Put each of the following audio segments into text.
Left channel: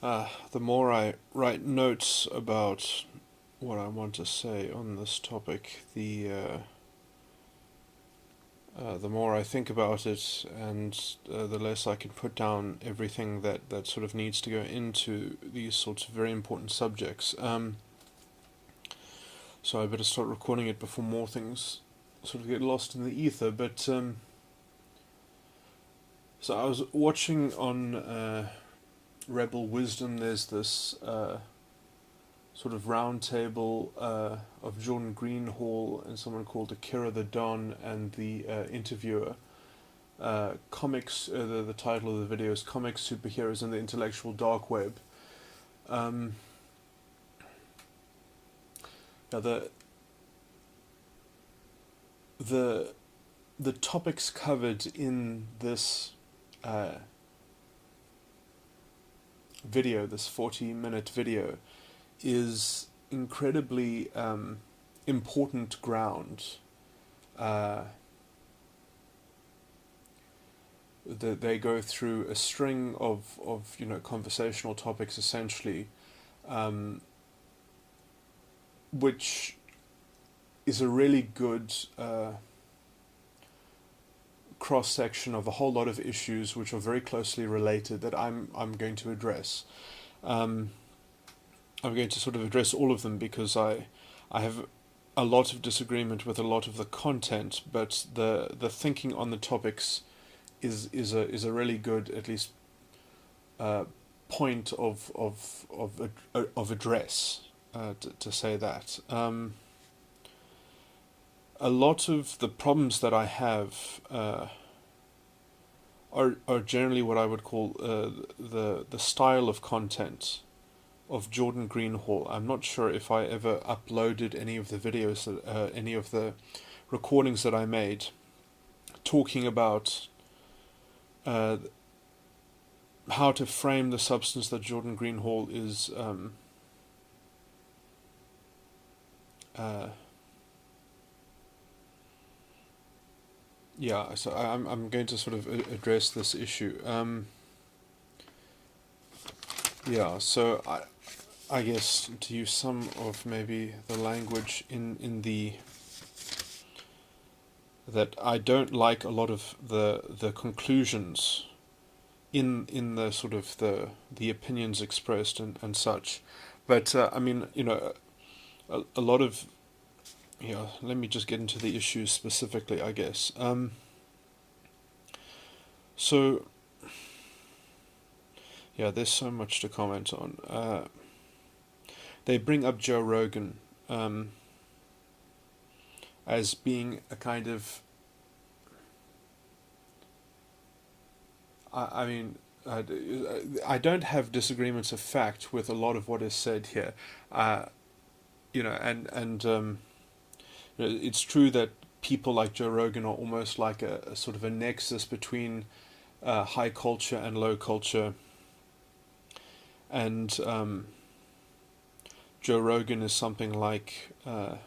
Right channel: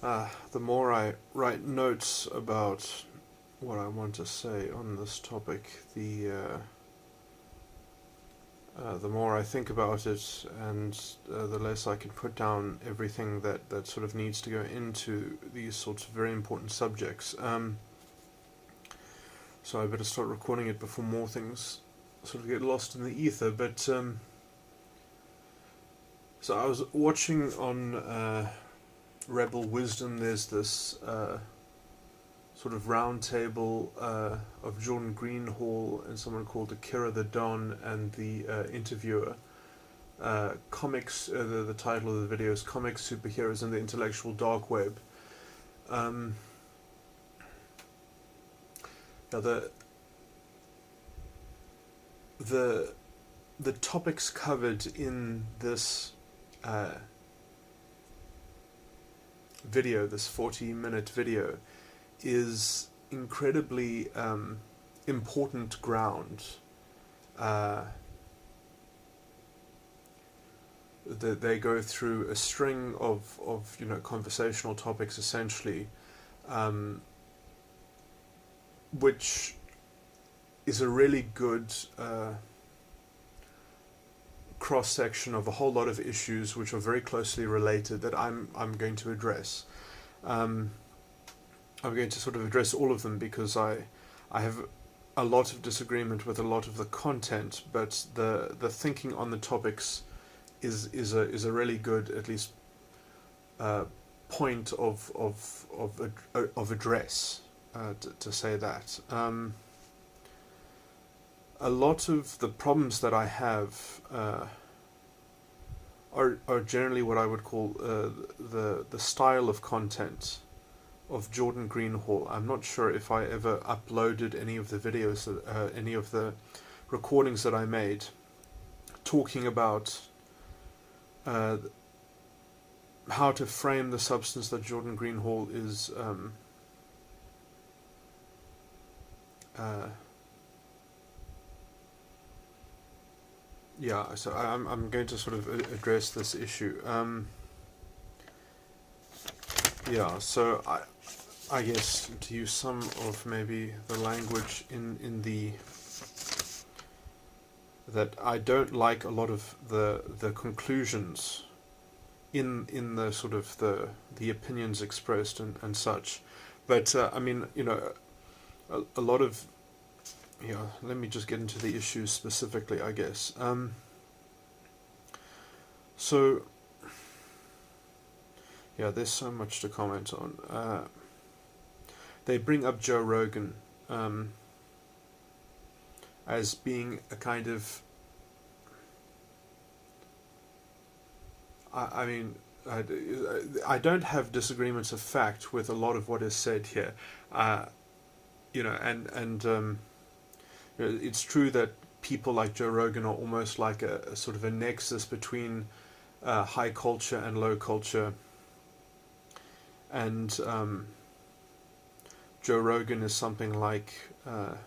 The more I write notes about what I want to say on this topic, the more I think about it, and the less I can put down everything that sort of needs to go into these sorts of very important subjects. So I better start recording it before more things sort of get lost in the ether. But so I was watching on Rebel Wisdom. There's this sort of round table of Jordan Greenhall and someone called Akira the Don and the interviewer. Comics. The title of the video is "Comics, Superheroes, and the Intellectual Dark Web." The the topics covered in this video, this 40-minute video, is incredibly important ground. They go through a string of conversational topics, essentially, which is a really good cross section of a whole lot of issues which are very closely related that I'm going to address. I'm going to sort of address all of them because I have a lot of disagreement with a lot of the content, but the thinking on the topics is a really good, at least, point of address, to say that. A lot of the problems that I have are generally what I would call the style of content of Jordan Greenhall. I'm not sure if I ever uploaded any of the videos, any of the recordings that I made, talking about how to frame the substance that Jordan Greenhall is yeah, so I'm going to sort of address this issue. Yeah, so I guess to use some of maybe the language in the that I don't like a lot of the conclusions in the sort of the opinions expressed and such, but I mean, a lot of, let me just get into the issues specifically, I guess. So, yeah, there's so much to comment on. They bring up Joe Rogan as being a kind of, I mean, I don't have disagreements of fact with a lot of what is said here. It's true that people like Joe Rogan are almost like a sort of a nexus between high culture and low culture, and Joe Rogan is something like a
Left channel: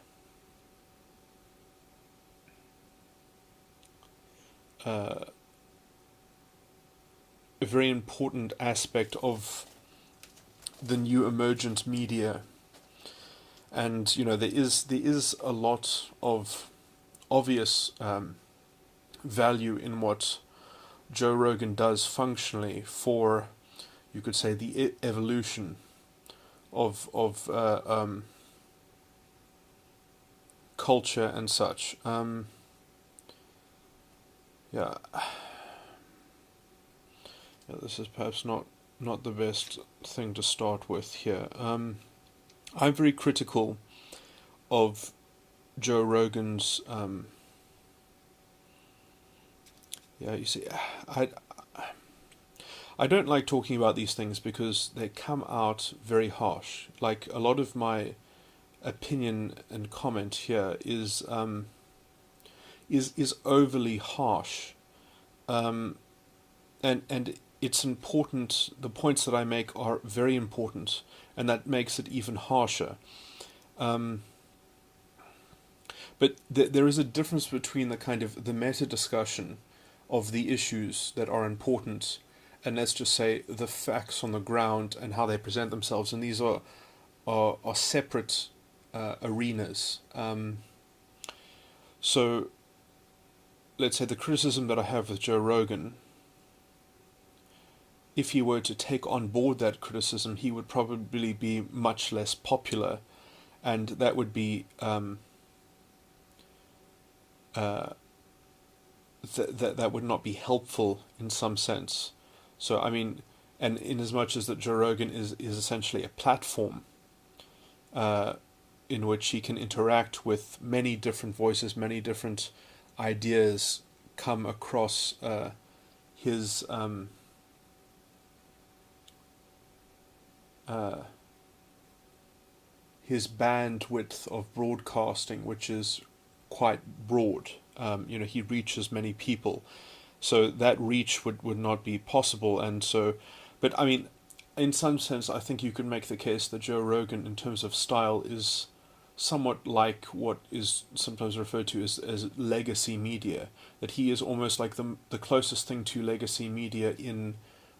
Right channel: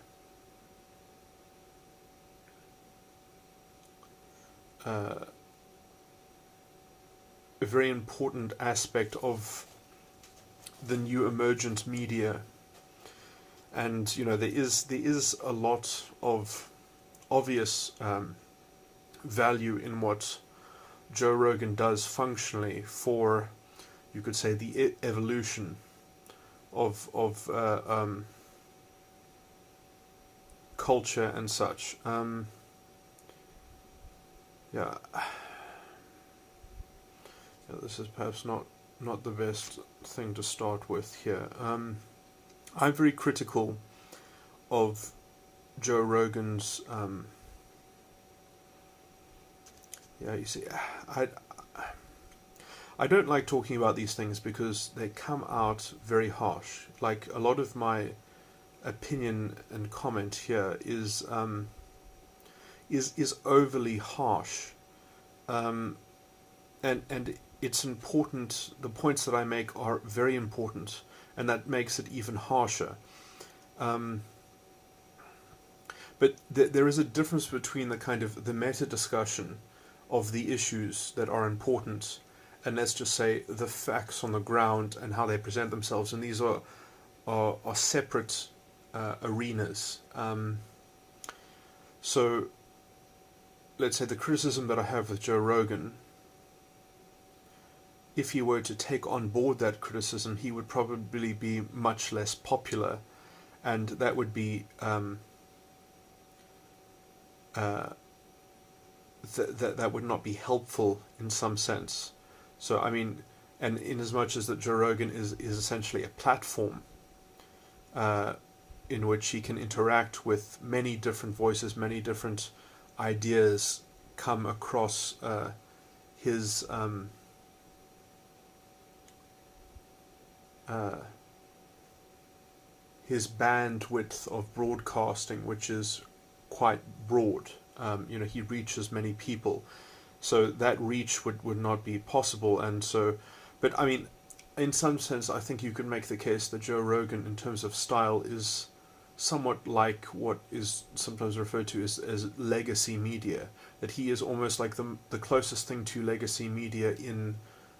very important aspect of the new emergent media. And there is a lot of obvious value in what Joe Rogan does functionally for, you could say, the evolution of culture and such. Yeah, this is perhaps not the best thing to start with here. I'm very critical of Joe Rogan's. You see, I don't like talking about these things because they come out very harsh. Like, a lot of my opinion and comment here is overly harsh, and it's important. The points that I make are very important, and that makes it even harsher. But there is a difference between the kind of the meta discussion of the issues that are important and let's just say the facts on the ground and how they present themselves, and these are separate arenas. So let's say the criticism that I have with Joe Rogan, if he were to take on board that criticism, he would probably be much less popular, and that would be that would not be helpful in some sense. So I mean, and in as much as that Joe Rogan is essentially a platform in which he can interact with many different voices, many different ideas come across his bandwidth of broadcasting, which is quite broad. He reaches many people, so that reach would not be possible. And so, but I mean, in some sense, I think you could make the case that Joe Rogan, in terms of style, is somewhat like what is sometimes referred to as legacy media. That he is almost like the closest thing to legacy media in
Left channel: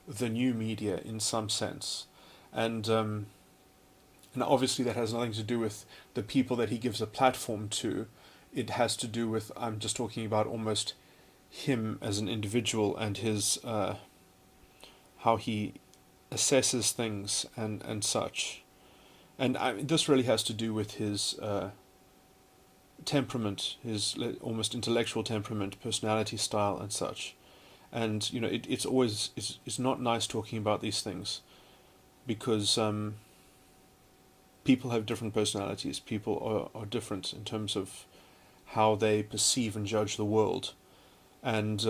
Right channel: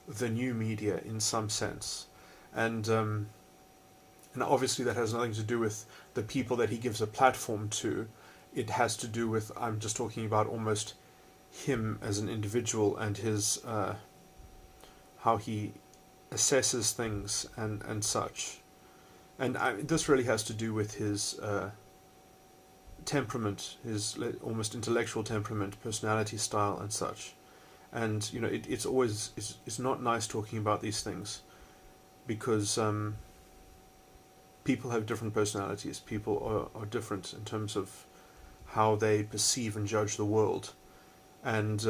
the new media in some sense. And obviously that has nothing to do with the people that he gives a platform to. It has to do with, I'm just talking about almost him as an individual and his how he assesses things and such. And this really has to do with his temperament, his almost intellectual temperament, personality style and such. And it's not nice talking about these things, because people have different personalities. People are different in terms of how they perceive and judge the world. And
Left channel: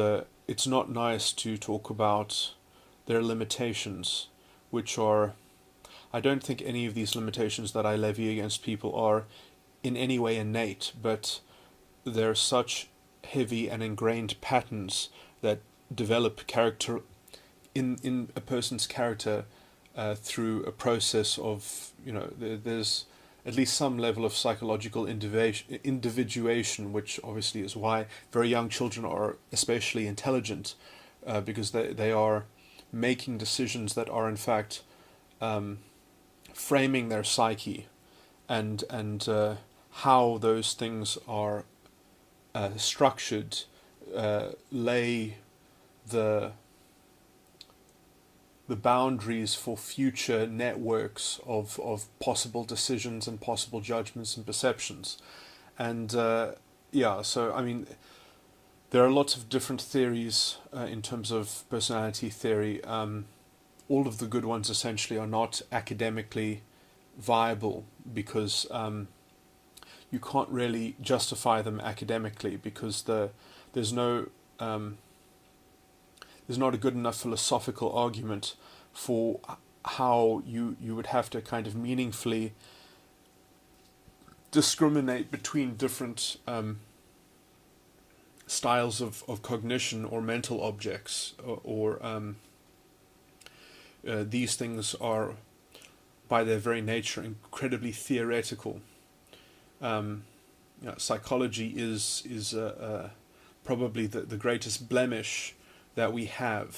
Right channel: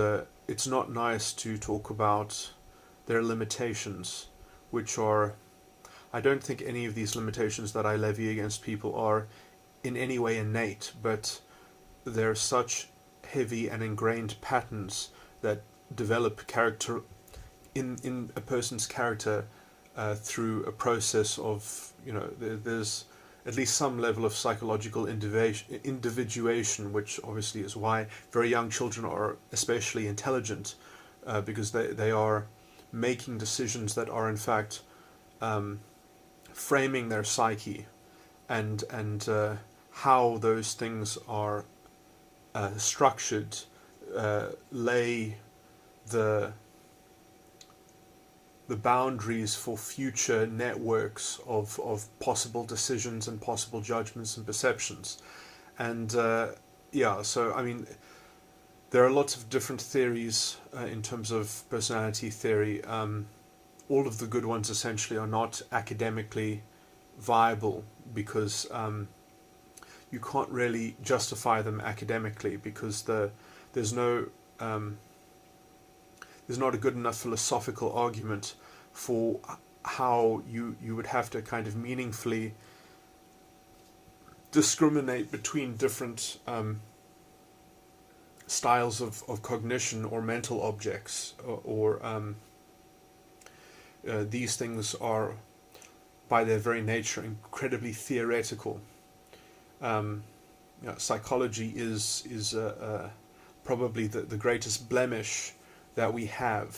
it's not nice to talk about their limitations, which are... I don't think any of these limitations that I levy against people are in any way innate, but they're such heavy and ingrained patterns that develop character in a person's character through a process of, there's at least some level of psychological individuation, which obviously is why very young children are especially intelligent, because they are making decisions that are in fact framing their psyche, and how those things are structured lay the boundaries for future networks of possible decisions and possible judgments and perceptions. And so I mean, there are lots of different theories in terms of personality theory. All of the good ones essentially are not academically viable, because you can't really justify them academically, because there's not a good enough philosophical argument for how you would have to kind of meaningfully discriminate between different styles of cognition or mental objects, or these things are, by their very nature, incredibly theoretical. Psychology is probably the greatest blemish that we have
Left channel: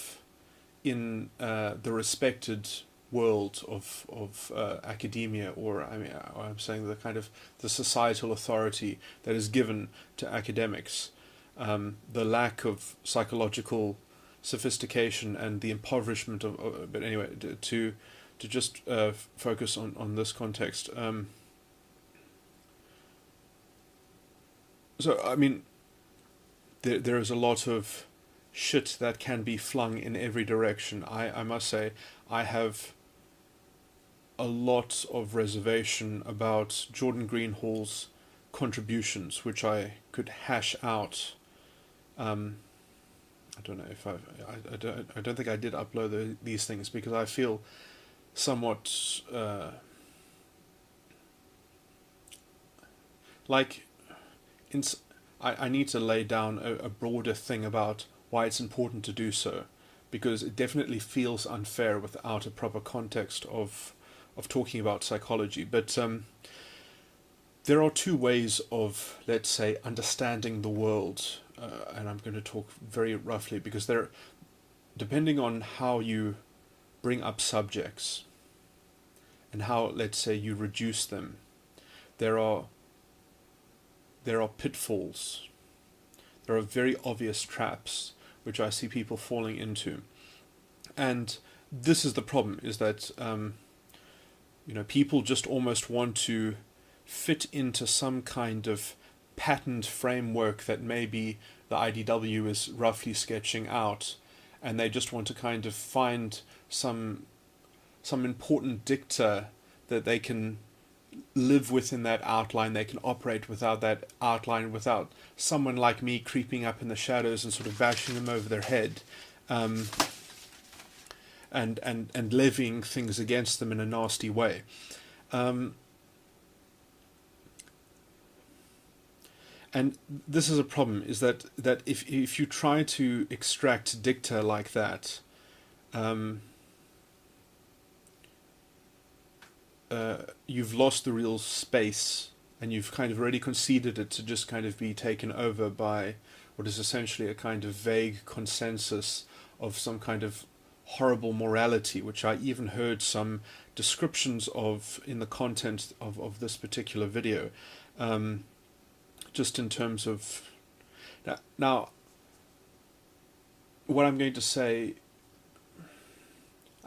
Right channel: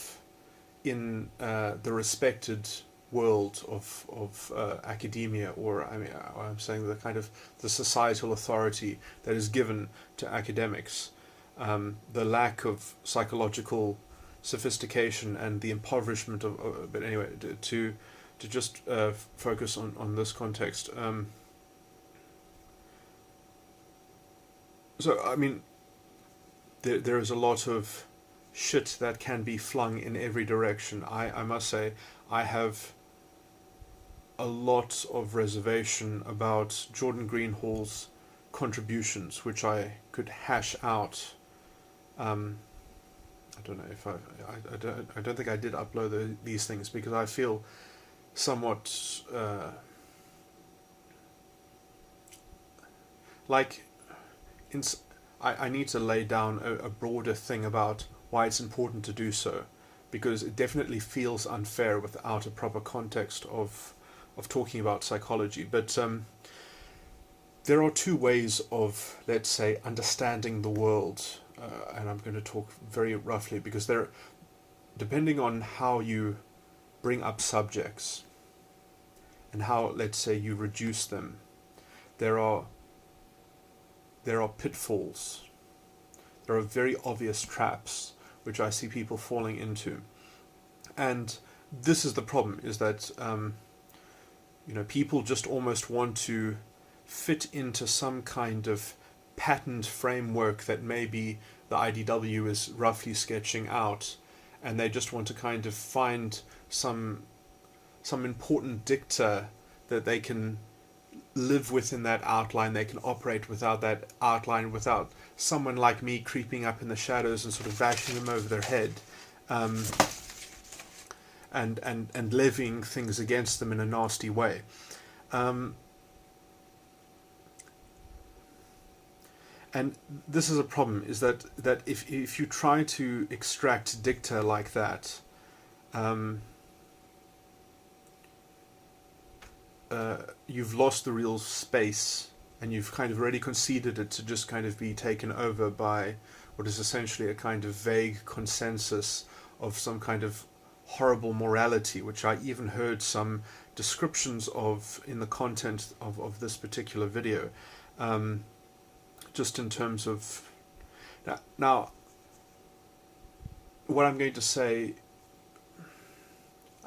in the respected world of academia, or I'm saying the kind of the societal authority that is given to academics. The lack of psychological sophistication and the impoverishment of but anyway, to just focus on this context. So I mean, there is a lot of shit that can be flung in every direction. I must say, I have a lot of reservation about Jordan Greenhall's contributions, which I could hash out. I don't know if I don't think I did upload these things, because I feel somewhat like I need to lay down a broader thing about why it's important to do so, because it definitely feels unfair without a proper context of talking about psychology. But there are two ways of, let's say, understanding the world, and I'm going to talk very roughly, because depending on how you bring up subjects and how, let's say, you reduce them, there are pitfalls. There are very obvious traps which I see people falling into, and this is the problem: is that people just almost want to fit into some kind of patterned framework that maybe the IDW is roughly sketching out, and they just want to kind of find some important dicta that they can live within that outline. They can operate without that outline, without someone like me creeping up in the shadows and sort of bashing them over their head, and levying things against them in a nasty way. And this is a problem: is that if you try to extract dicta like that, you've lost the real space, and you've kind of already conceded it to just kind of be taken over by what is essentially a kind of vague consensus of some kind of horrible morality, which I even heard some descriptions of in the content of this particular video, just in terms of now what I'm going to say.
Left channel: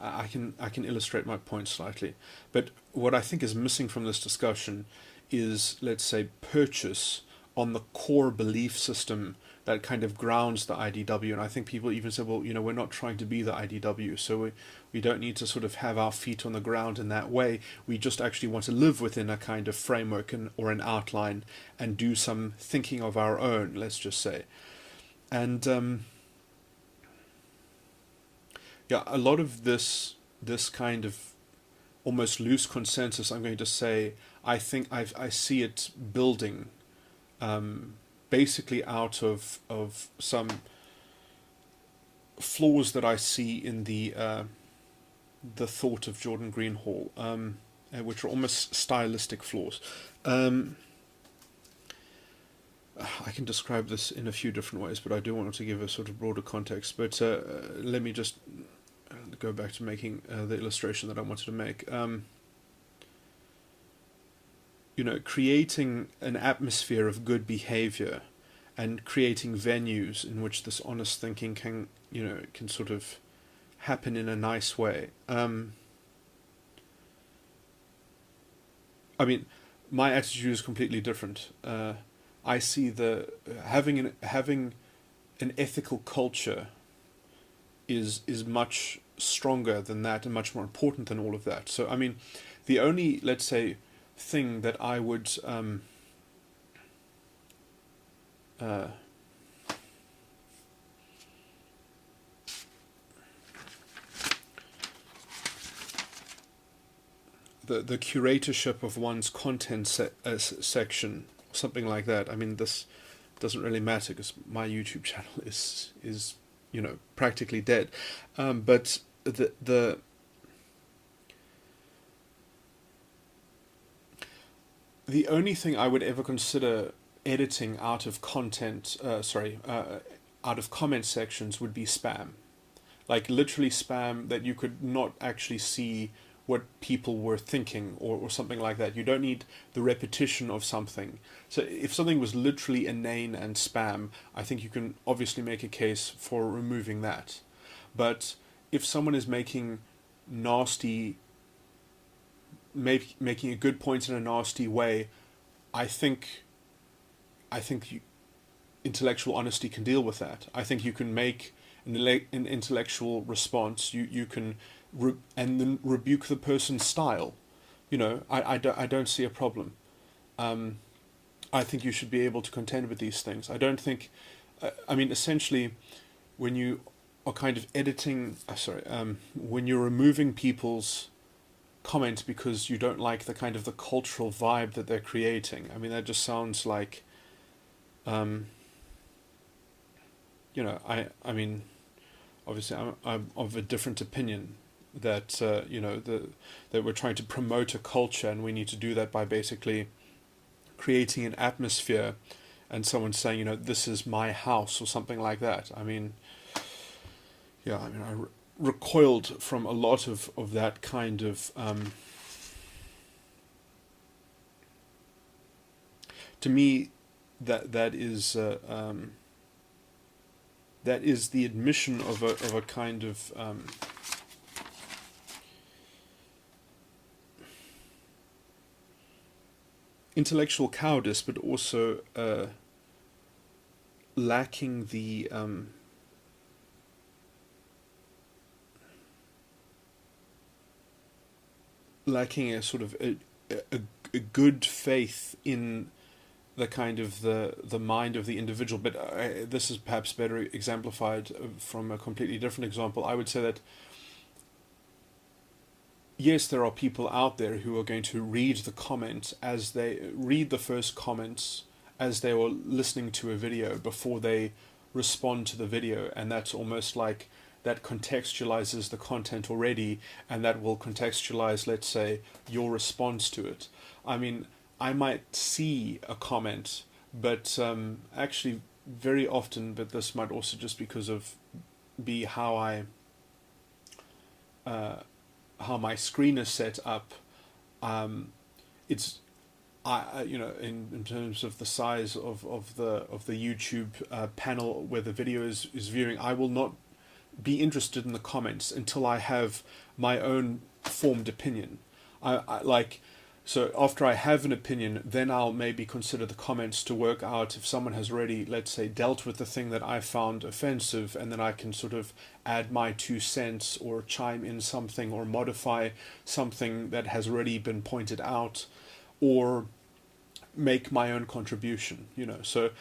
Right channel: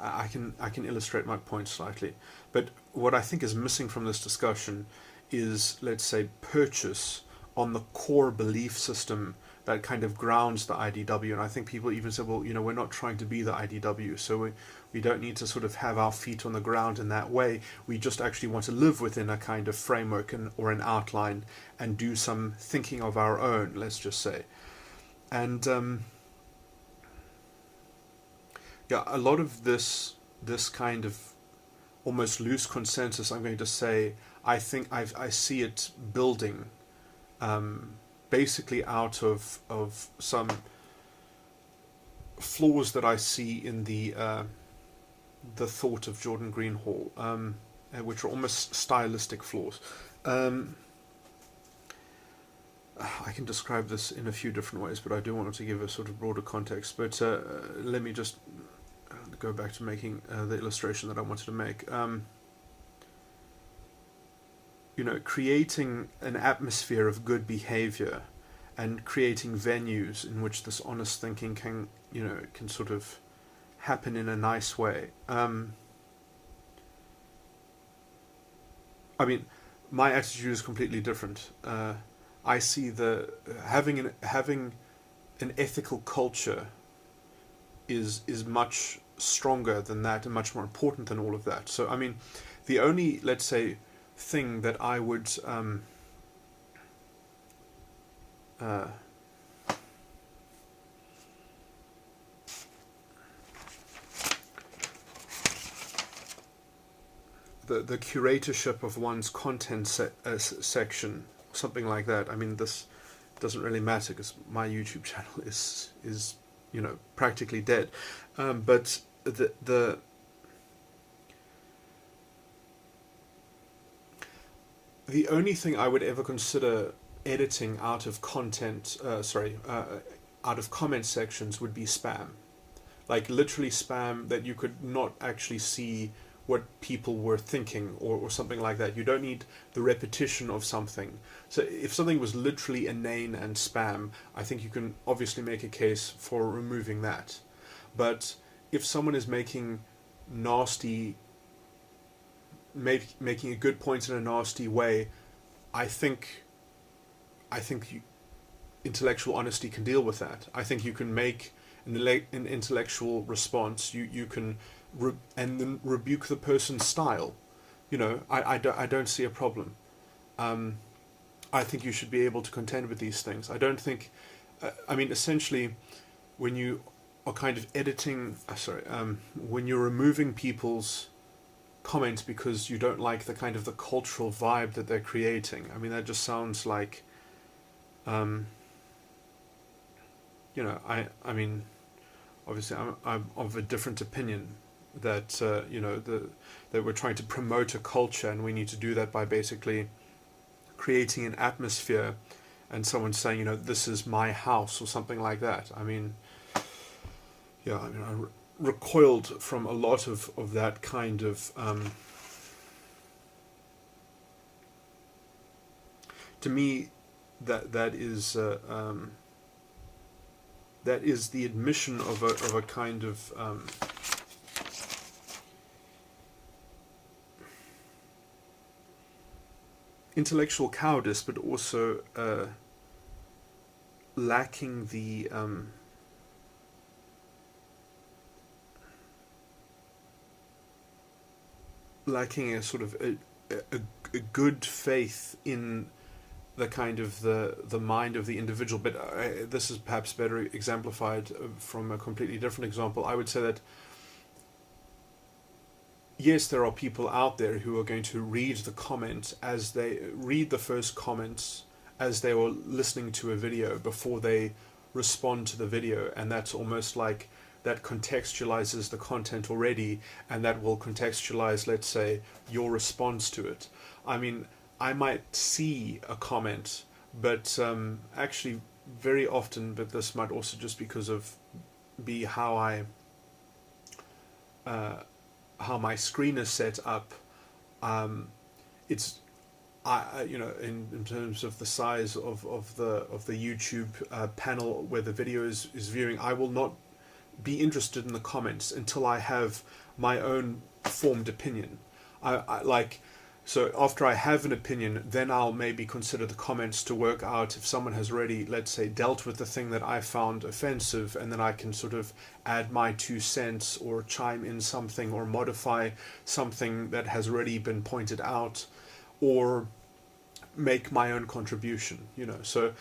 I can illustrate my point slightly, but what I think is missing from this discussion is, let's say, purchase on the core belief system that kind of grounds the IDW. And I think people even say, well, we're not trying to be the IDW, so we don't need to sort of have our feet on the ground in that way. We just actually want to live within a kind of framework or an outline and do some thinking of our own, let's just say. And a lot of this kind of almost loose consensus, I'm going to say, I think I see it building, basically out of some flaws that I see in the thought of Jordan Greenhall, which are almost stylistic flaws. I can describe this in a few different ways, but I do want to give a sort of broader context. But let me just go back to making the illustration that I wanted to make. Creating an atmosphere of good behavior and creating venues in which this honest thinking can sort of happen in a nice way. My attitude is completely different. I see having an ethical culture is much stronger than that and much more important than all of that. So the only, let's say, thing that I would the curatorship of one's content section, something like that. This doesn't really matter because my YouTube channel is practically dead. But the only thing I would ever consider editing out of content, out of comment sections would be spam. Like literally spam that you could not actually see what people were thinking or something like that. You don't need the repetition of something. So if something was literally inane and spam, I think you can obviously make a case for removing that. But if someone is making making a good point in a nasty way, I think intellectual honesty can deal with that. I think you can make an intellectual response. You can and then rebuke the person's style. I don't see a problem. I think you should be able to contend with these things. I don't think, essentially, when you are kind of editing, when you're removing people's comments because you don't like the kind of the cultural vibe that they're creating, that just sounds like, obviously I'm of a different opinion that, that we're trying to promote a culture, and we need to do that by basically creating an atmosphere and someone saying, this is my house or something like that. yeah, I mean, recoiled from a lot of that kind of. To me, that is the admission of a kind of intellectual cowardice, but also lacking the lacking a sort of a good faith in the kind of the mind of the individual. But this is perhaps better exemplified from a completely different example. I would say that yes, there are people out there who are going to read the comment as they read the first comments as they were listening to a video before they respond to the video, and that's almost like that contextualizes the content already, and that will contextualize, let's say, your response to it. I mean, I might see a comment, but actually very often, but this might also just because of how my screen is set up. It's in terms of the size of the YouTube panel where the video is viewing, I will not be interested in the comments until I have my own formed opinion. So after I have an opinion, then I'll maybe consider the comments to work out if someone has already, let's say, dealt with the thing that I found offensive, and then I can sort of add my 2 cents or chime in something or modify something that has already been pointed out, or make my own contribution, So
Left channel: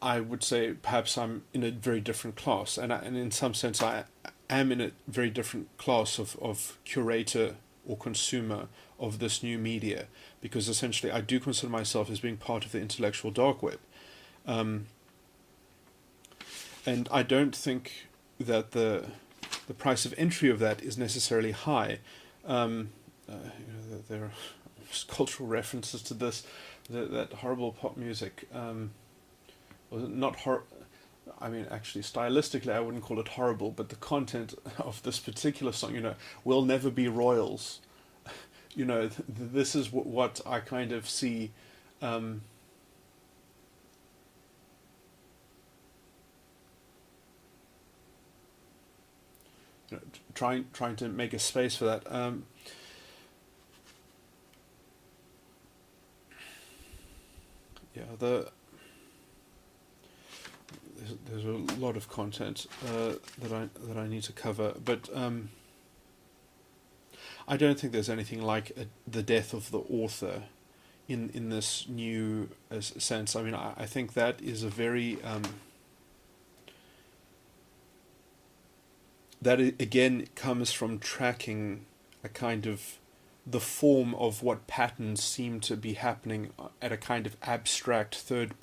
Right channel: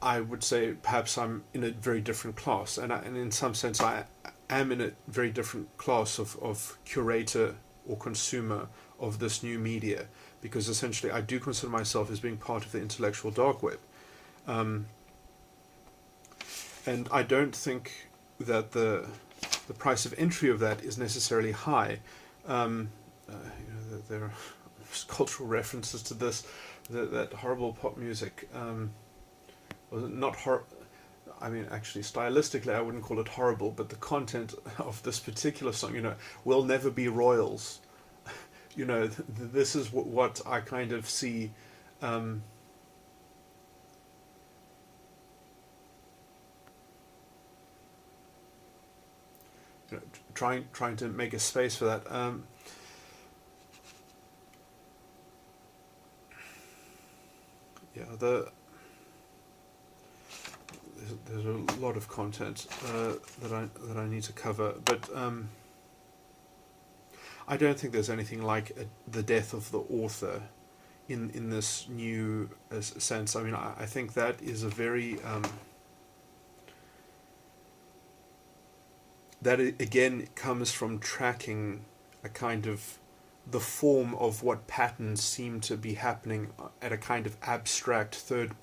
I would say perhaps I'm in a very different class, and in some sense I am in a very different class of curator or consumer of this new media, because essentially I do consider myself as being part of the intellectual dark web. And I don't think that the price of entry of that is necessarily high. There are cultural references to this, that horrible pop music. I mean, actually, stylistically, I wouldn't call it horrible, but the content of this particular song, will never be royals. This is what I kind of see. Trying to make a space for that. There's a lot of content that I need to cover, but I don't think there's anything like the death of the author in this new sense. I mean, I think that is a very that again comes from tracking a kind of the form of what patterns seem to be happening at a kind of abstract third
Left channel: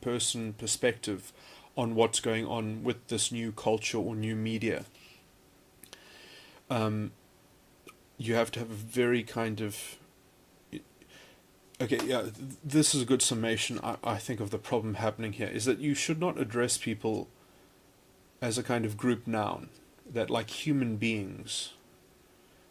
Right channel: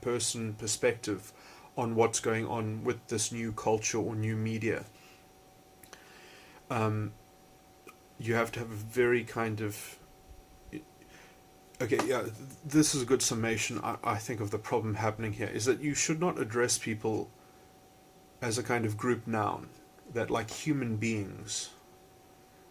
person perspective on what's going on with this new culture or new media. You have to have a very kind of... Okay, yeah, this is a good summation, I think, of the problem happening here, is that you should not address people as a kind of group noun, that like human beings,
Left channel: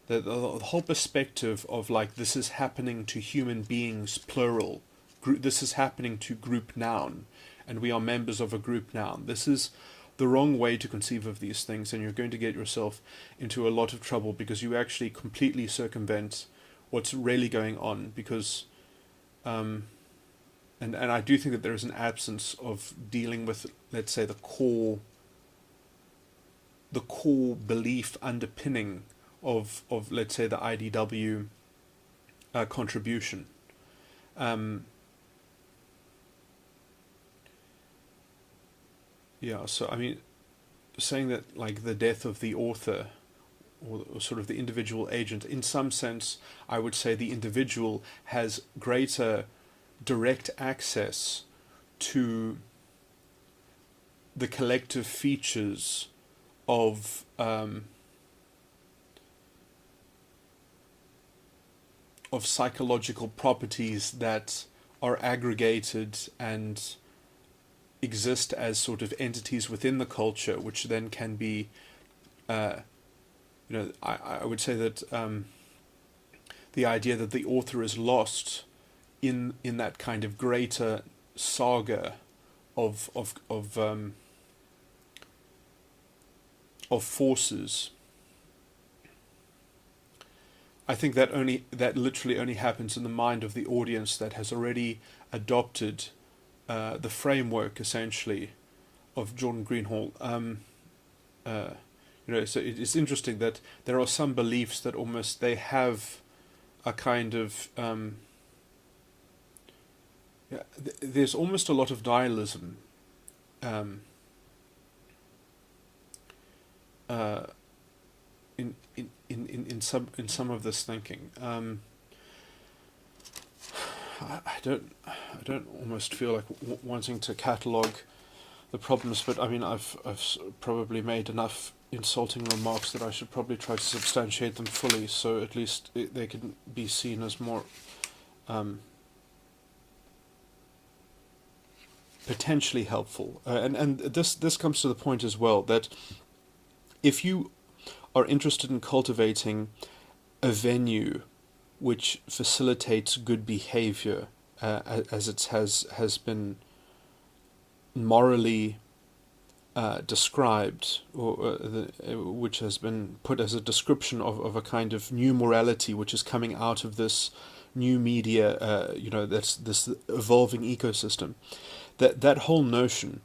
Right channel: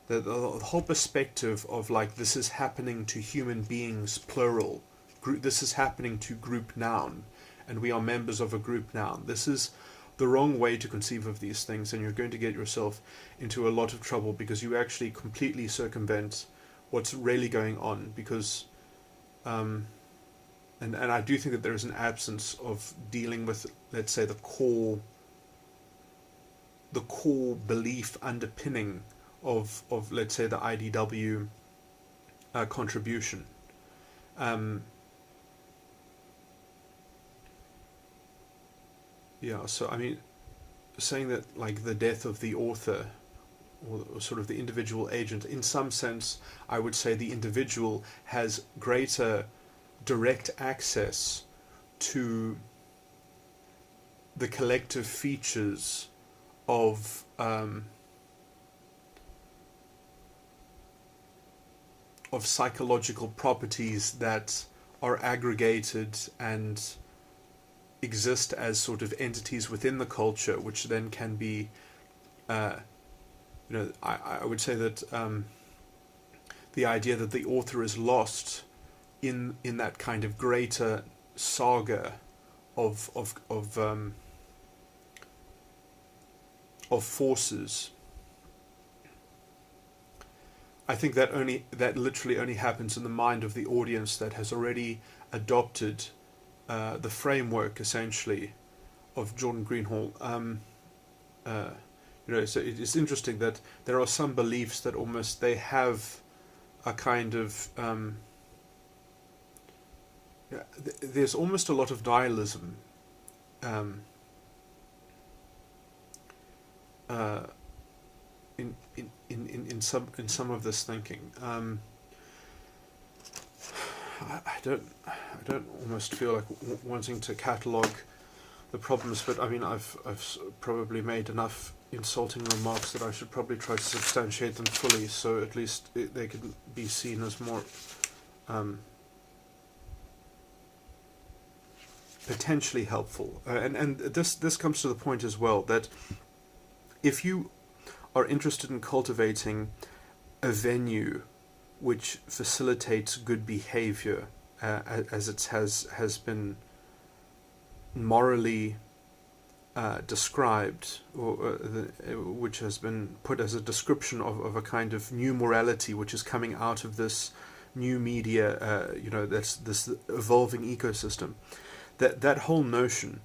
that the whole perspective of like this is happening to human beings, plural, this is happening to group noun, and we are members of a group noun. This is the wrong way to conceive of these things, and you're going to get yourself into a lot of trouble because you actually completely circumvent what's really going on, because and I do think that there is an absence of dealing with, let's say, the core belief underpinning of let's say the IDW contribution. So I mean, saying that like the death of the author or sort of the individual agent, in some sense I would say the individual has greater direct access to the collective features of psychological properties that are aggregated and exist as sort of entities within the culture, which then can be I would say that the idea that the author is lost in that kind of greater saga of forces. I think that literally only happens in the mind of the audience that has already adopted the framework, essentially, of Jordan Greenhall. So it's interesting that there are some beliefs that almost they have a kind of there's almost a lot of nihilism in some of this thinking. I don't almost feel like wanting to catalogue the problems, but I mean I've probably made enough insulting remarks that I should probably try to substantiate them fully, so at least they can be seen as more potentially helpful. And this comes to the point as well that if you are interested in cultivating a venue which facilitates good behavior, as it has been morally described, or which has been put as a description of a kind of new morality which is coming out of this new media, that's this evolving ecosystem. That whole notion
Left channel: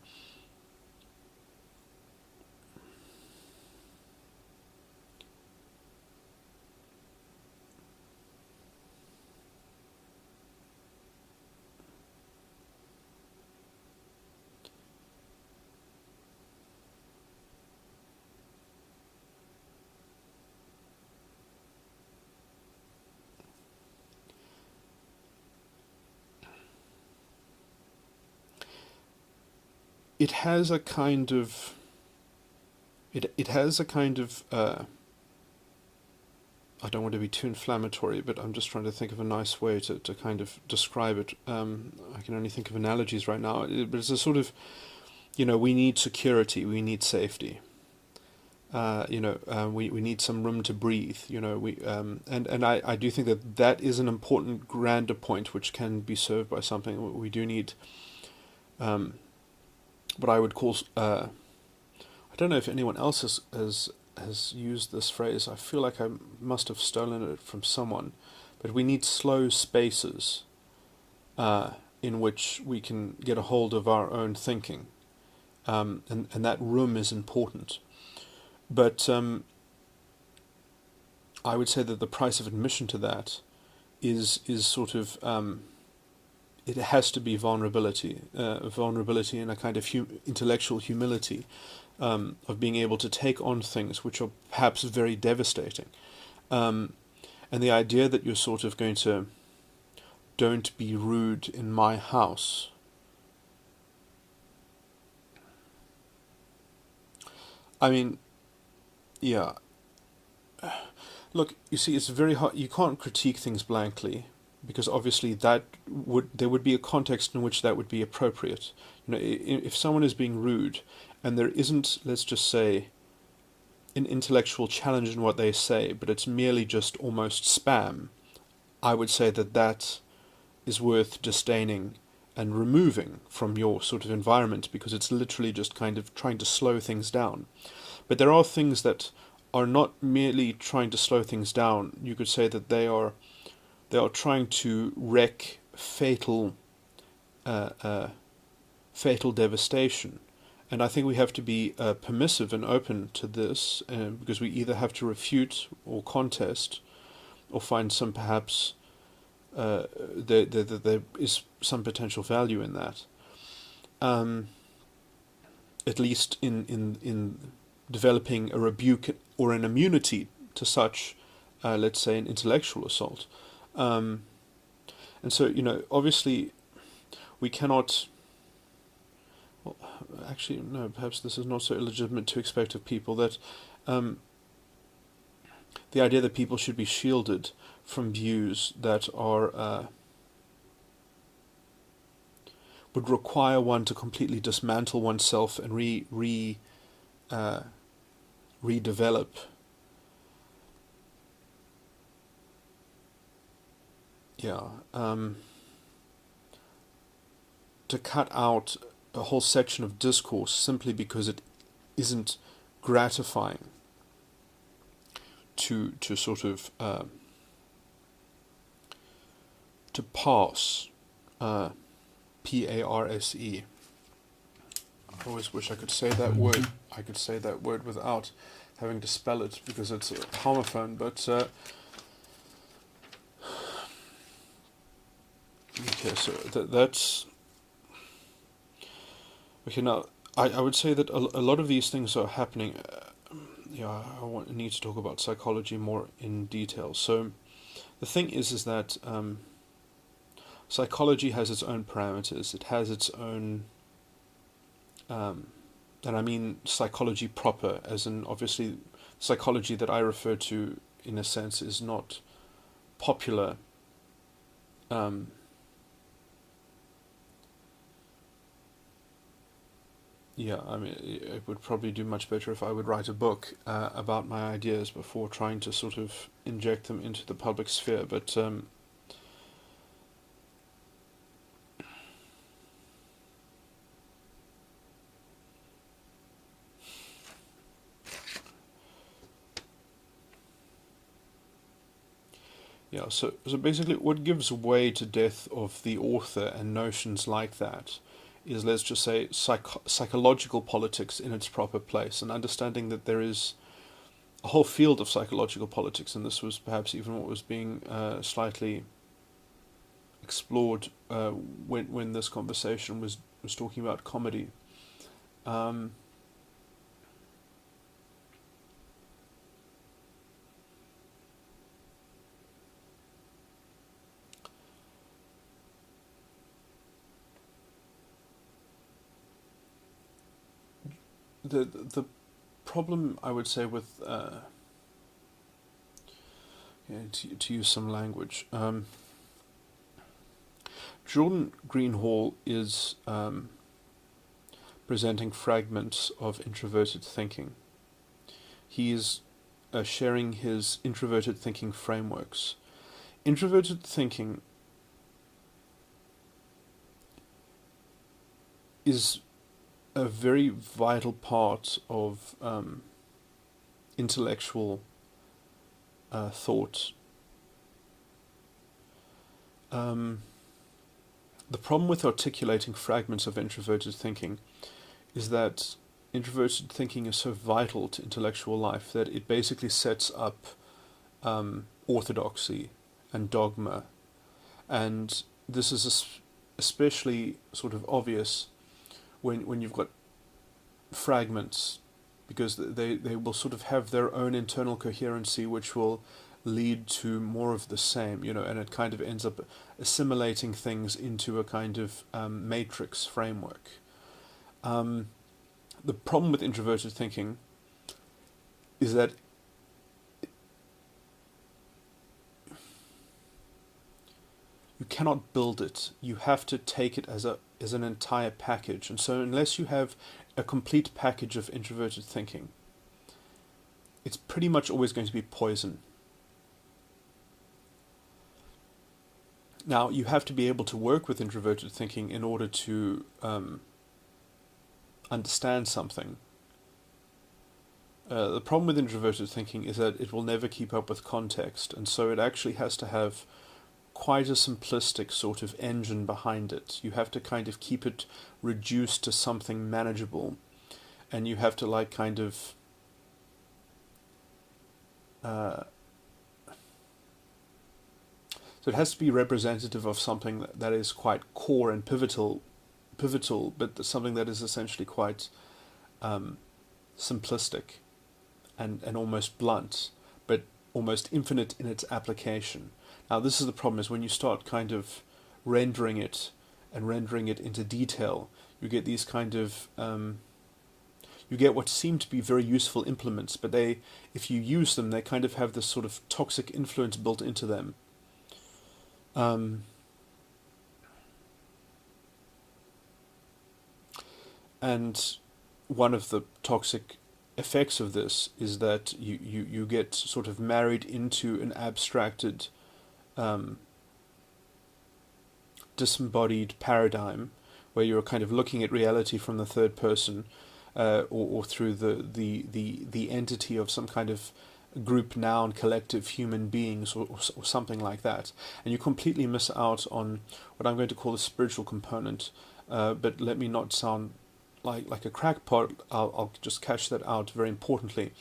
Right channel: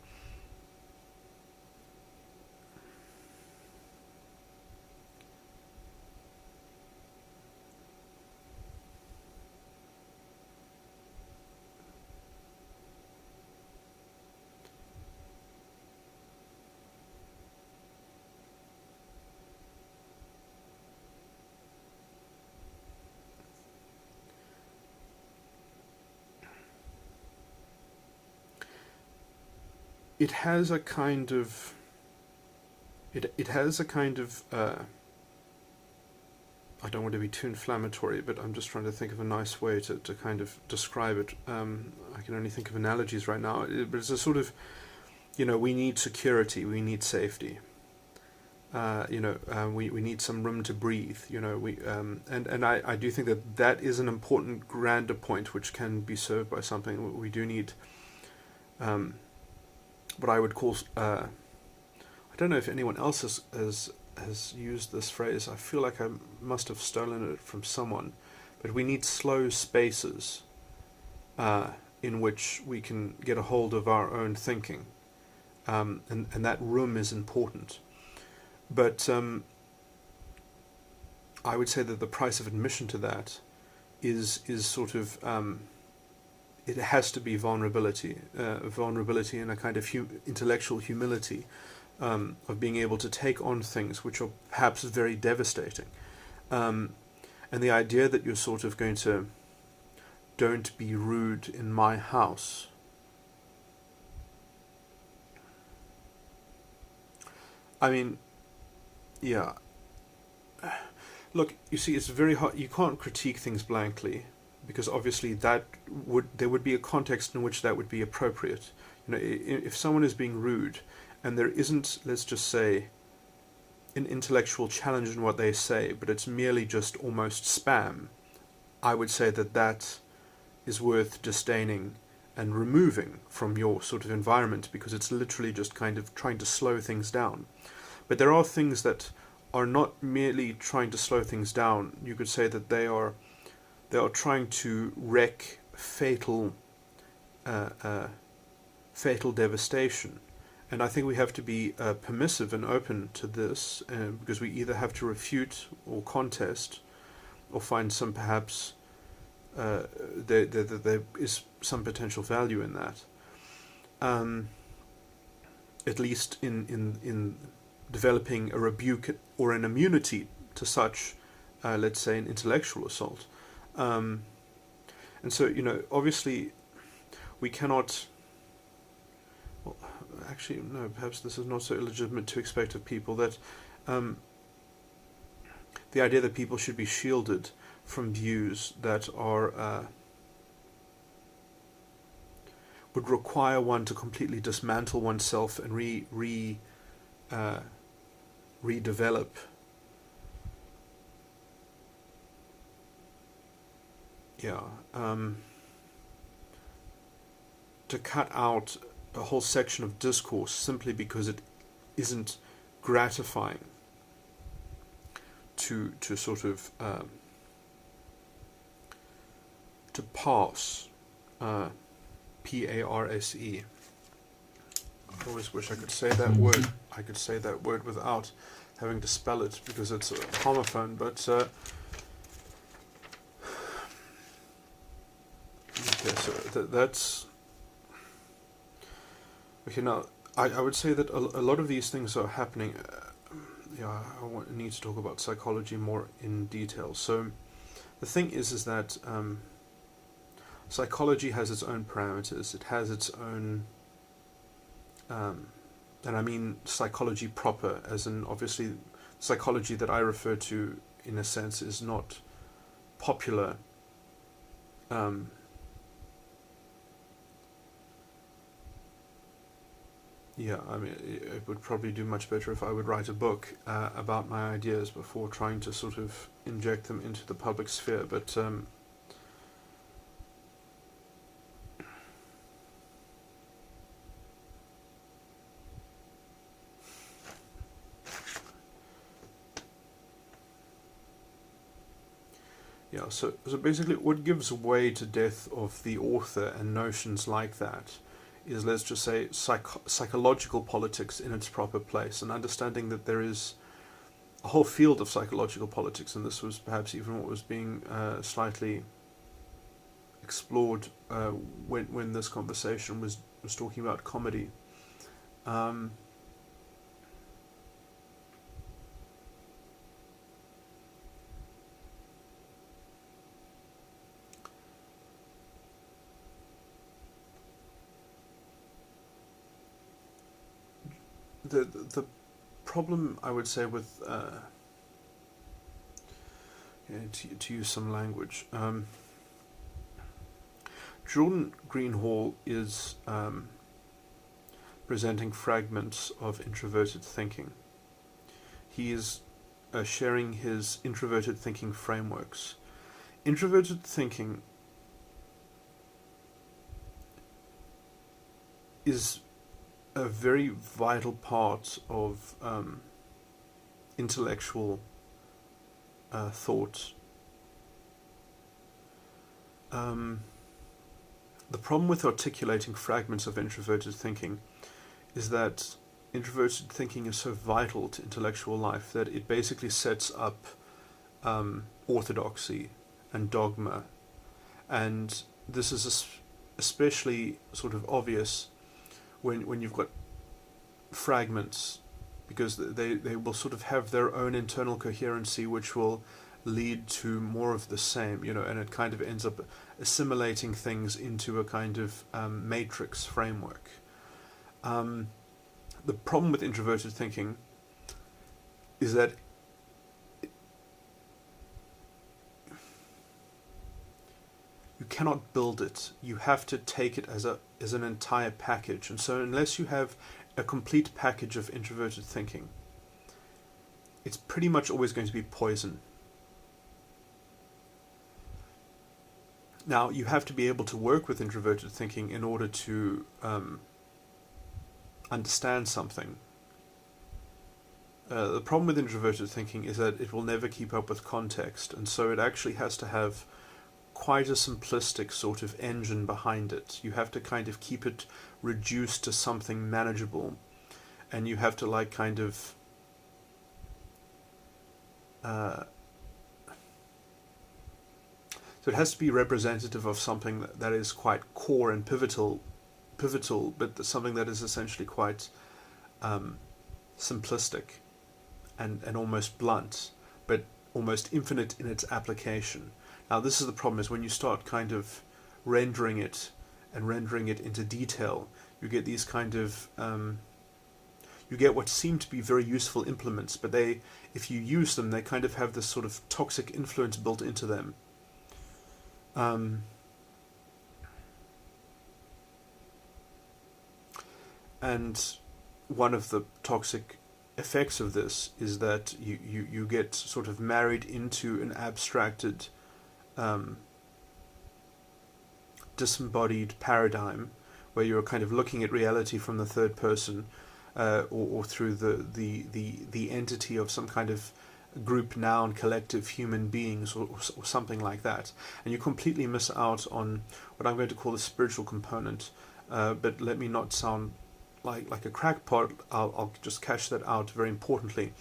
it has a kind of I don't want to be too inflammatory, but I'm just trying to think of a nice way to kind of describe it. I can only think of analogies right now, but it's a sort of, we need security, we need safety. We need some room to breathe. And I do think that is an important grander point which can be served by something. We do need what I would call I don't know if anyone else has used this phrase. I feel like I must have stolen it from someone, but we need slow spaces in which we can get a hold of our own thinking, and that room is important. But I would say that the price of admission to that is sort of it has to be vulnerability and a kind of intellectual humility, of being able to take on things which are perhaps very devastating, and the idea that you're sort of going to don't be rude in my house. I mean, yeah. Look, you see, it's very hard. You can't critique things blankly, because obviously there would be a context in which that would be appropriate. If someone is being rude and there isn't, let's just say, an intellectual challenge in what they say, but it's merely just almost spam, I would say that is worth disdaining and removing from your sort of environment, because it's literally just kind of trying to slow things down. But there are things that are not merely trying to slow things down. You could say that they are trying to wreak fatal devastation. And I think we have to be permissive and open to this, because we either have to refute or contest, or find some perhaps there is some potential value in that. At least in developing a rebuke or an immunity to such, let's say, an intellectual assault. And so, obviously, we cannot. Well, actually, no. Perhaps this is not so illegitimate to expect of people that the idea that people should be shielded from views that are would require one to completely dismantle oneself and redevelop to cut out a whole section of discourse simply because it isn't gratifying to sort of to parse, P-A-R-S-E. I always wish I could say that word. I could say that word without having to spell it because it's a homophone. But okay, so that's okay. Now I would say that a lot of these things are happening. I need to talk about psychology more in detail. So the thing is that psychology has its own parameters. It has its own, and I mean psychology proper, as in obviously psychology that I refer to in a sense is not popular. I mean, it would probably do much better if I would write a book about my ideas before trying to sort of inject them into the public sphere. But so basically what gives way to death of the author and notions like that is, let's just say, psychological politics in its proper place, and understanding that there is a whole field of psychological politics, and this was perhaps even what was being slightly explored when this conversation was talking about comedy. The problem, I would say, with to use some language, Jordan Greenhall is presenting fragments of introverted thinking. He is sharing his introverted thinking frameworks. Introverted thinking is a very vital part of intellectual thought. The problem with articulating fragments of introverted thinking is that introverted thinking is so vital to intellectual life that it basically sets up orthodoxy and dogma, and this is especially sort of obvious when you've got fragments, because they will sort of have their own internal coherency, which will lead to more of the same, and it kind of ends up assimilating things into a kind of matrix framework. The problem with introverted thinking is that you cannot build it. You have to take it as an entire package. And so unless you have a complete package of introverted thinking, it's pretty much always going to be poison. Now, you have to be able to work with introverted thinking in order to understand something. The problem with introverted thinking is that it will never keep up with context, and so it actually has to have quite a simplistic sort of engine behind it. You have to kind of keep it reduced to something manageable, and you have to so it has to be representative of something that is quite core and pivotal, but something that is essentially quite simplistic and almost blunt, but almost infinite in its application. Now, this is the problem, is when you start kind of rendering it into detail, you get these kind of you get what seem to be very useful implements, but if you use them, they kind of have this sort of toxic influence built into them. And one of the toxic effects of this is that you get sort of married into an abstracted, disembodied paradigm where you're kind of looking at reality from the third person, or through the entity of some kind of group, noun, collective human beings, or something like that, and you completely miss out on what I'm going to call the spiritual component. But let me not sound like a crackpot. I'll just cash that out very importantly.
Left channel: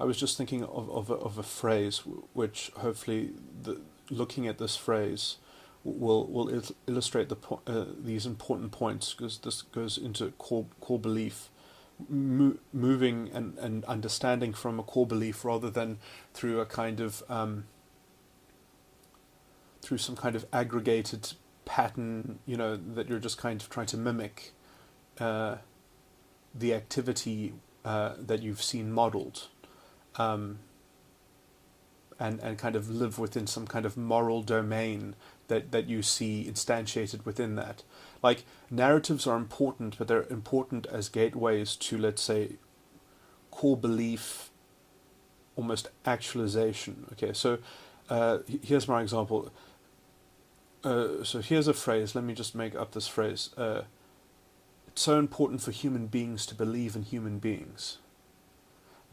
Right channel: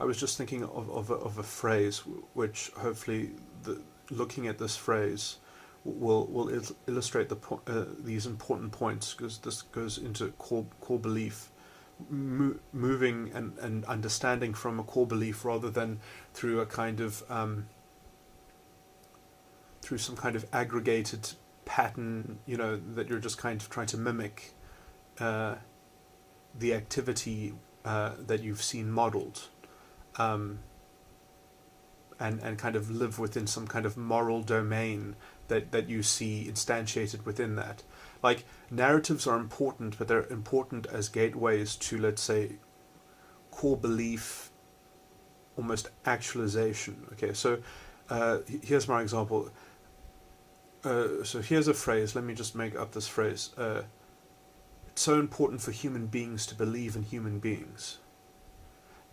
I was just thinking of a phrase which hopefully, looking at this phrase will illustrate these important points, because this goes into core belief, moving and understanding from a core belief rather than through a kind of through some kind of aggregated pattern, that you're just kind of trying to mimic the activity that you've seen modeled, and kind of live within some kind of moral domain that you see instantiated within that. Like, narratives are important, but they're important as gateways to, let's say, core belief, almost actualization. Okay, so here's my example. So here's a phrase. Let me just make up this phrase. It's so important for human beings to believe in human beings.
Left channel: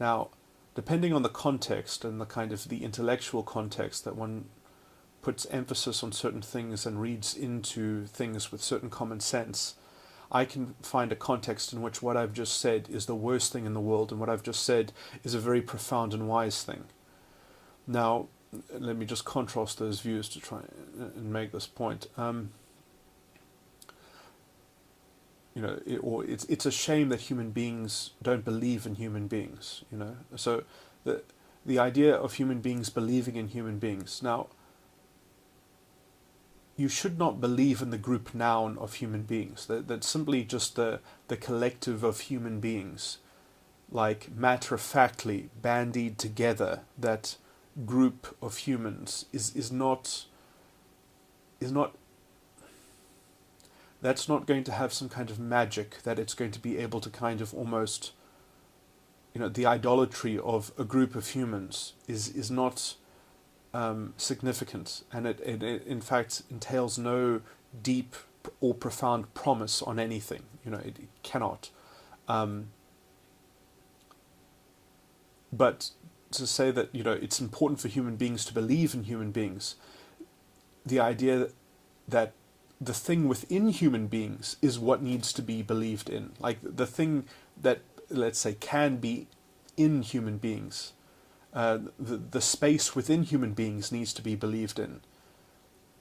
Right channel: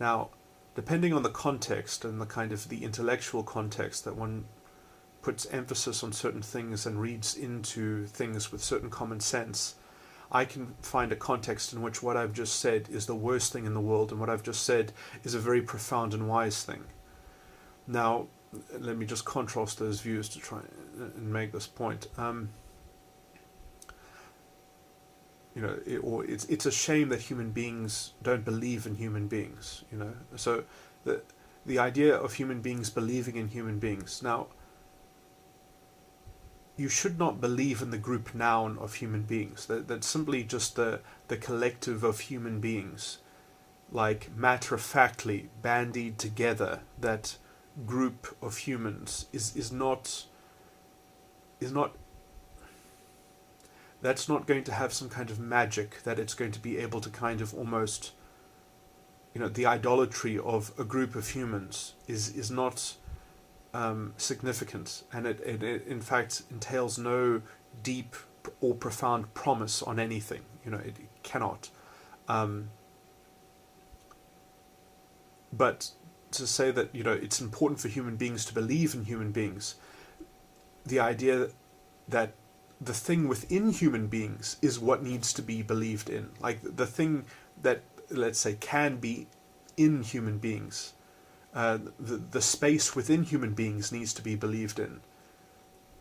Now, depending on the context and the kind of the intellectual context that one puts emphasis on certain things and reads into things with certain common sense, I can find a context in which what I've just said is the worst thing in the world, and what I've just said is a very profound and wise thing. Now, let me just contrast those views to try and make this point. It's a shame that human beings don't believe in human beings. So the idea of human beings believing in human beings. Now, you should not believe in the group noun of human beings. That's simply just the collective of human beings, like matter-of-factly bandied together. That group of humans is not. That's not going to have some kind of magic that it's going to be able to kind of almost, the idolatry of a group of humans is not significant, and it in fact entails no deep or profound promise on anything. It cannot. But to say that it's important for human beings to believe in human beings, the idea that the thing within human beings is what needs to be believed in, like the thing that, let's say, can be in human beings. The space within human beings needs to be believed in.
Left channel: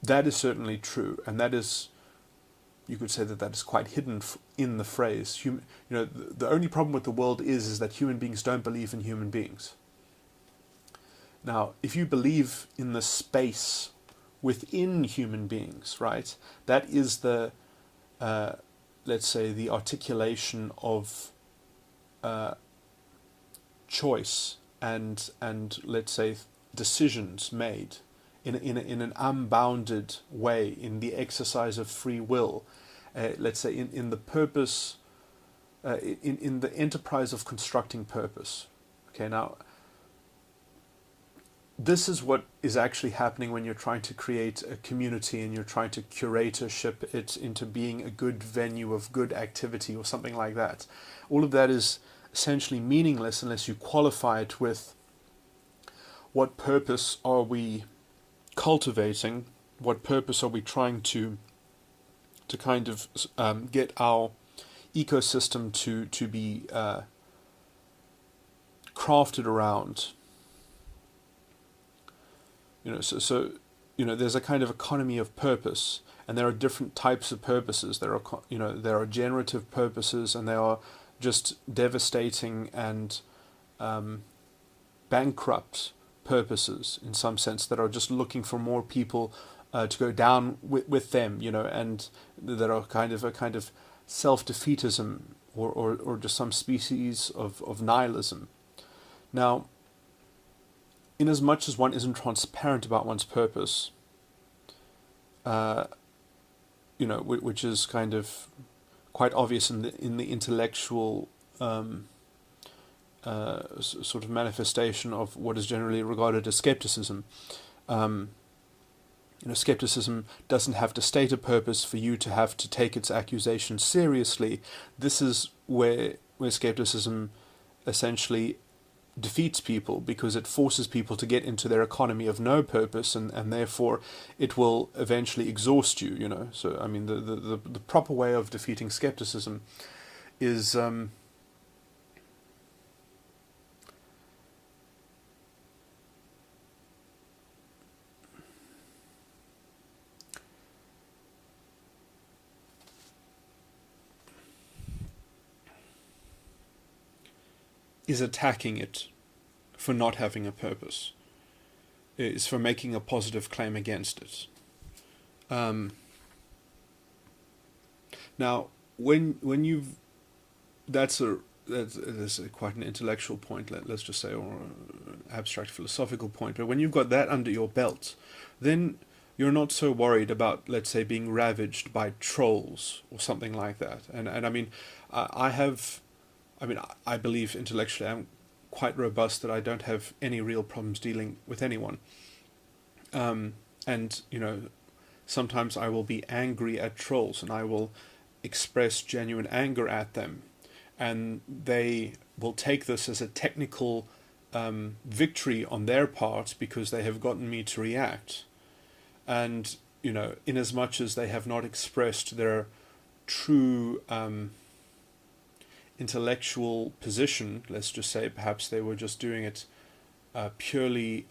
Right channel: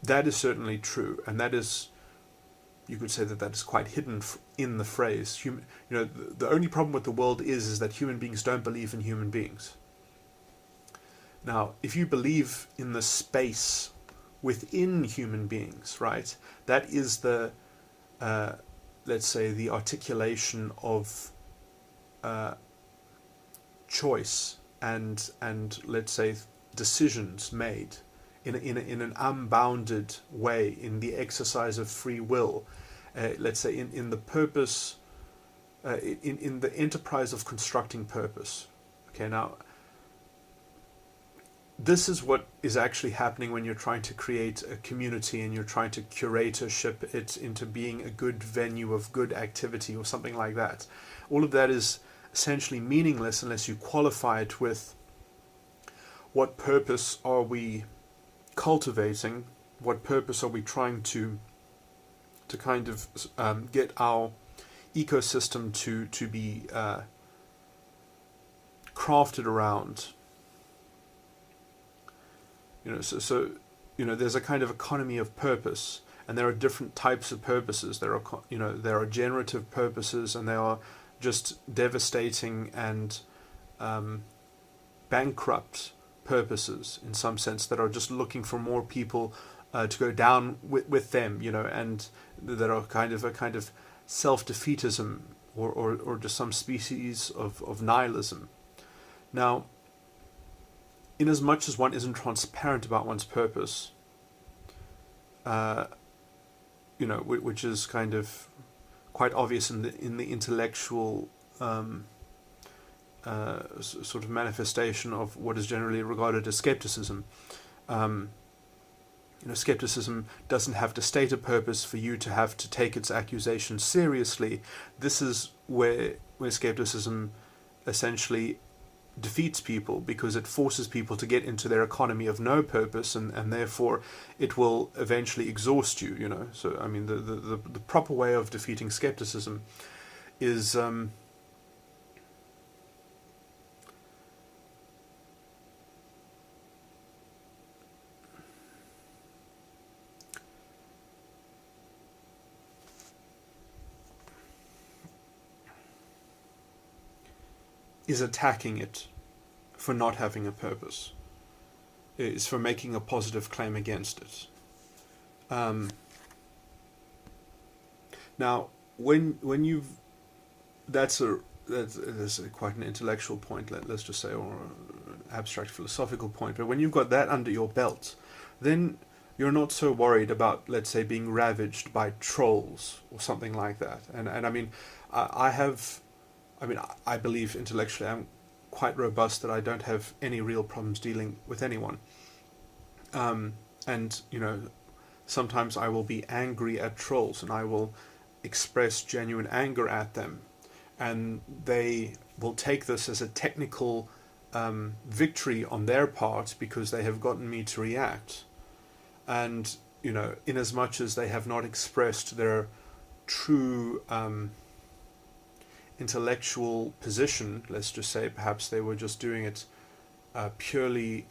That is certainly true, and that is, you could say that is quite hidden in the phrase. The only problem with the world is that human beings don't believe in human beings. Now, if you believe in the space within human beings, right, that is the, let's say, the articulation of choice and let's say decisions made in an unbounded way, in the exercise of free will, let's say in the purpose, in the enterprise of constructing purpose. Okay, now this is what is actually happening when you're trying to create a community and you're trying to curatorship it into being a good venue of good activity or something like that. All of that is essentially meaningless unless you qualify it with what purpose are we cultivating, what purpose are we trying to kind of get our ecosystem to be crafted around. So there's a kind of economy of purpose, and there are different types of purposes. There are generative purposes, and there are just devastating and bankrupt purposes, in some sense, that are just looking for more people to go down with them, and that are kind of self-defeatism or just some species of nihilism. Now, in as much as one isn't transparent about one's purpose, which is kind of quite obvious in the intellectual sort of manifestation of what is generally regarded as skepticism. Skepticism doesn't have to state a purpose for you to have to take its accusations seriously. This is where skepticism essentially defeats people, because it forces people to get into their economy of no purpose, and therefore it will eventually exhaust you. So I mean, the proper way of defeating skepticism is attacking it for not having a purpose. Is for making a positive claim against it. Now, when you've that's quite an intellectual point, let's just say, or an abstract philosophical point. But when you've got that under your belt, then you're not so worried about, let's say, being ravaged by trolls or something like that. And I mean, I believe intellectually I'm quite robust, that I don't have any real problems dealing with anyone. And sometimes I will be angry at trolls, and I will express genuine anger at them, and they will take this as a technical victory on their part, because they have gotten me to react. And in as much as they have not expressed their true intellectual position, let's just say, perhaps they were just doing it purely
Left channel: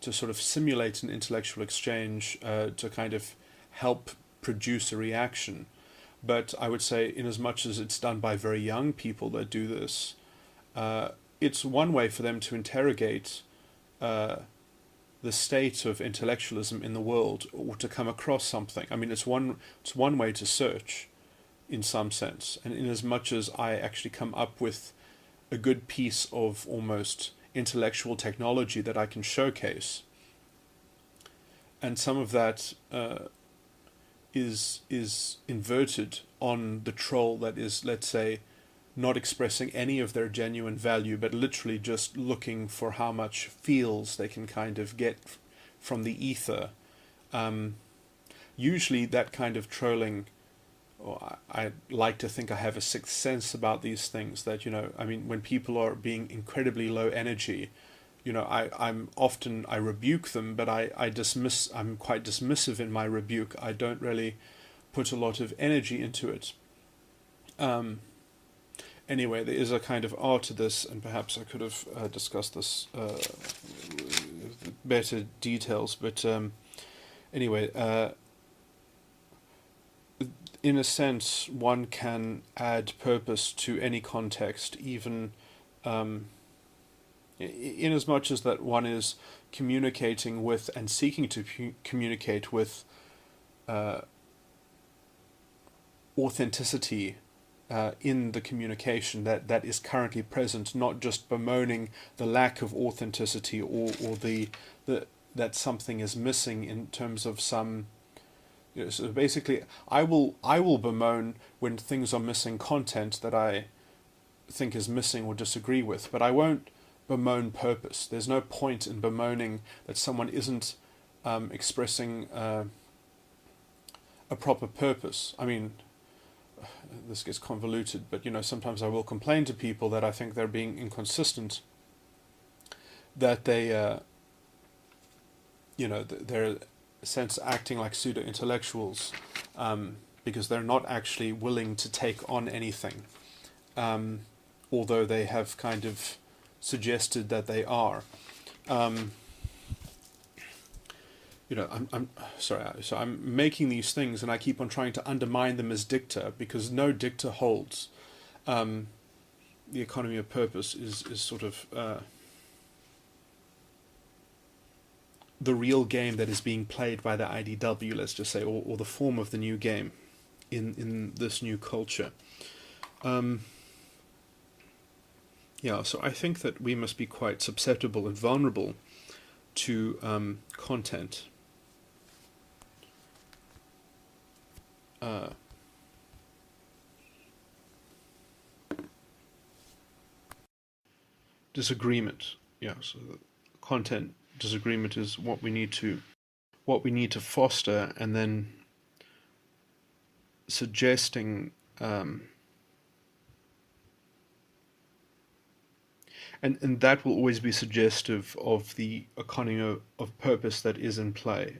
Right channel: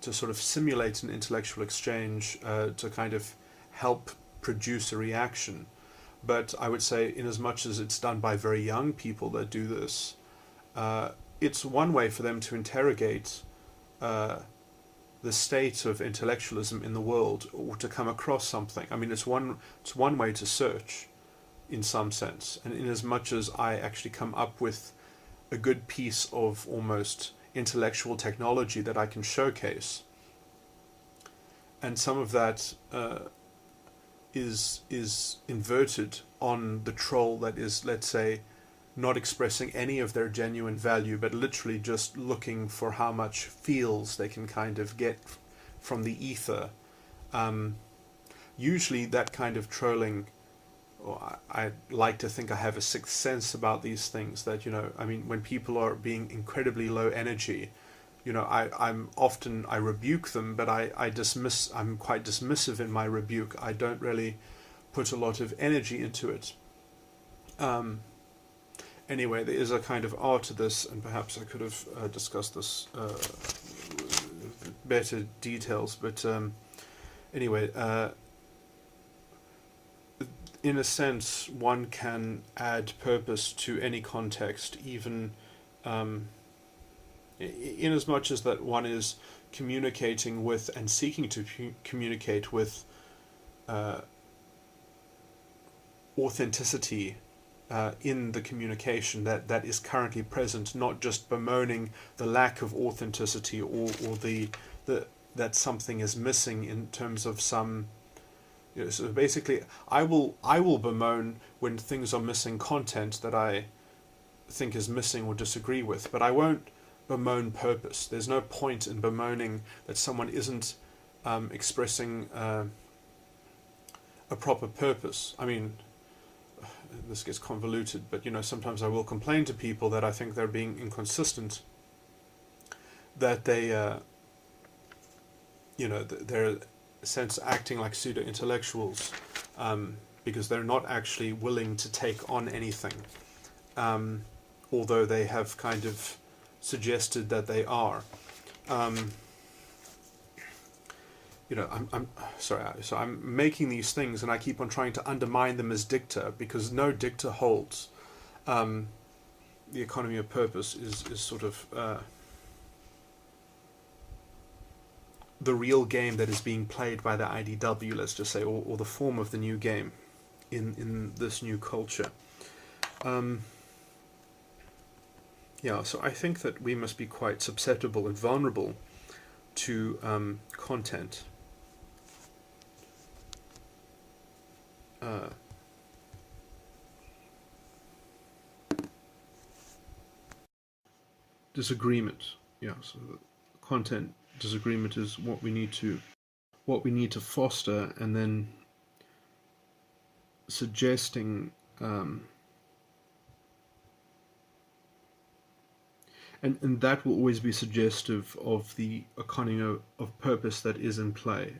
to sort of simulate an intellectual exchange, to kind of help produce a reaction. But I would say, in as much as it's done by very young people that do this, it's one way for them to interrogate the state of intellectualism in the world, or to come across something. I mean, it's one way to search, in some sense. And in as much as I actually come up with a good piece of almost intellectual technology that I can showcase, and some of that is inverted on the troll that is, let's say, not expressing any of their genuine value, but literally just looking for how much feels they can kind of get from the ether. Usually that kind of trolling, or I like to think I have a sixth sense about these things, that, I mean, when people are being incredibly low energy, I rebuke them, but I'm quite dismissive in my rebuke. I don't really put a lot of energy into it. Anyway, there is a kind of art to this, and perhaps I could have discussed this with better details, but anyway, in a sense, one can add purpose to any context, even in as much as that one is communicating with and seeking to communicate with authenticity in the communication that is currently present, not just bemoaning the lack of authenticity, or the that something is missing in terms of some. So basically, I will bemoan when things are missing content that I think is missing or disagree with, but I won't bemoan purpose. There's no point in bemoaning that someone isn't expressing a proper purpose. I mean, this gets convoluted, but sometimes I will complain to people that I think they're being inconsistent, that they they're sense acting like pseudo-intellectuals, because they're not actually willing to take on anything, although they have kind of suggested that they are. I'm sorry, so I'm making these things, and I keep on trying to undermine them as dicta, because no dicta holds. The economy of purpose is sort of the real game that is being played by the IDW, let's just say, or the form of the new game in this new culture. So I think that we must be quite susceptible and vulnerable to content. disagreement. Yeah, so the content disagreement is what we need to foster, and then suggesting and that will always be suggestive of the economy of purpose that is in play,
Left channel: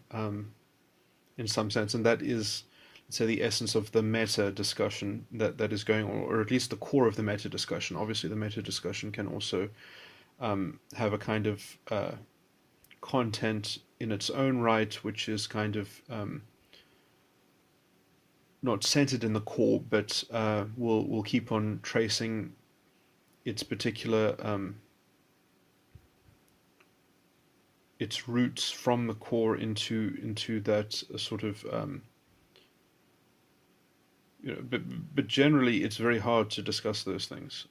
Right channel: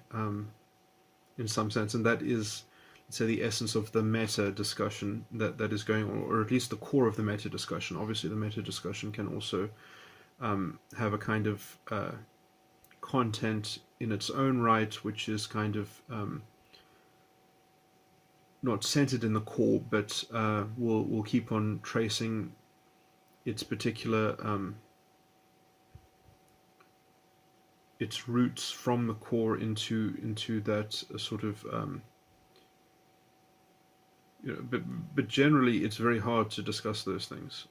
in some sense, and that is, let's say, the essence of the meta discussion that is going on, or at least the core of the meta discussion. Obviously, the meta discussion can also have a kind of content in its own right, which is kind of not centered in the core, but will keep on tracing its particular its roots from the core into that sort of but generally it's very hard to discuss those things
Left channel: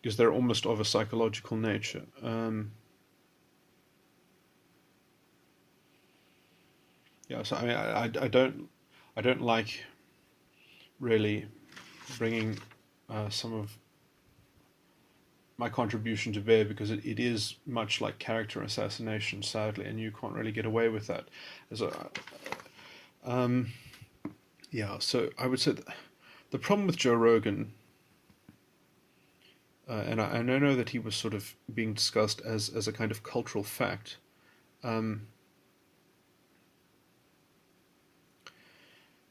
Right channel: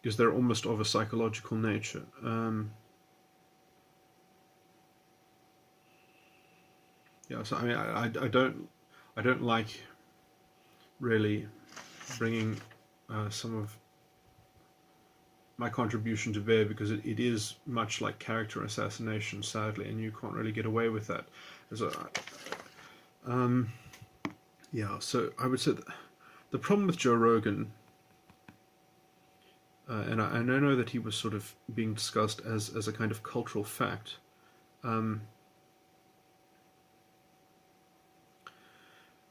because they're almost of a psychological nature. So I mean, I don't like really bringing some of my contribution to bear, because it is much like character assassination, sadly, and you can't really get away with that. So I would say the problem with Joe Rogan, and I know that he was sort of being discussed as a kind of cultural fact, but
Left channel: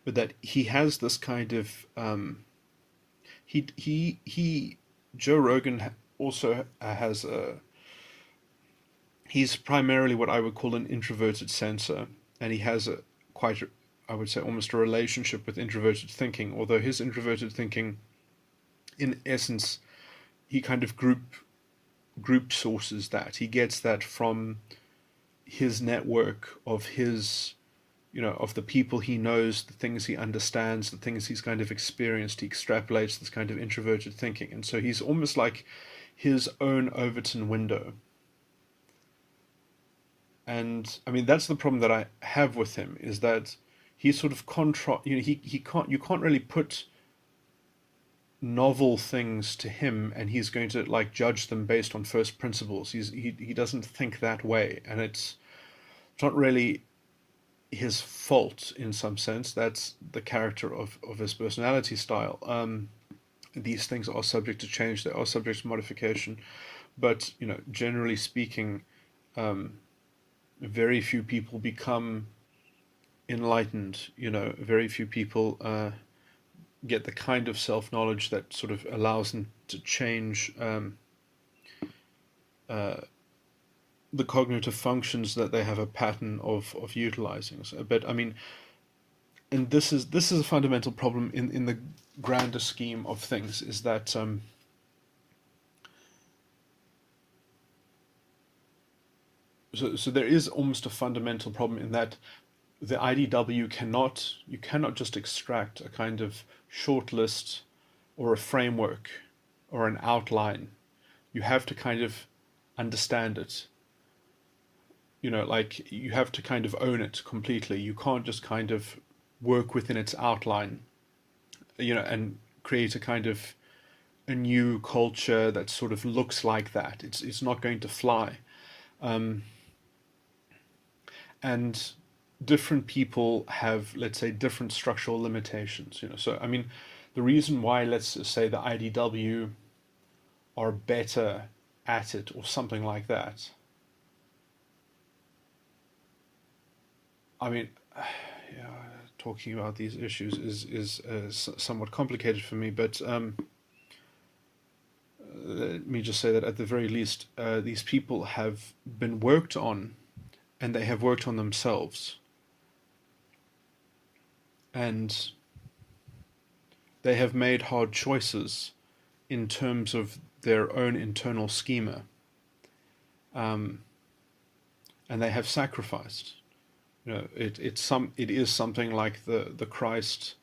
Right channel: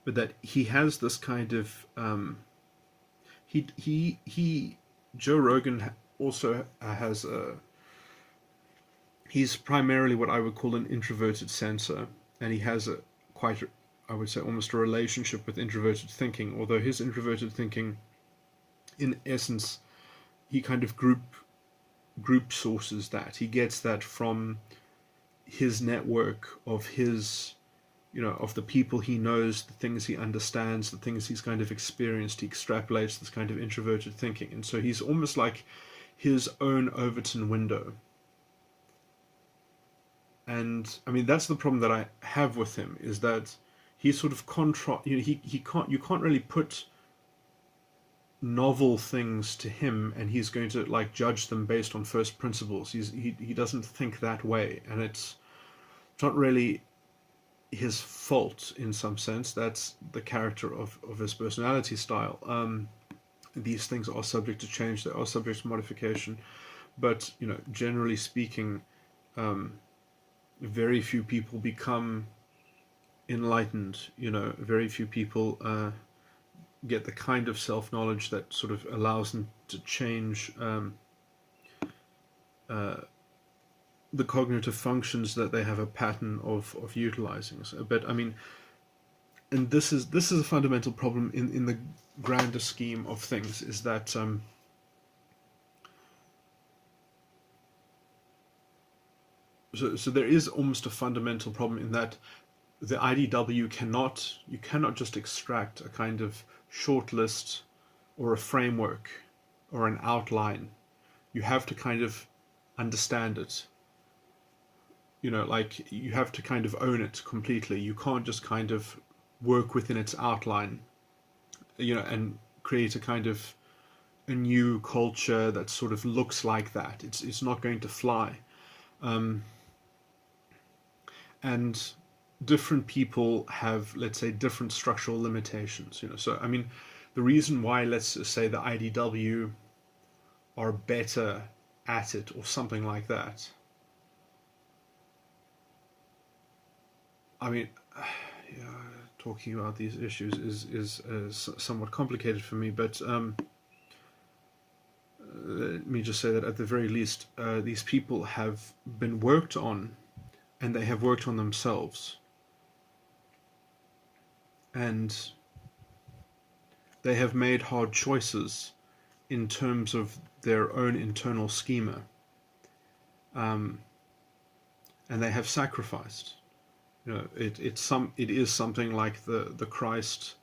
that he has this kind of Joe Rogan also has he's primarily what I would call an introverted censor, and he has I would say almost a relationship with introverted thinking, although his introverted thinking, in essence, he kind of group sources that. He gets that from his network of his, of the people he knows, the things he understands, the things he's kind of experienced. He extrapolates this kind of introverted thinking. And so he's almost like his own Overton window. And I mean, that's the problem that I have with him, is that he's sort of you can't really put novel things to him and he's going to like judge them based on first principles. He doesn't think that way, and it's not really his fault in some sense. That's the character of his personality style. These things are subject to change, they are subject to modification, but generally speaking, very few people become enlightened. Very few people get the kind of self-knowledge that sort of allows them to change the cognitive functions that they have a pattern of utilizing. So, but I mean, and this is a fundamental problem in the grander scheme of things, is that so there is almost a fundamental problem in that the IDW you cannot just extract a kind of short list or a framework or an outline. You have to kind of understand it. Like you have to kind of own it completely. You can't just kind of work within its outline, and create a kind of a new culture that sort of looks like that. It's not going to fly. And different people have, let's say, different structural limitations. So I mean, the reason why, let's say, the IDW are better at it or something like that. I mean, talking about these issues is somewhat complicated for me, but let me just say that at the very least, these people have been worked on, and they have worked on themselves, and they have made hard choices in terms of their own internal schema, and they have sacrificed. It is something like the Christ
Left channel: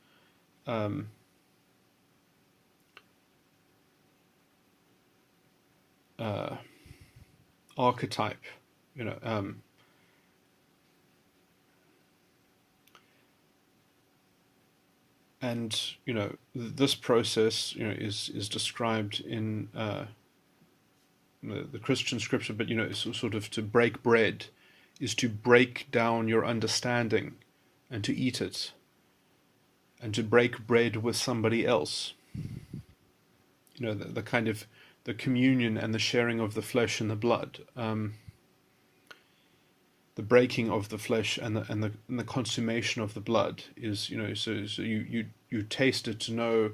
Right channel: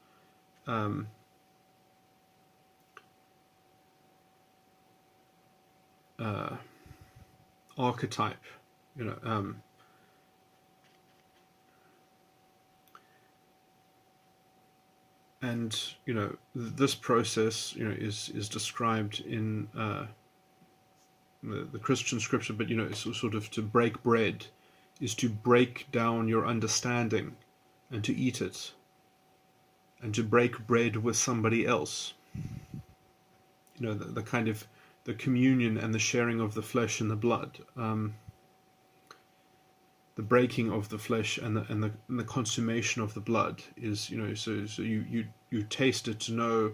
archetype, and this process is described in the Christian scripture, but sort of to break bread is to break down your understanding and to eat it, and to break bread with somebody else. The kind of the communion and the sharing of the flesh and the blood, the breaking of the flesh and the consummation of the blood is, so you taste it to know,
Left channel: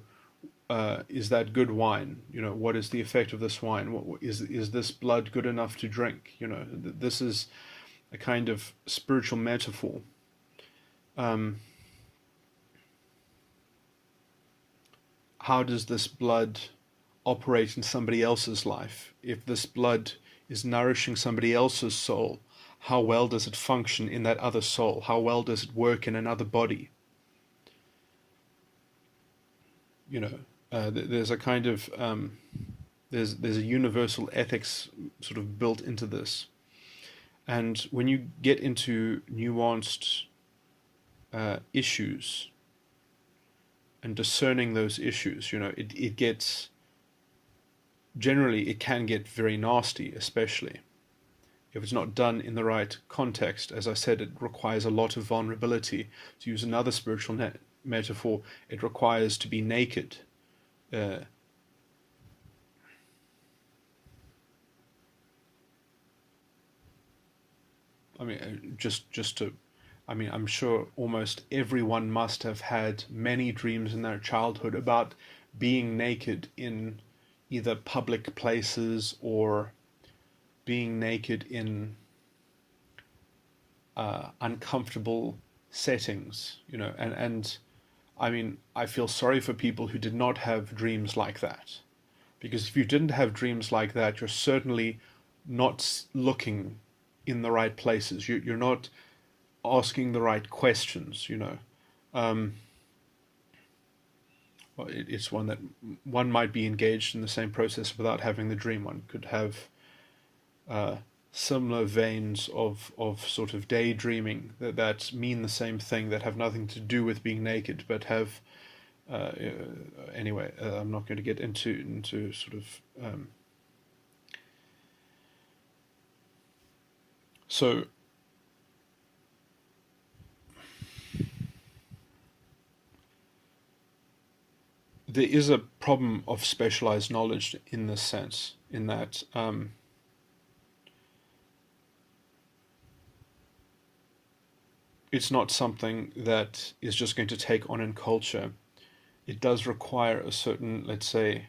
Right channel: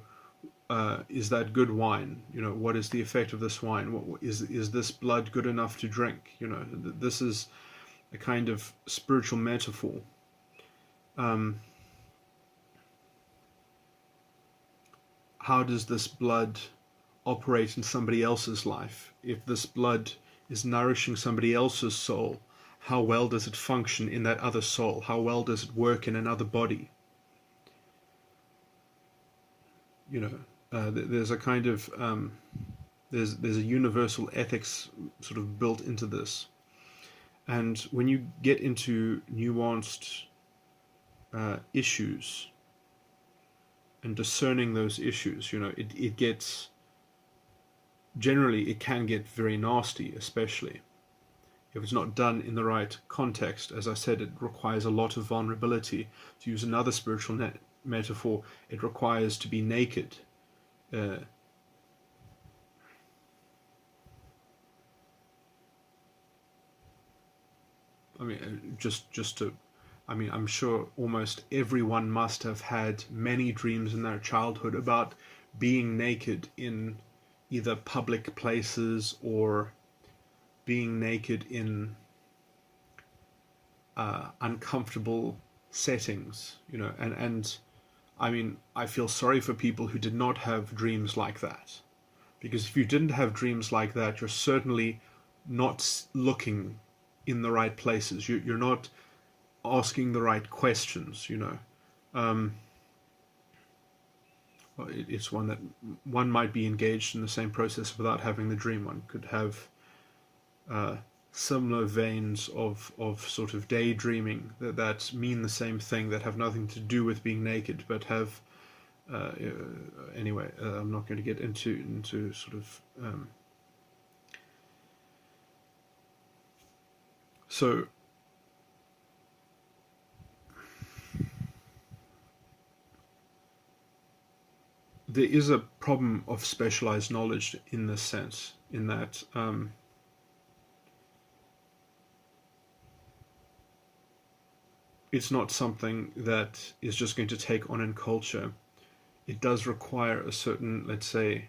is that good wine? What is the effect of this wine? What is this blood good enough to drink? This is a kind of spiritual metaphor. How does this blood operate in somebody else's life? If this blood is nourishing somebody else's soul, how well does it function in that other soul? How well does it work in another body? There's a kind of there's a universal ethics sort of built into this, and when you get into nuanced issues and discerning those issues, it gets, generally it can get very nasty, especially if it's not done in the right context. As I said, it requires a lot of vulnerability. To use another spiritual metaphor, it requires to be naked. I'm sure almost everyone must have had many dreams in their childhood about being naked in either public places or being naked in uncomfortable settings, and I feel sorry for people who did not have dreams like that, because if you didn't have dreams like that, you're certainly not looking in the right places. You're not asking the right questions. It's one that one might be engaged in the same process without having the dream. One could have similar veins of sort of daydreaming that mean the same thing, that have nothing to do with being naked, but have anyway. I'm not going to get into sort of so. There is a problem of specialized knowledge in this sense, in that it's not something that is just going to take on in culture. It does require a certain, let's say,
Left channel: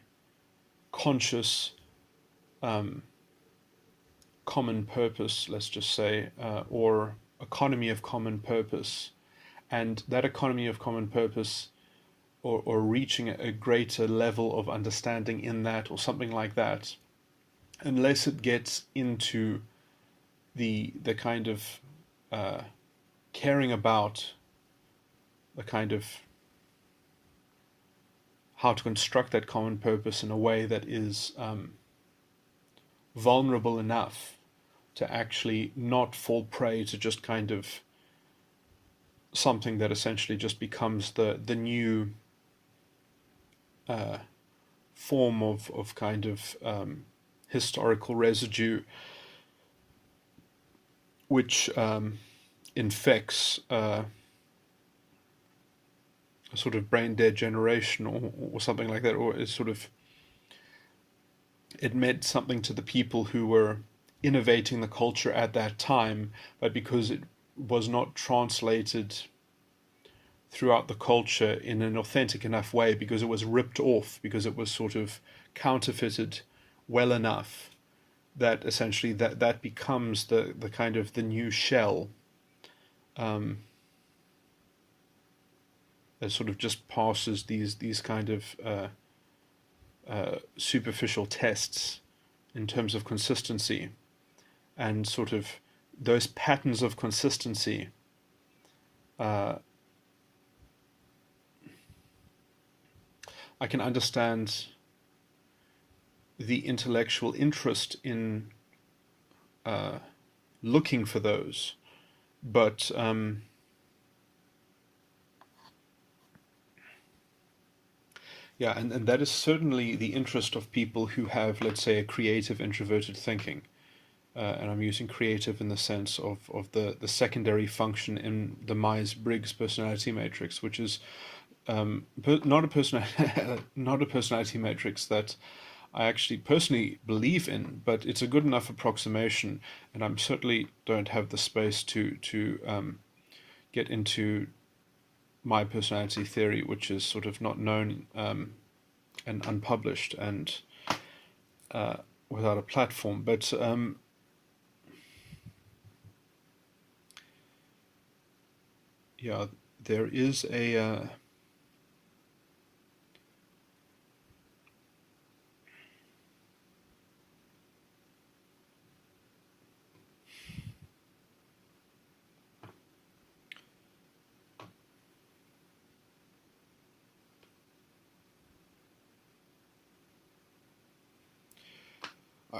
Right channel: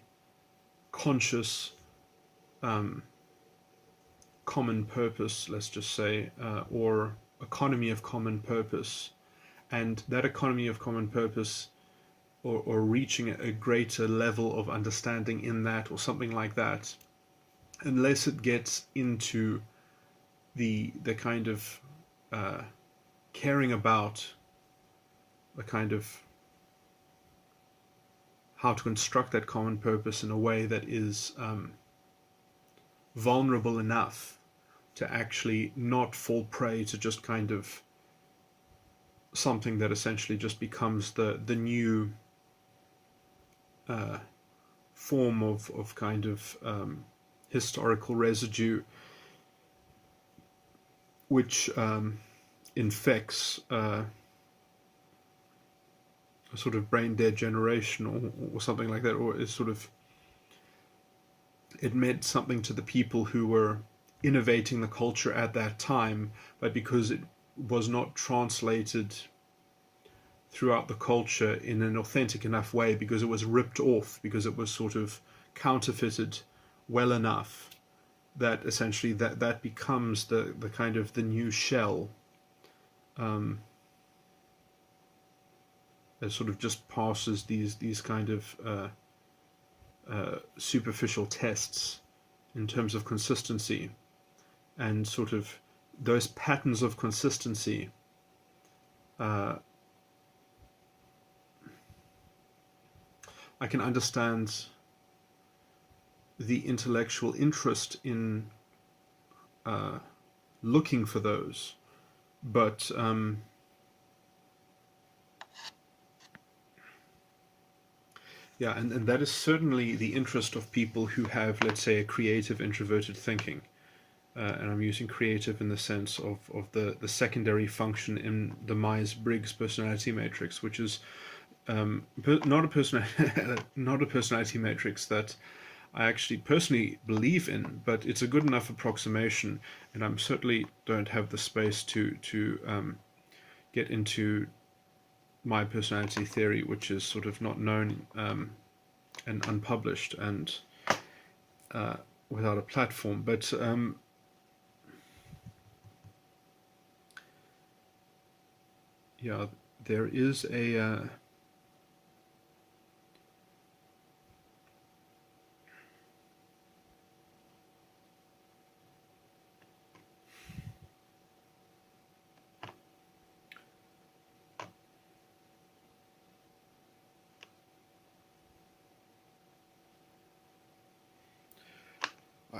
conscious common purpose, let's just say, or economy of common purpose. And that economy of common purpose, or reaching a greater level of understanding in that, or something like that, unless it gets into the kind of caring about the kind of how to construct that common purpose in a way that is vulnerable enough to actually not fall prey to just kind of something that essentially just becomes the new form of kind of historical residue, which infects a sort of brain dead generation, or something like that, or is sort of, it meant something to the people who were innovating the culture at that time, but because it was not translated throughout the culture in an authentic enough way, because it was ripped off, because it was sort of counterfeited well enough, that essentially that becomes the kind of the new shell, that sort of just passes these kind of superficial tests in terms of consistency, and sort of those patterns of consistency I can understand the intellectual interest in looking for those, but Yeah, and that is certainly the interest of people who have, let's say, a creative introverted thinking. And I'm using creative in the sense of the secondary function in the Myers-Briggs personality matrix, which is not a not a personality matrix that I actually personally believe in, but it's a good enough approximation, and I'm certainly don't have the space to get into my personality theory, which is sort of not known and unpublished and without a platform. But yeah, there is a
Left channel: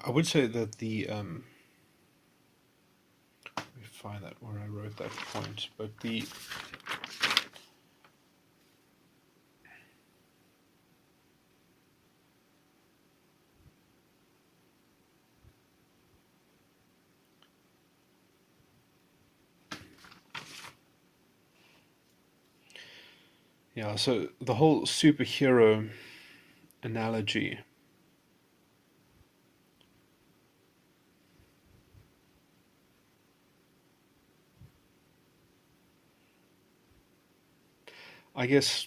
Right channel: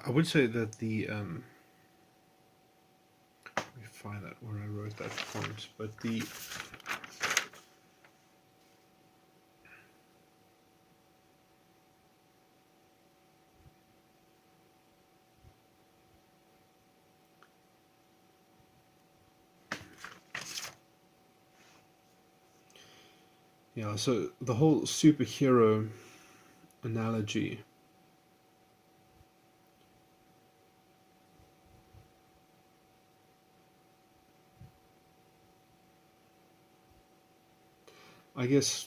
I would say that the let me find that where I wrote that point, but the yeah, so the whole superhero analogy, I guess,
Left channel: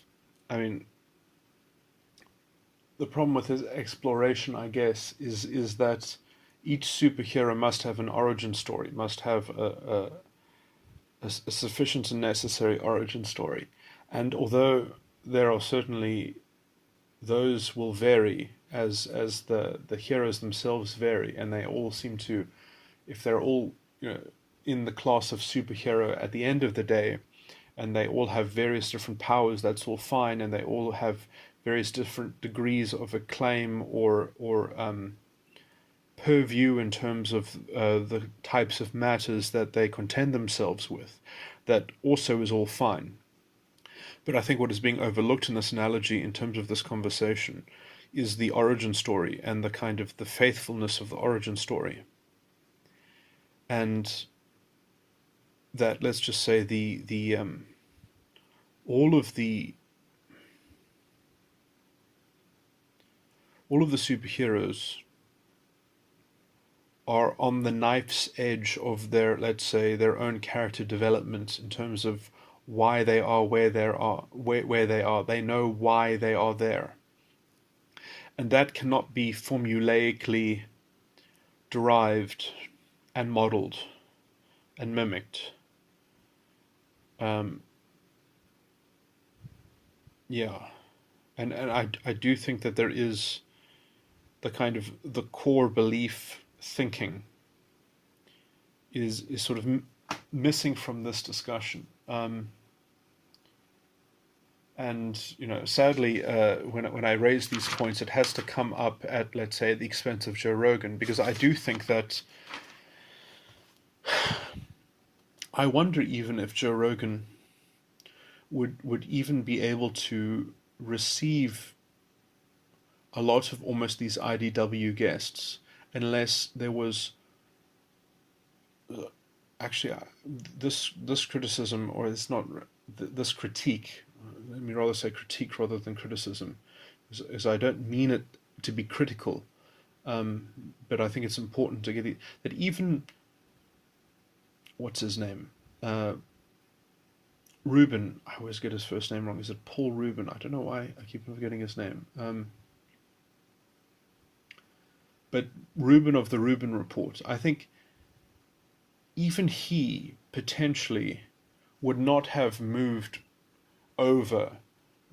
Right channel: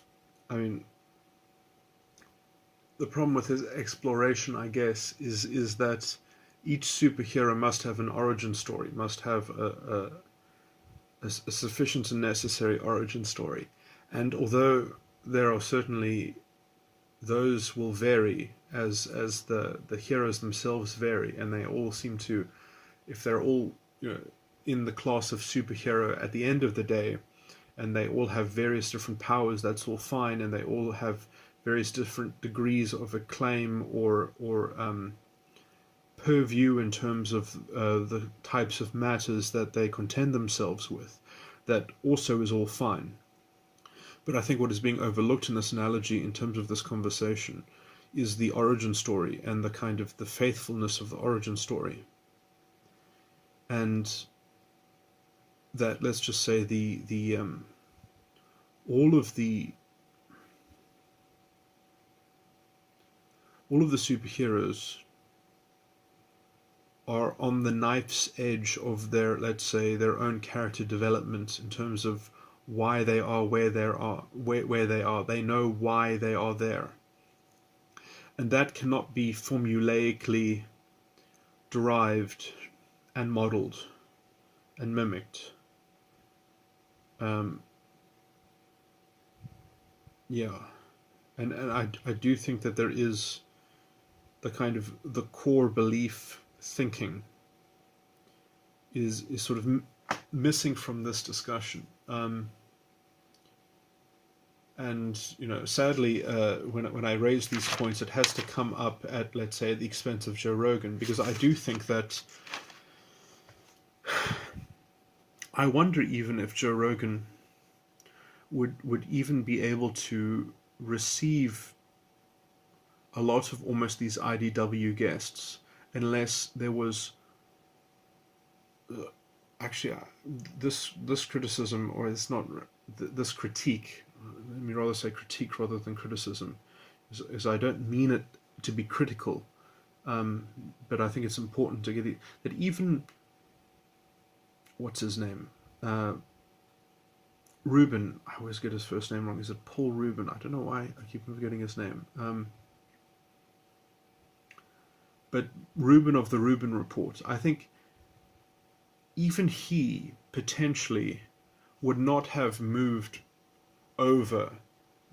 I mean, the problem with his exploration, I guess, is that each superhero must have an origin story, must have a sufficient and necessary origin story. And although there are certainly those will vary as the heroes themselves vary, and they all seem to, if they're all in the class of superhero at the end of the day, and they all have various different powers, that's all fine, and they all have various different degrees of acclaim or purview in terms of the types of matters that they contend themselves with. That also is all fine. But I think what is being overlooked in this analogy, in terms of this conversation, is the origin story and the kind of the faithfulness of the origin story. And that, let's just say, the all of the superheroes are on the knife's edge of their, let's say, their own character development in terms of why they are where they are, where they are. They know why they are there. And that cannot be formulaically derived and modeled and mimicked. Yeah. And I do think that there is the kind of the core belief thinking is sort of missing from this discussion. And sadly, when I raise these points, it has to come up at, let's say, at the expense of Joe Rogan, because I do think that I wonder even if Joe Rogan would even be able to receive a lot of almost these IDW guests unless there was actually this criticism, or it's not this critique. Let me rather say critique rather than criticism, is I don't mean it to be critical, but I think it's important to get it, that even what's his name, Rubin. I always get his first name wrong. Is it Paul Rubin? I don't know why I keep forgetting his name. But Rubin of the Rubin Report, I think even he potentially would not have moved over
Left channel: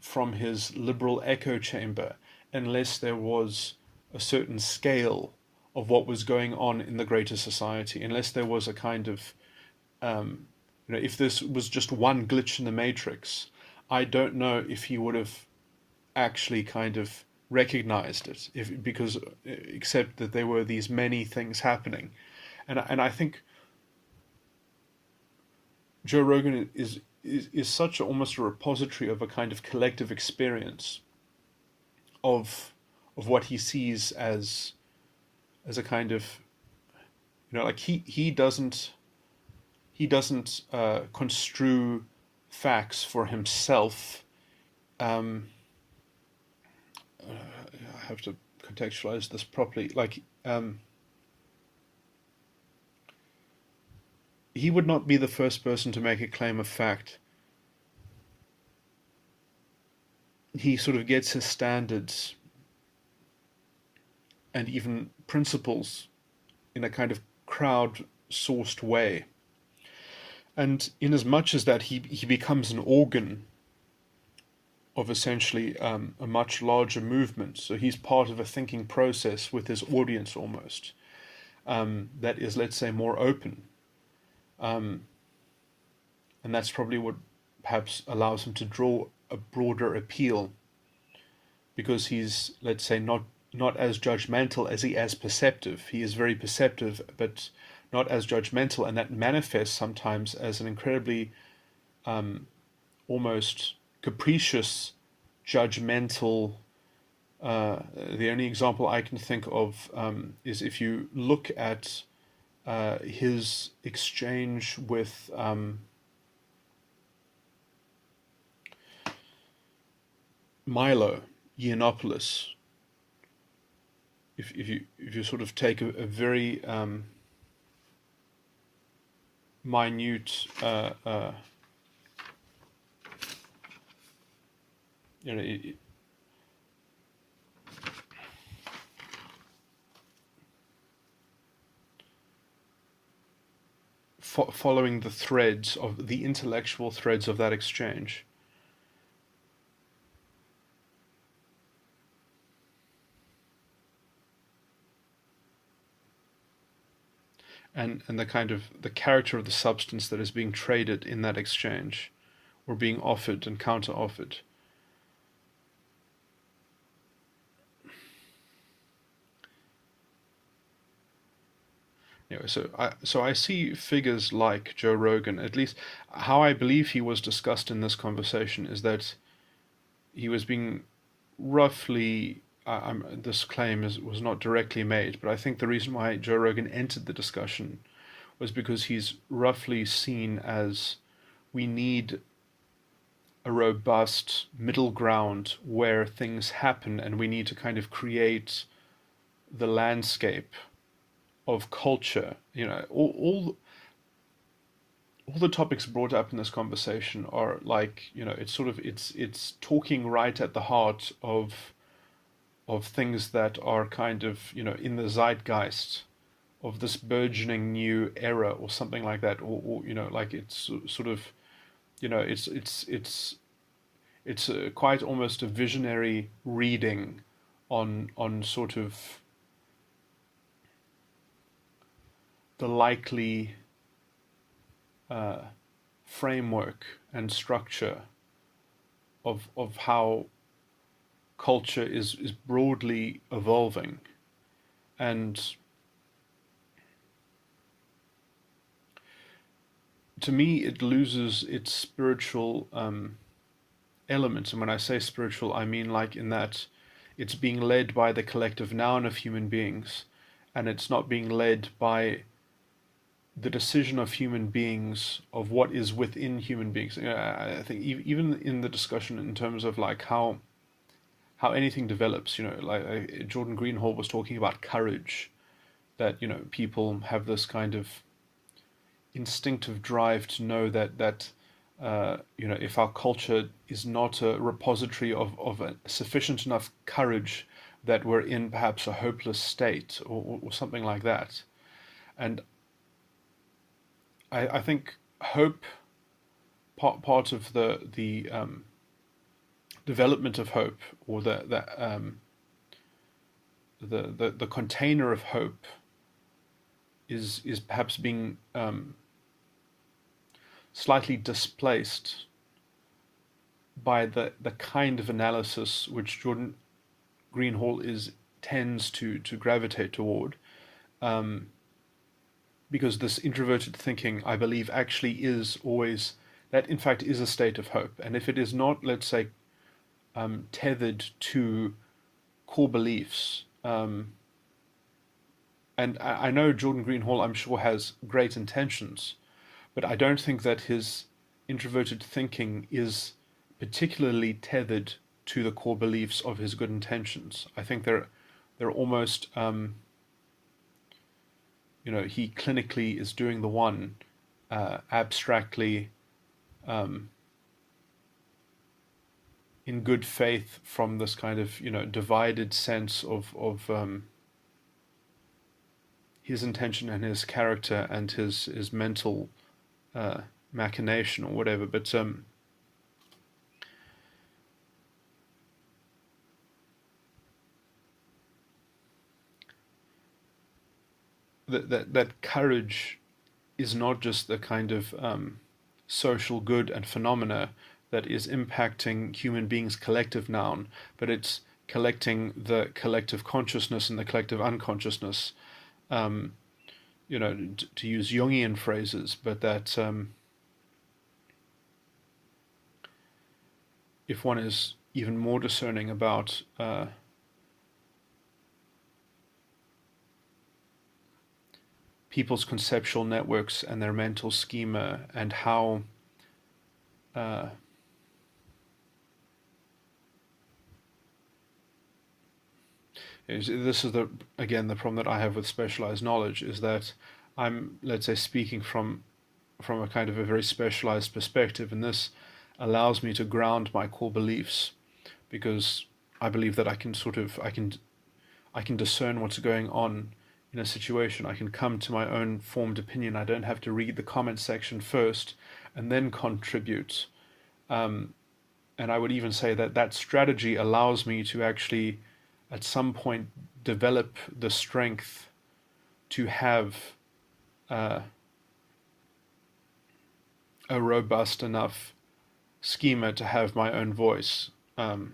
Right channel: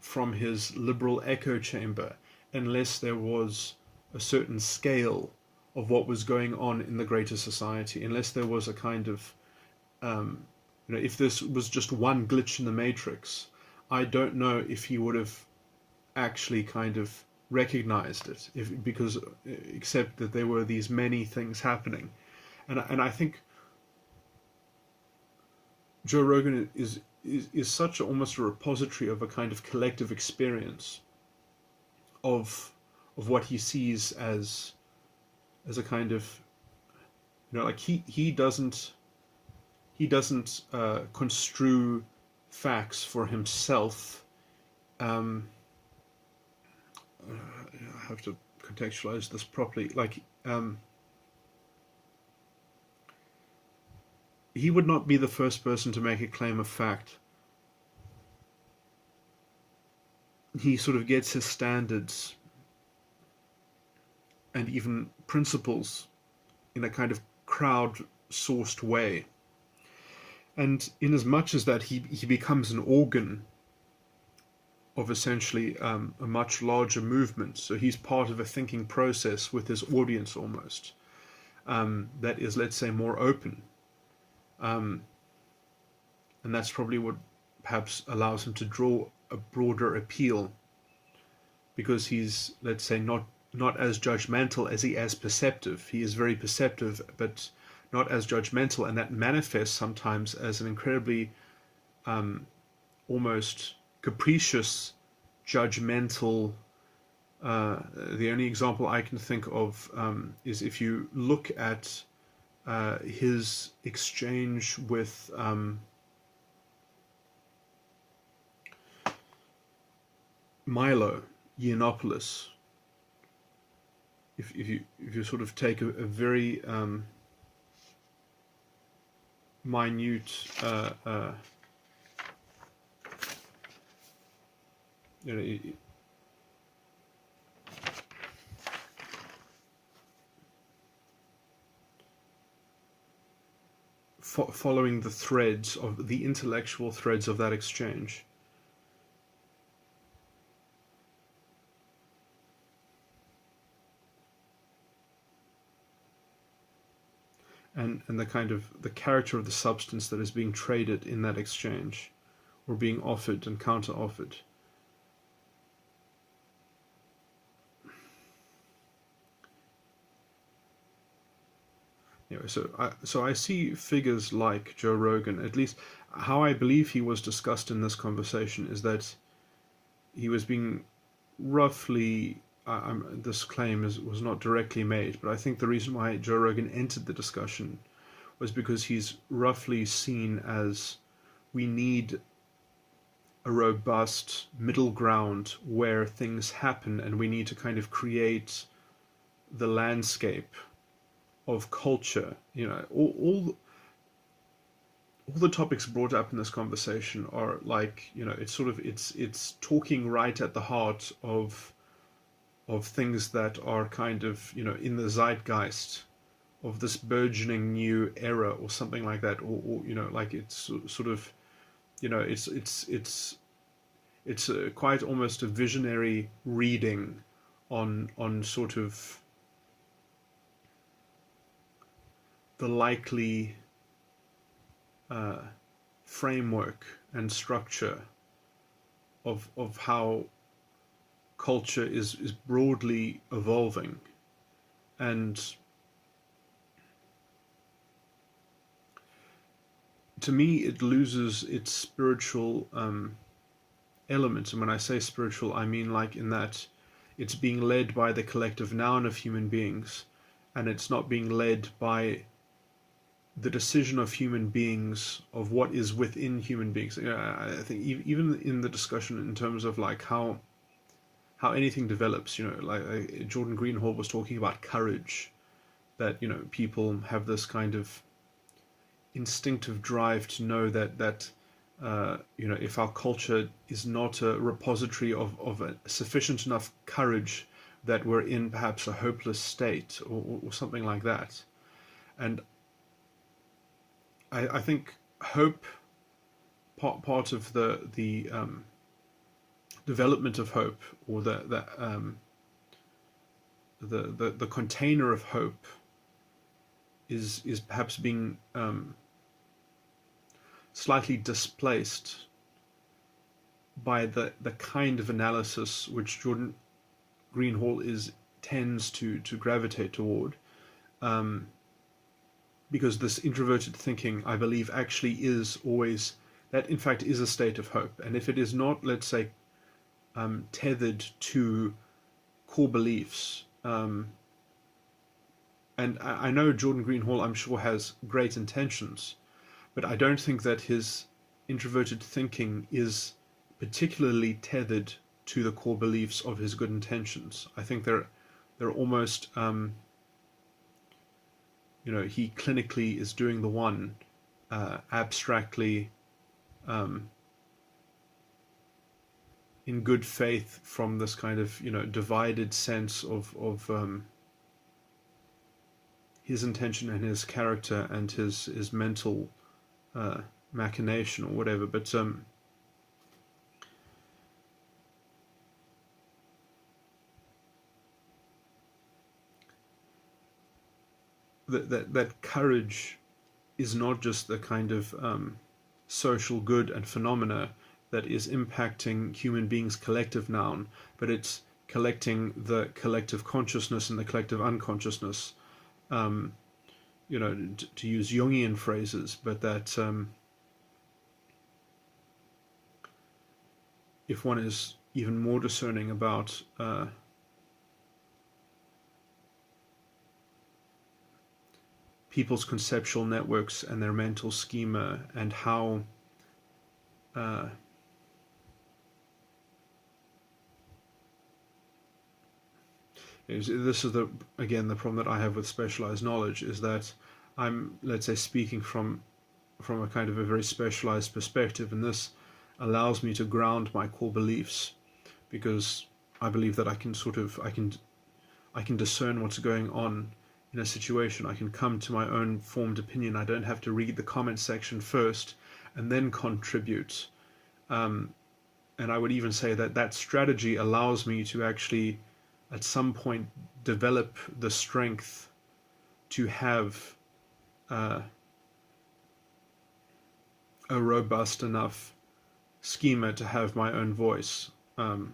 from his liberal echo chamber unless there was a certain scale of what was going on in the greater society, unless there was a kind of, if this was just one glitch in the matrix, I don't know if he would have actually kind of recognized it, because except that there were these many things happening, and I think Joe Rogan is such almost a repository of a kind of collective experience of what he sees as a kind of, like he doesn't construe facts for himself. I have to contextualize this properly. Like, he would not be the first person to make a claim of fact. He sort of gets his standards and even principles in a kind of crowd-sourced way. And in as much as that he becomes an organ of essentially a much larger movement, so he's part of a thinking process with his audience almost, that is, let's say, more open. And that's probably what perhaps allows him to draw a broader appeal, because he's, let's say, not as judgmental as he is perceptive. He is very perceptive, but not as judgmental, and that manifests sometimes as an incredibly almost capricious, judgmental. The only example I can think of is if you look at his exchange with Milo Yiannopoulos. If you sort of take a very minute following the threads of the intellectual threads of that exchange. And the kind of the character of the substance that is being traded in that exchange, or being offered and counter-offered. Anyway, so I see figures like Joe Rogan. At least how I believe he was discussed in this conversation is that he was being roughly. This claim was not directly made, but I think the reason why Joe Rogan entered the discussion was because he's roughly seen as, we need a robust middle ground where things happen, and we need to kind of create the landscape of culture. All the topics brought up in this conversation are like, it's talking right at the heart of things that are kind of, in the zeitgeist of this burgeoning new era or something like that, or like it's sort of, it's quite almost a visionary reading on sort of the likely framework and structure of how culture is broadly evolving. And to me, it loses its spiritual elements. And when I say spiritual, I mean like in that it's being led by the collective noun of human beings, and it's not being led by the decision of human beings of what is within human beings. I think even in the discussion in terms of like how anything develops, like Jordan Greenhall was talking about courage, that, people have this kind of instinctive drive to know that if our culture is not a repository of a sufficient enough courage, that we're in perhaps a hopeless state or something like that. And I think hope, part of the development of hope, or the container of hope, is perhaps being slightly displaced by the kind of analysis which Jordan Greenhall tends to gravitate toward, because this introverted thinking, I believe, actually is always, that in fact is a state of hope. And if it is not, let's say, tethered to core beliefs. And I know Jordan Greenhall, I'm sure, has great intentions, but I don't think that his introverted thinking is particularly tethered to the core beliefs of his good intentions. I think they're almost, he clinically is doing the one, abstractly, in good faith, from this kind of divided sense of his intention and his character and his mental machination or whatever. But that courage is not just the kind of social good and phenomena that is impacting human beings' collective noun, but it's collecting the collective consciousness and the collective unconsciousness. To use Jungian phrases, but that if one is even more discerning about people's conceptual networks and their mental schema, and how this is the problem that I have with specialized knowledge, is that I'm, let's say, speaking from a kind of a very specialized perspective, and this allows me to ground my core beliefs, because I believe that I can discern what's going on in a situation. I can come to my own formed opinion. I don't have to read the comment section first and then contribute. And I would even say that strategy allows me to actually, at some point, develop the strength to have a robust enough schema to have my own voice. And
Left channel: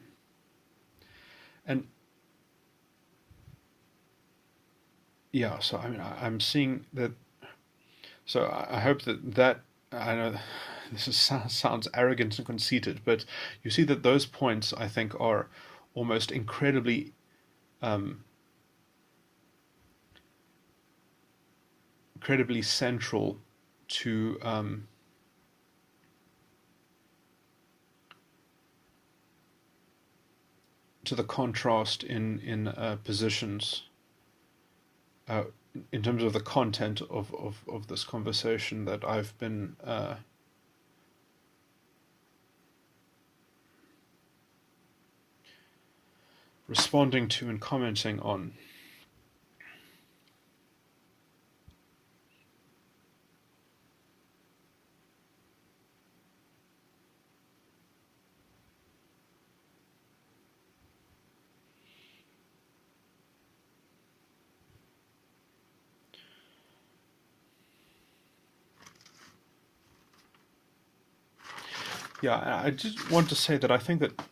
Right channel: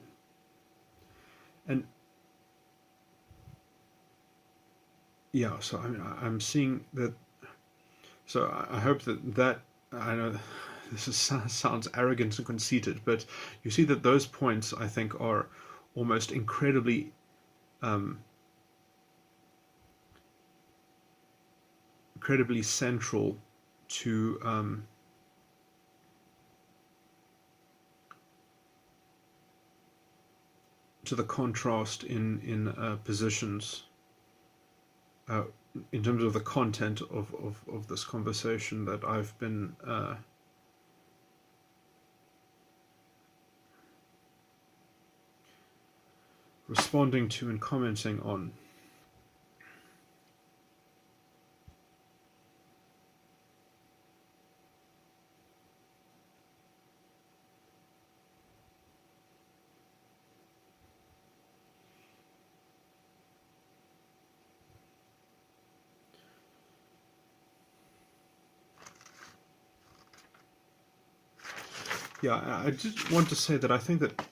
yeah, so I mean, I'm seeing that. So I hope that I know this sounds arrogant and conceited, but you see that those points, I think, are almost incredibly central to the contrast in positions, in terms of the content of this conversation that I've been responding to and commenting on. Yeah, I just want to say that I think that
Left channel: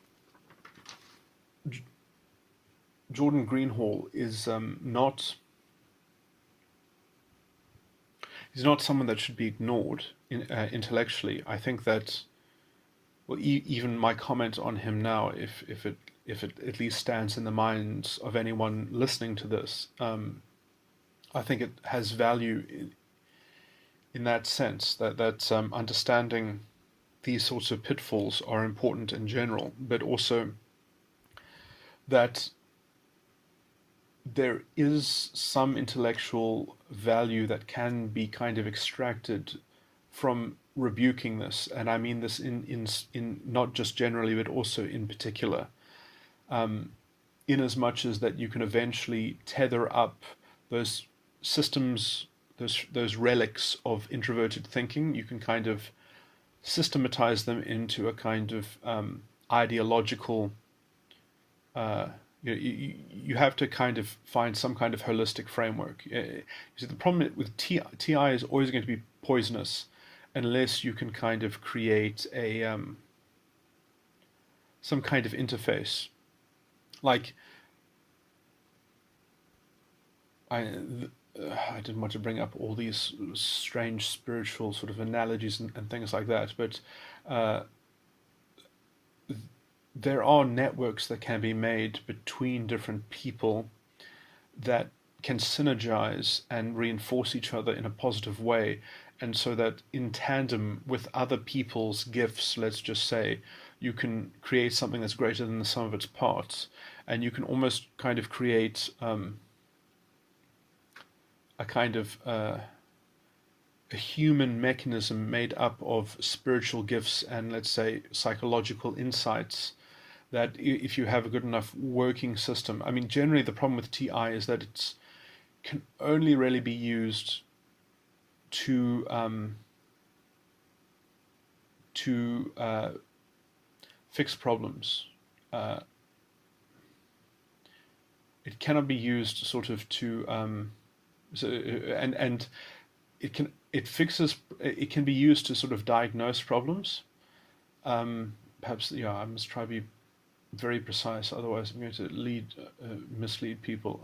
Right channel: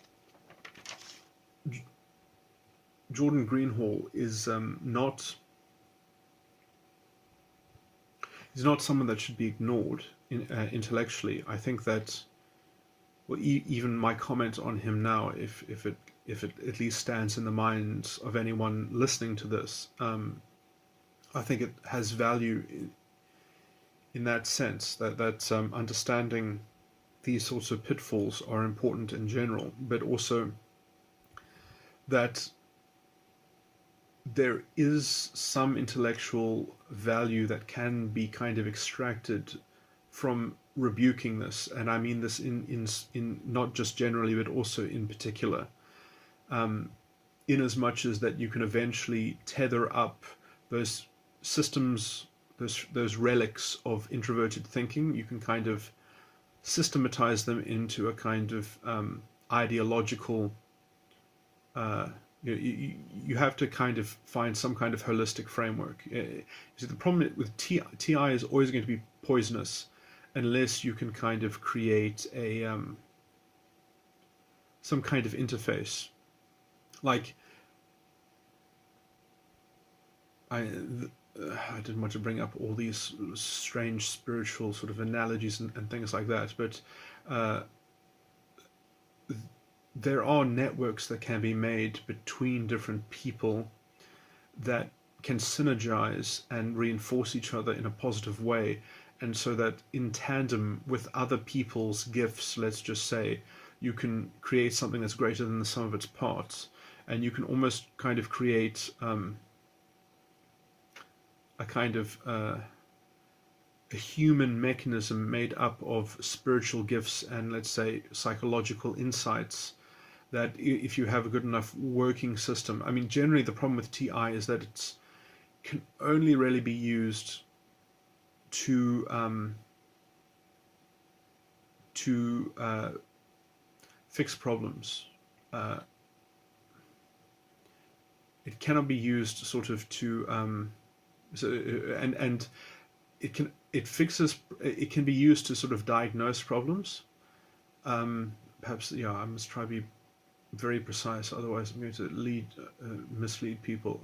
Jordan Greenhall is he's not someone that should be ignored intellectually. I think that, well, even my comment on him now, if it at least stands in the minds of anyone listening to this, I think it has value in that sense, that understanding these sorts of pitfalls are important in general, but also that there is some intellectual value that can be kind of extracted from rebuking this, and I mean this in not just generally, but also in particular, in as much as that you can eventually tether up those systems, those relics of introverted thinking. You can kind of systematize them into a kind of ideological. You have to kind of find some kind of holistic framework. So the problem with TI is always going to be poisonous unless you can kind of create a some kind of interface. Like, I didn't want to bring up all these strange spiritual sort of analogies and things like that, but there are networks that can be made between different people that can synergize and reinforce each other in a positive way. And so that in tandem with other people's gifts, let's just say, you can create something that's greater than the sum of its parts. And you can almost kind of create a kind of a human mechanism made up of spiritual gifts and, let's say, psychological insights, that if you have a good enough working system. I mean, generally the problem with TI is that it can only really be used to fix problems. It cannot be used sort of to and it can be used to sort of diagnose problems. Perhaps I must try to be very precise, otherwise I'm going to mislead people.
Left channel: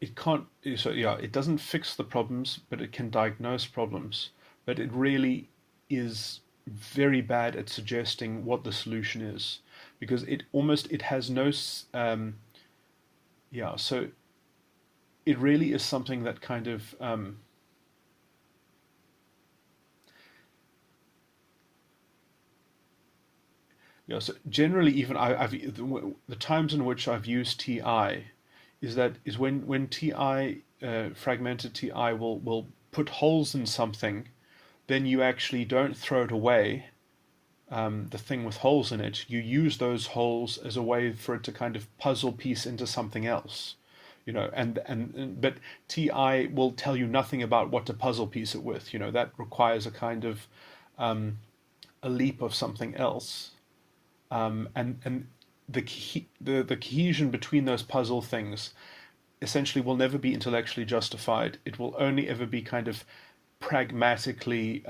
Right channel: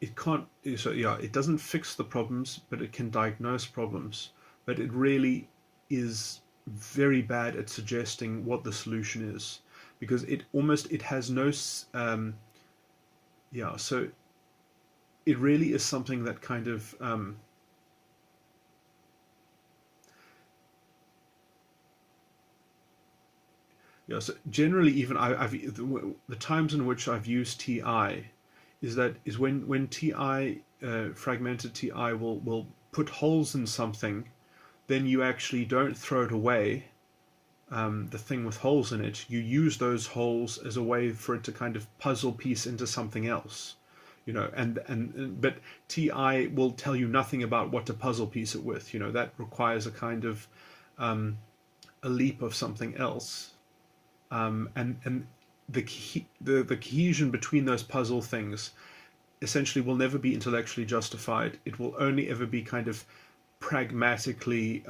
It doesn't fix the problems, but it can diagnose problems. But it really is very bad at suggesting what the solution is, because it has no so it really is something that kind of so generally, even the times in which I've used TI is when TI fragmented TI will put holes in something, then you actually don't throw it away, the thing with holes in it. You use those holes as a way for it to kind of puzzle piece into something else, but TI will tell you nothing about what to puzzle piece it with. That requires a kind of a leap of something else. And the cohesion between those puzzle things essentially will never be intellectually justified. It will only ever be kind of pragmatically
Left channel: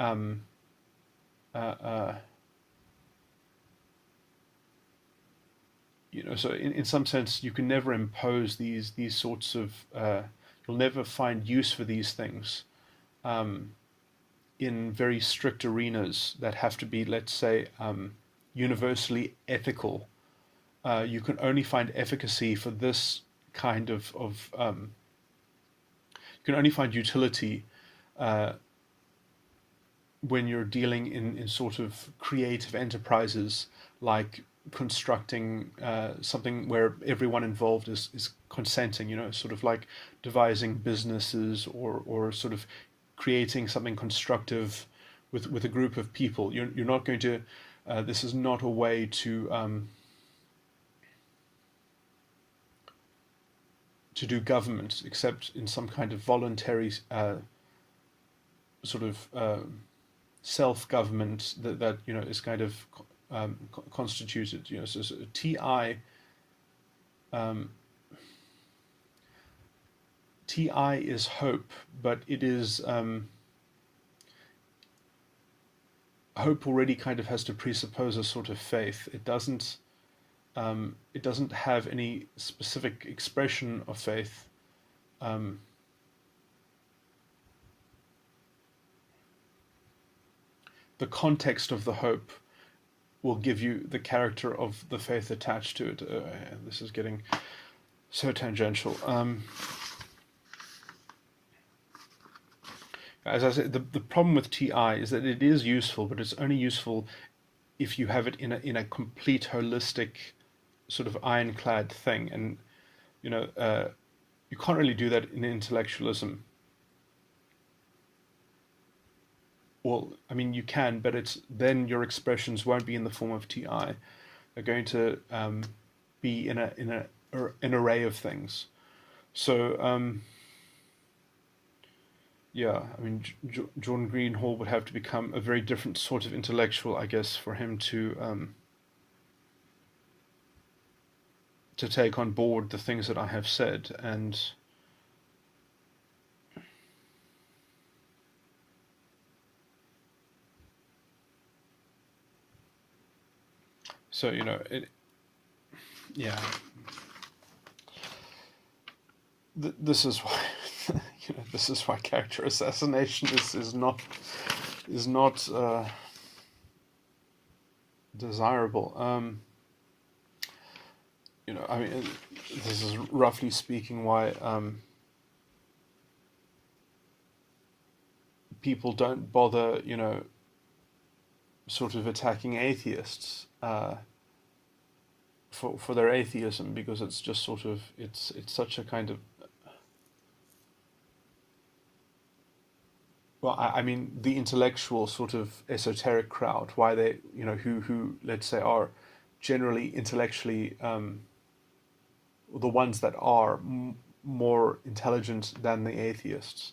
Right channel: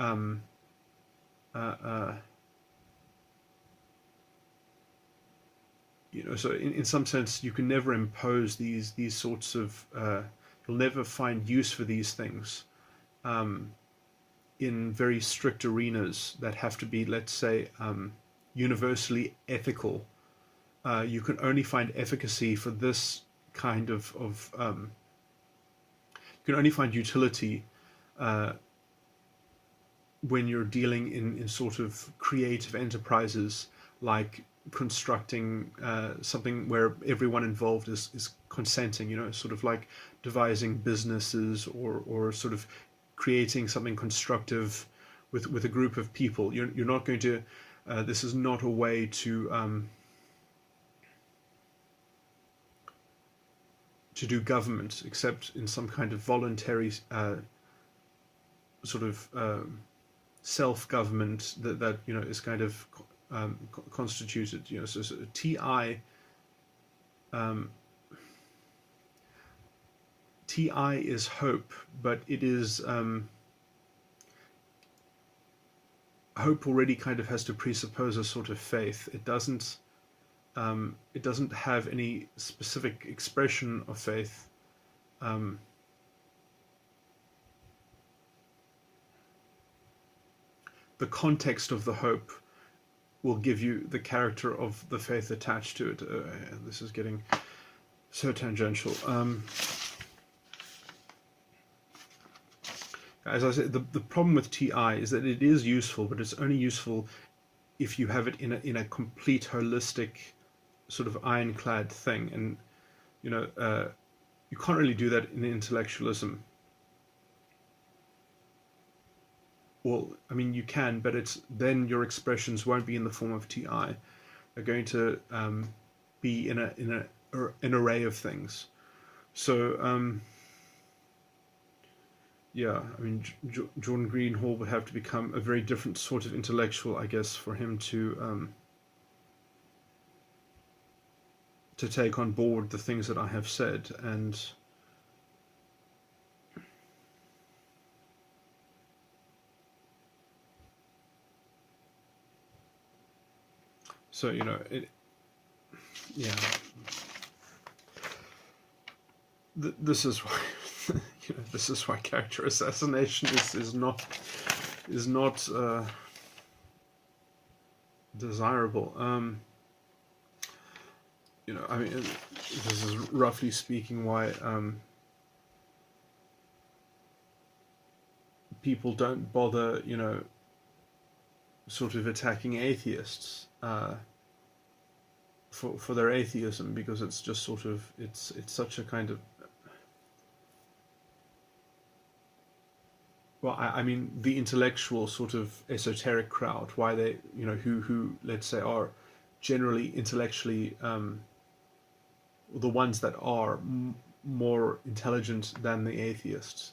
so in some sense you can never impose these sorts of you'll never find use for these things in very strict arenas that have to be, let's say, universally ethical. You can only find efficacy for this kind of you can only find utility when you're dealing in sort of creative enterprises, like constructing something where everyone involved is consenting, sort of like devising businesses or sort of creating something constructive with a group of people. You're not going to this is not a way to do government, except in some kind of voluntary sort of self-government that is kind of constituted. So TI is hope, but it is hope already kind of has to presuppose a sort of faith. It doesn't have any specific expression of faith. The context of the hope will give you the character of the faith attached to it. This is getting so tangential. As I said, the problem with TI is that it is useful, but it's only useful if you have it in a complete holistic sort of ironclad thing, and you can't really do that in intellectualism. Well, I mean, you can, but then your expressions won't be in the form of TI. They're going to be in an array of things. So I mean, Jordan Greenhall would have to become a very different sort of intellectual, I guess, for him to take on board the things that I have said. And so, this is why this is why character assassination is not desirable. I mean, this is roughly speaking why people don't bother, sort of attacking atheists for their atheism, because it's just sort of it's such a kind of, well, I mean, the intellectual sort of esoteric crowd, why they, who let's say are generally intellectually the ones that are more intelligent than the atheists,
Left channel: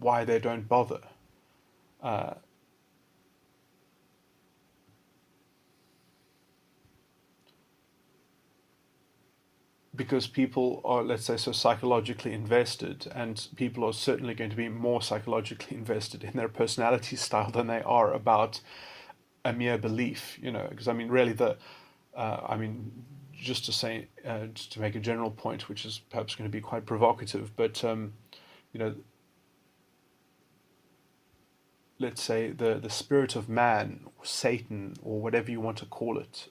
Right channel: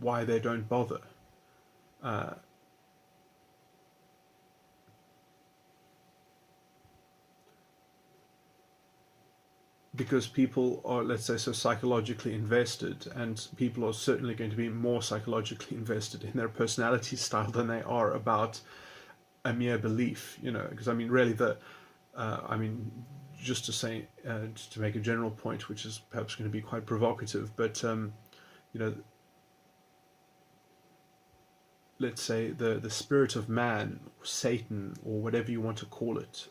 why they don't bother. Because people are, let's say, so psychologically invested, and people are certainly going to be more psychologically invested in their personality style than they are about a mere belief, because I mean, really, just to say, just to make a general point, which is perhaps going to be quite provocative, but let's say the spirit of man, or Satan, or whatever you want to call it,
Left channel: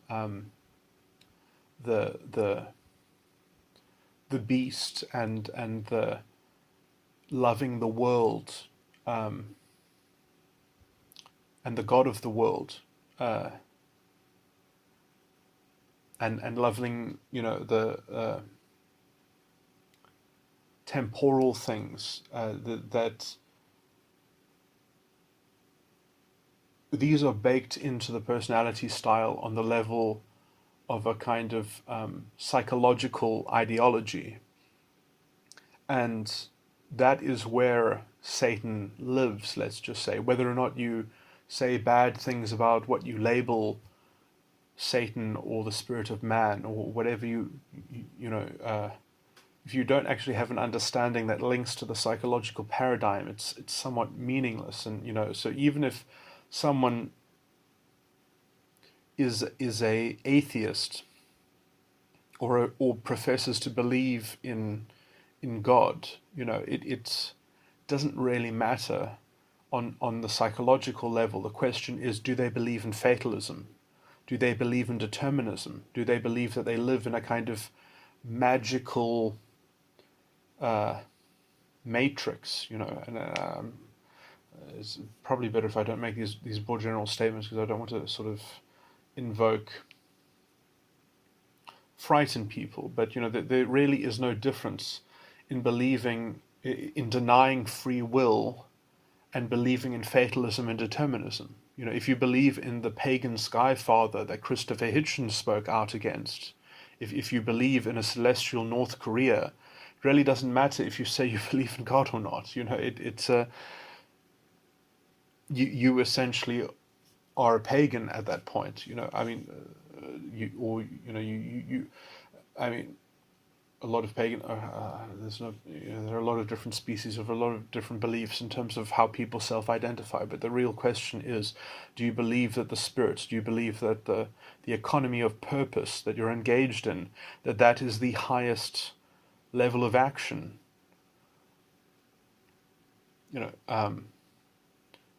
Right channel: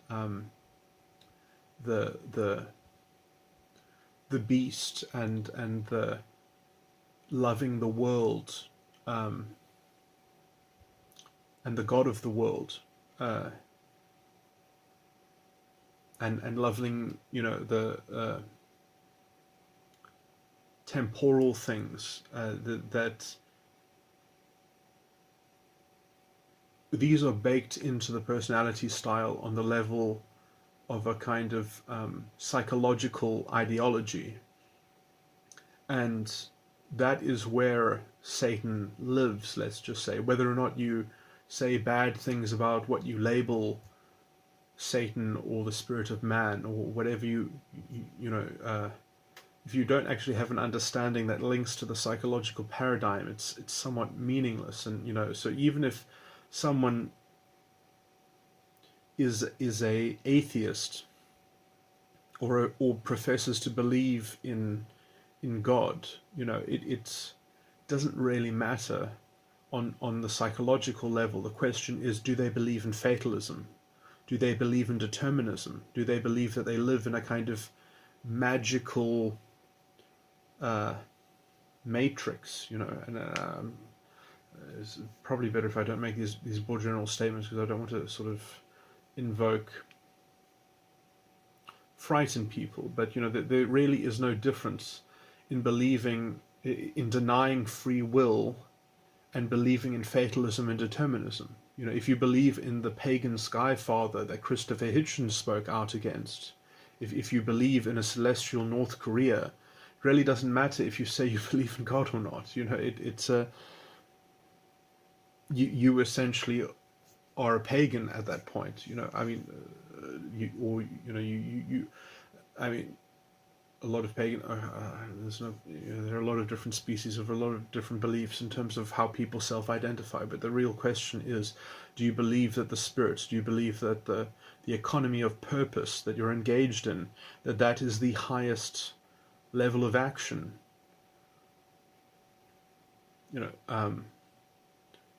the beast, and the loving the world, and the God of the world, and loving, the temporal things, that these are baked into the personality style on the level of a kind of psychological ideology. And that is where Satan lives, let's just say. Whether or not you say bad things about what you label Satan or the spirit of man, or whatever if you don't actually have an understanding that links to the psychological paradigm, it's somewhat meaningless. And so even if someone is a atheist, or professes to believe in God, it doesn't really matter on the psychological level. The question is, do they believe in fatalism? Do they believe in determinism? Do they believe that they live in a kind of magical matrix? And it's probably better if I don't make these broad general statements, because I don't want to sort of invoke frighten people. But there really is no difference in denying free will and believing in fatalism and determinism. If you believe in the pagan sky father that Christopher Hitchens spoke out against, if you believe in a celestial North Korea, it really doesn't matter if you say you believe in God or not. You essentially are a pagan at that point. A lot of pagan. There are a lot of different species of a lot of different beliefs in terms of how people self-identify. But the real question is, do you believe that the spirit? Do you believe that the economy of purpose that you're engaged in, that is the highest level of action? You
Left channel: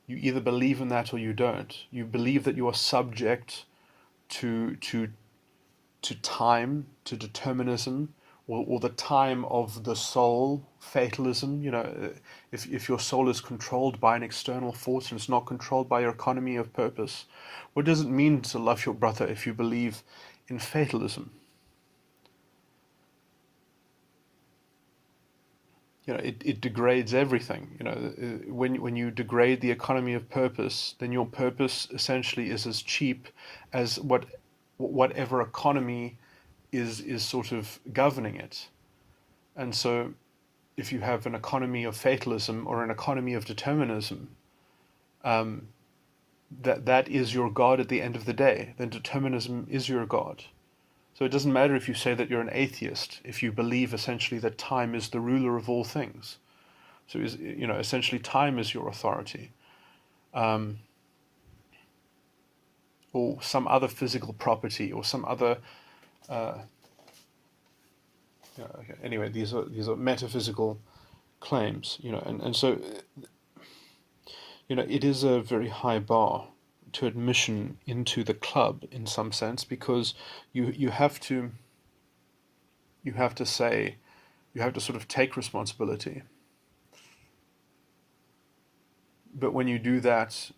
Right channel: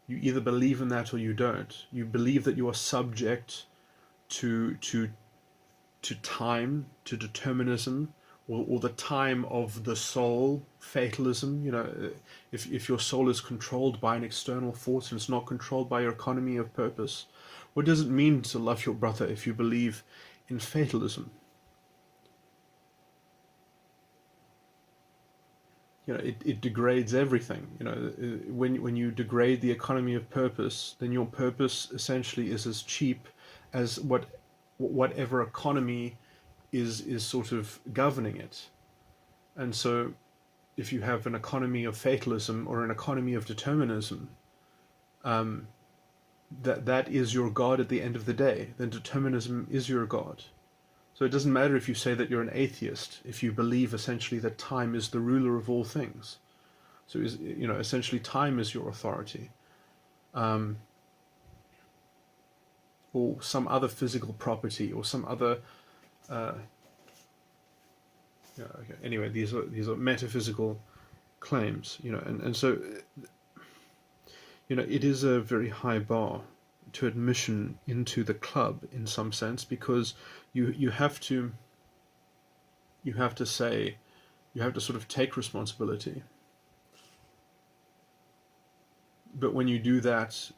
either believe in that or you don't. You believe that you are subject to time, to determinism, or the time of the soul, fatalism. If your soul is controlled by an external force and it's not controlled by your economy of purpose, what does it mean to love your brother if you believe in fatalism? It degrades everything. When you degrade the economy of purpose, then your purpose essentially is as cheap as whatever economy is sort of governing it. And so if you have an economy of fatalism or an economy of determinism, that is your God at the end of the day. Then determinism is your God. So it doesn't matter if you say that you're an atheist, if you believe essentially that time is the ruler of all things. So essentially time is your authority. Or some other physical property, or some other okay. Anyway, these are metaphysical claims, and so it is a very high bar to admission into the club in some sense, because you have to say, you have to sort of take responsibility. But when you do that,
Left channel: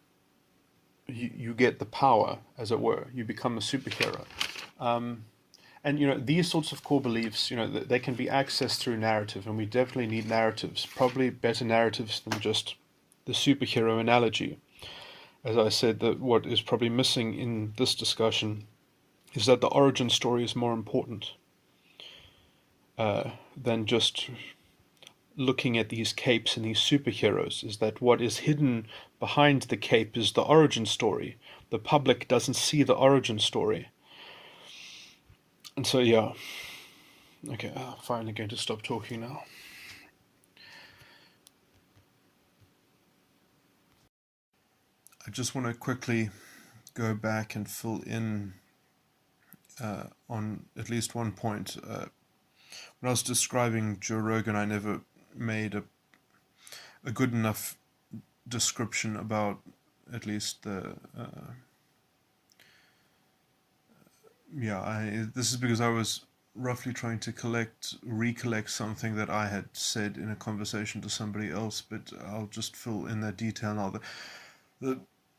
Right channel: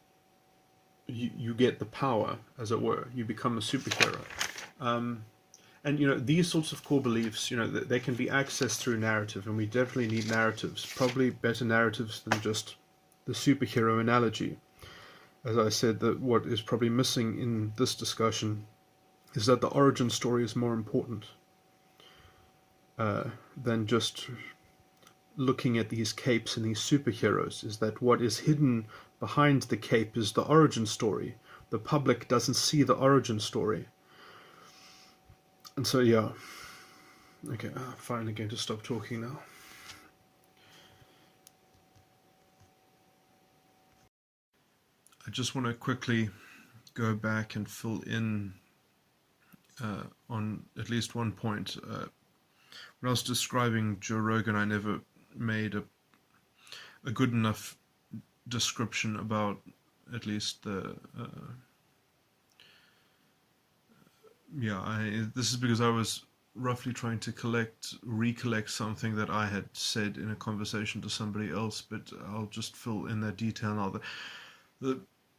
you get the power, as it were. You become a superhero. And these sorts of core beliefs, they can be accessed through narrative, and we definitely need narratives, probably better narratives than just the superhero analogy. As I said, that what is probably missing in this discussion is that the origin story is more important than just looking at these capes and these superheroes. Is that what is hidden behind the cape is the origin story. The public doesn't see the origin story. And so, yeah. Okay, I'm finally going to stop talking now. I just want to quickly go back and fill in on at least one point. When I was describing Joe Rogan, I never made a good enough description about at least the this is because I was roughly trying to recollect something that I had said in a conversation to somebody else, but I'll just fill in that detail now.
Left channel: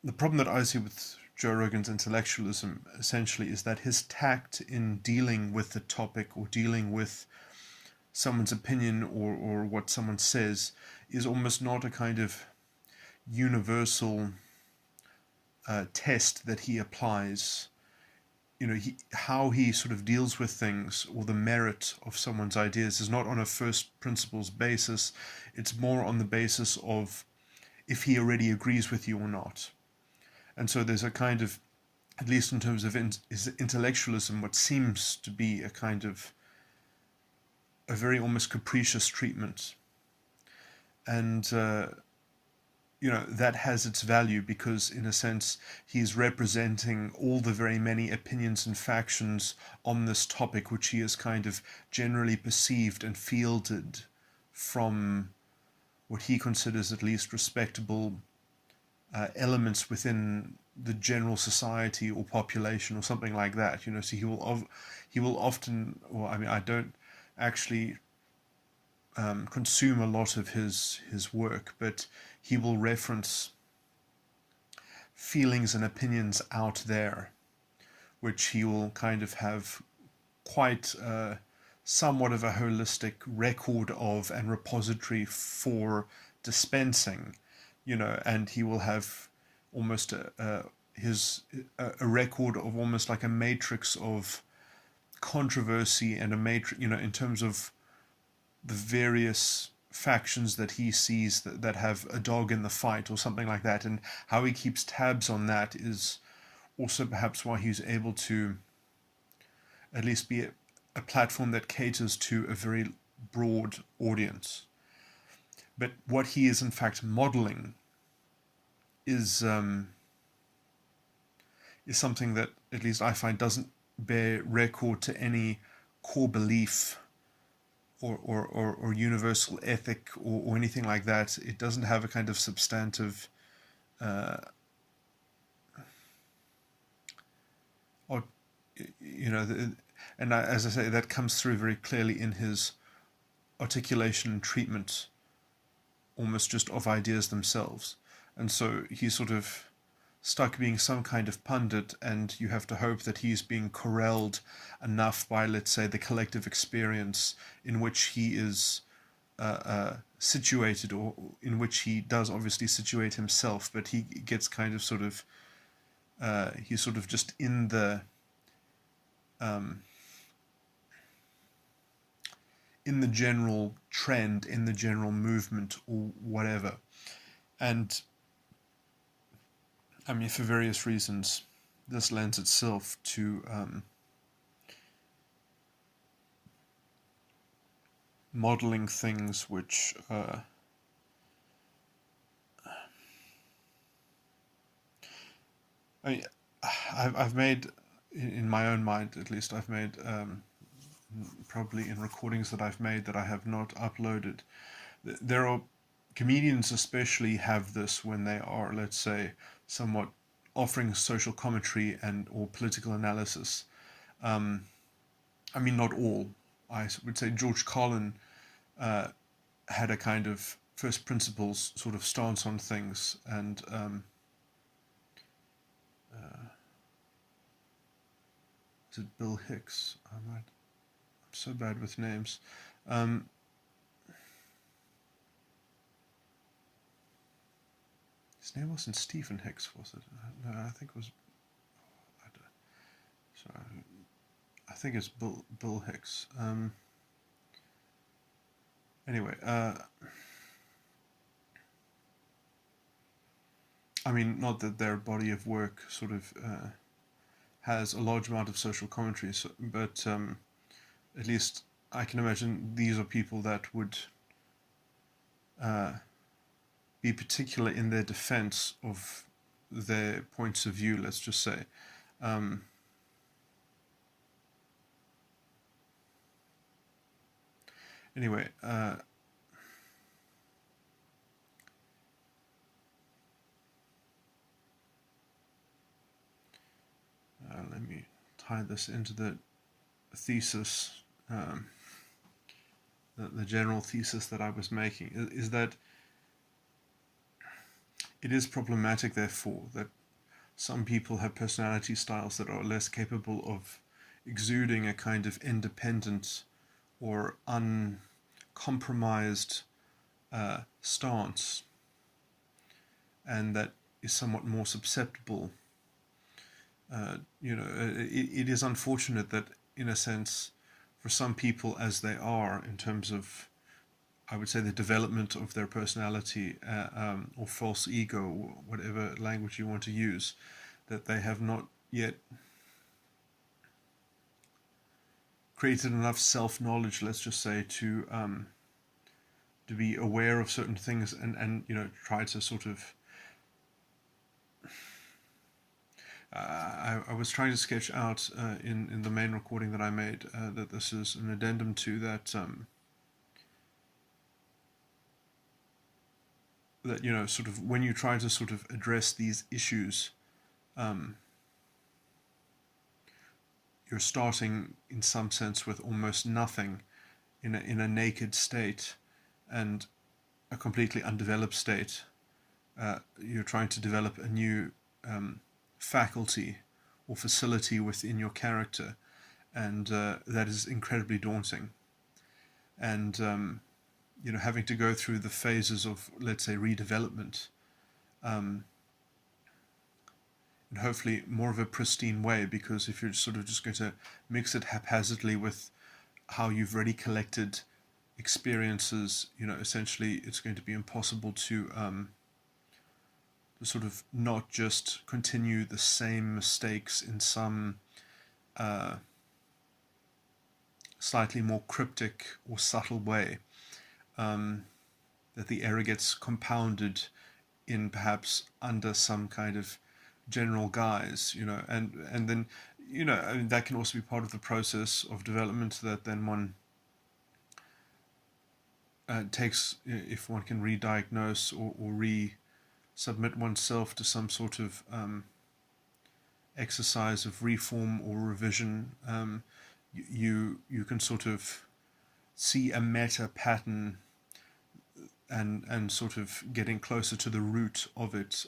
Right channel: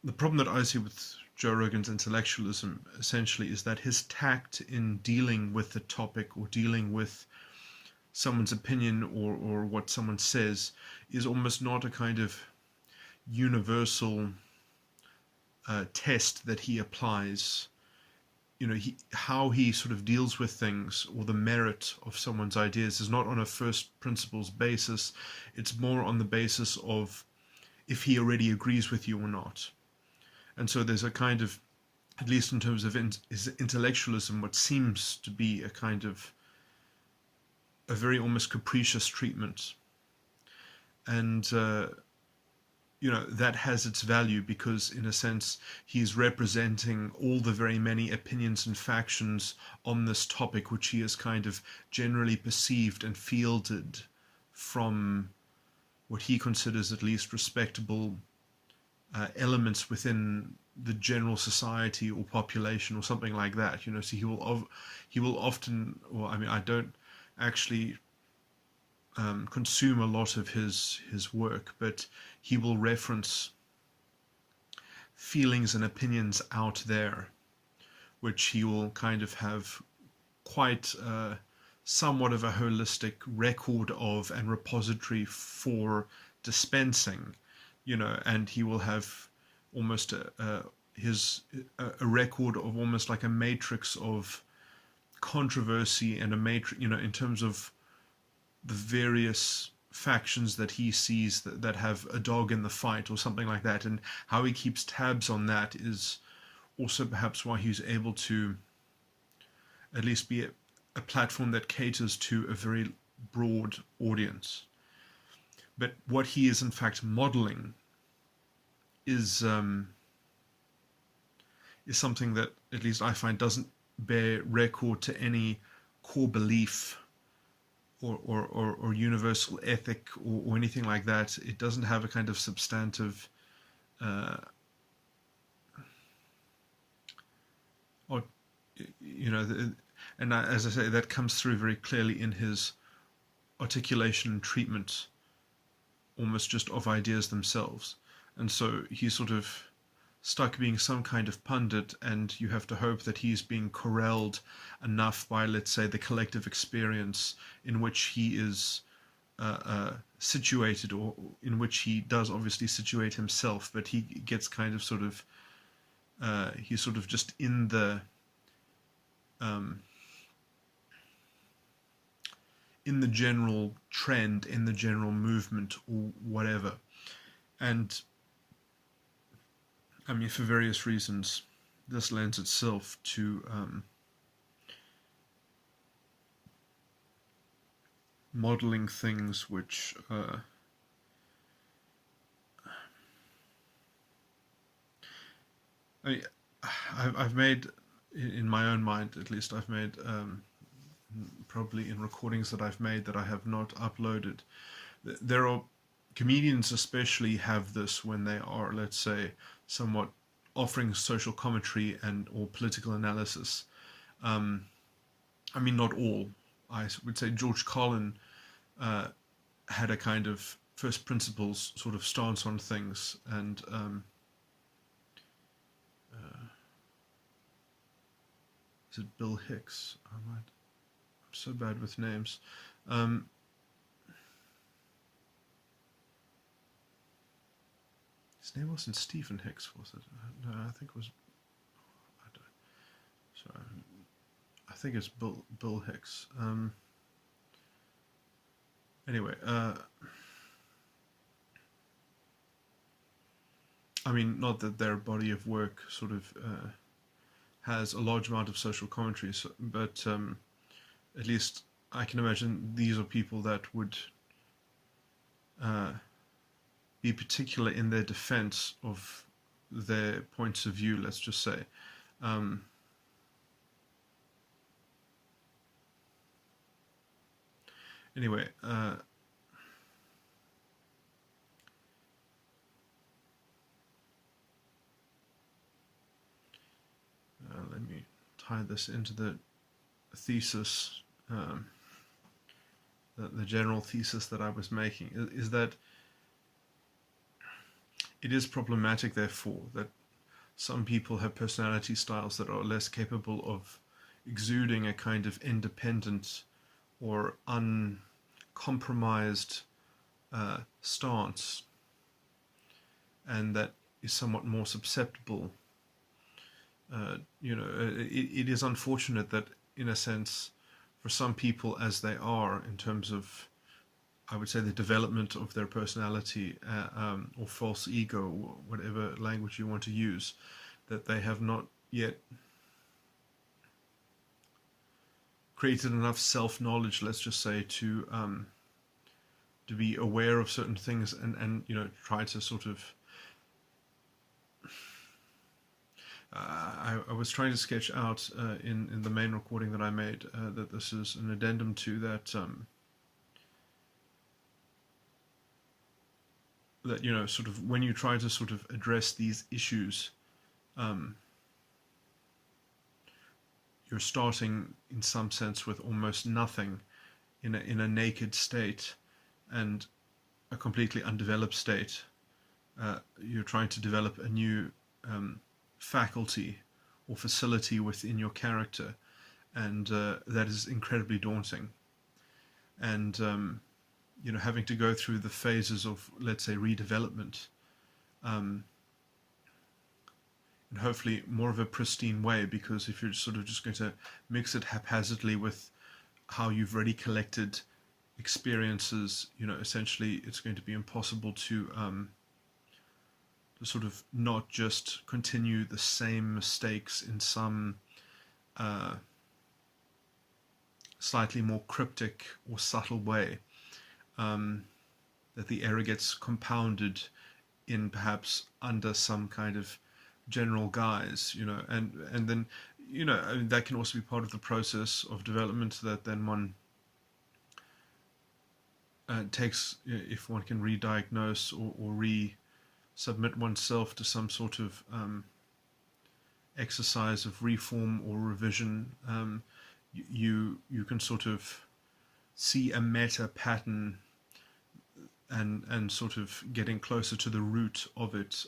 The problem that I see with Joe Rogan's intellectualism essentially is that his tact in dealing with the topic or dealing with someone's opinion or what someone says is almost not a kind of universal test that he applies. How he sort of deals with things, or the merit of someone's ideas, is not on a first principles basis. It's more on the basis of if he already agrees with you or not. And so there's a kind of, at least in terms of his intellectualism, what seems to be a kind of a very almost capricious treatment. And that has its value because, in a sense, he's representing all the very many opinions and factions on this topic, which he has kind of generally perceived and fielded from what he considers at least respectable elements within the general society or population or something like that. So he will often, I don't actually consume a lot of his work, but he will reference feelings and opinions out there, which he will kind of have quite somewhat of a holistic record of and repository for dispensing, and he will have almost a record of almost like a matrix of controversy and a matrix, in terms of the various factions that he sees that have a dog in the fight or something like that, and how he keeps tabs on that is also perhaps why he's able to at least be a platform that caters to a very broad audience. But what he is in fact modeling is something that at least I find doesn't bear record to any core belief or universal ethic or anything like that. It doesn't have a kind of substantive and as I say, that comes through very clearly in his articulation and treatment, almost just of ideas themselves. And so he's sort of stuck being some kind of pundit, and you have to hope that he's being corralled enough by, let's say, the collective experience in which he is situated, or in which he does obviously situate himself, but he gets kind of sort of he's sort of just in the general trend, in the general movement or whatever. And I mean, for various reasons, this lends itself to modeling things which I've made, in my own mind at least, I've made probably in recordings that I've made that I have not uploaded, there are comedians especially have this when they are, let's say, somewhat offering social commentary and or political analysis. Um, I mean, not all. I would say George Carlin uh, had a kind of first principles sort of stance on things, and is it Bill Hicks? I'm so bad with names. Um, his name wasn't Stephen Hicks, was it? No, I think it was. Sorry, I think it's Bill Hicks. Anyway, I mean, not that their body of work sort of has a large amount of social commentary, so, but at least I can imagine these are people that would be particular in their defense of their points of view, let's just say. Anyway, let me tie this into the thesis, the general thesis that I was making, is that it is problematic, therefore, that some people have personality styles that are less capable of exuding a kind of independent or uncompromised stance, and that is somewhat more susceptible. It is unfortunate that, in a sense, for some people as they are, in terms of, I would say, the development of their personality or false ego, or whatever language you want to use, that they have not yet created enough self-knowledge, let's just say, to be aware of certain things and try to sort of I was trying to sketch out in the main recording that I made that this is an addendum to that that sort of when you try to sort of address these issues, you're starting in some sense with almost nothing, in a naked state and a completely undeveloped state. You're trying to develop a new faculty or facility within your character, and that is incredibly daunting. And having to go through the phases of, let's say, redevelopment, and hopefully more of a pristine way, because if you're sort of just going to mix it haphazardly with how you've already collected experiences, essentially it's going to be impossible to sort of not just continue the same mistakes in some slightly more cryptic or subtle way, that the error gets compounded in perhaps under some kind of general guise, and then I mean, that can also be part of the process of development, that then one takes, if one can re-diagnose or re-submit oneself to some sort of exercise of reform or revision, you can sort of see a meta pattern and sort of getting closer to the root of it,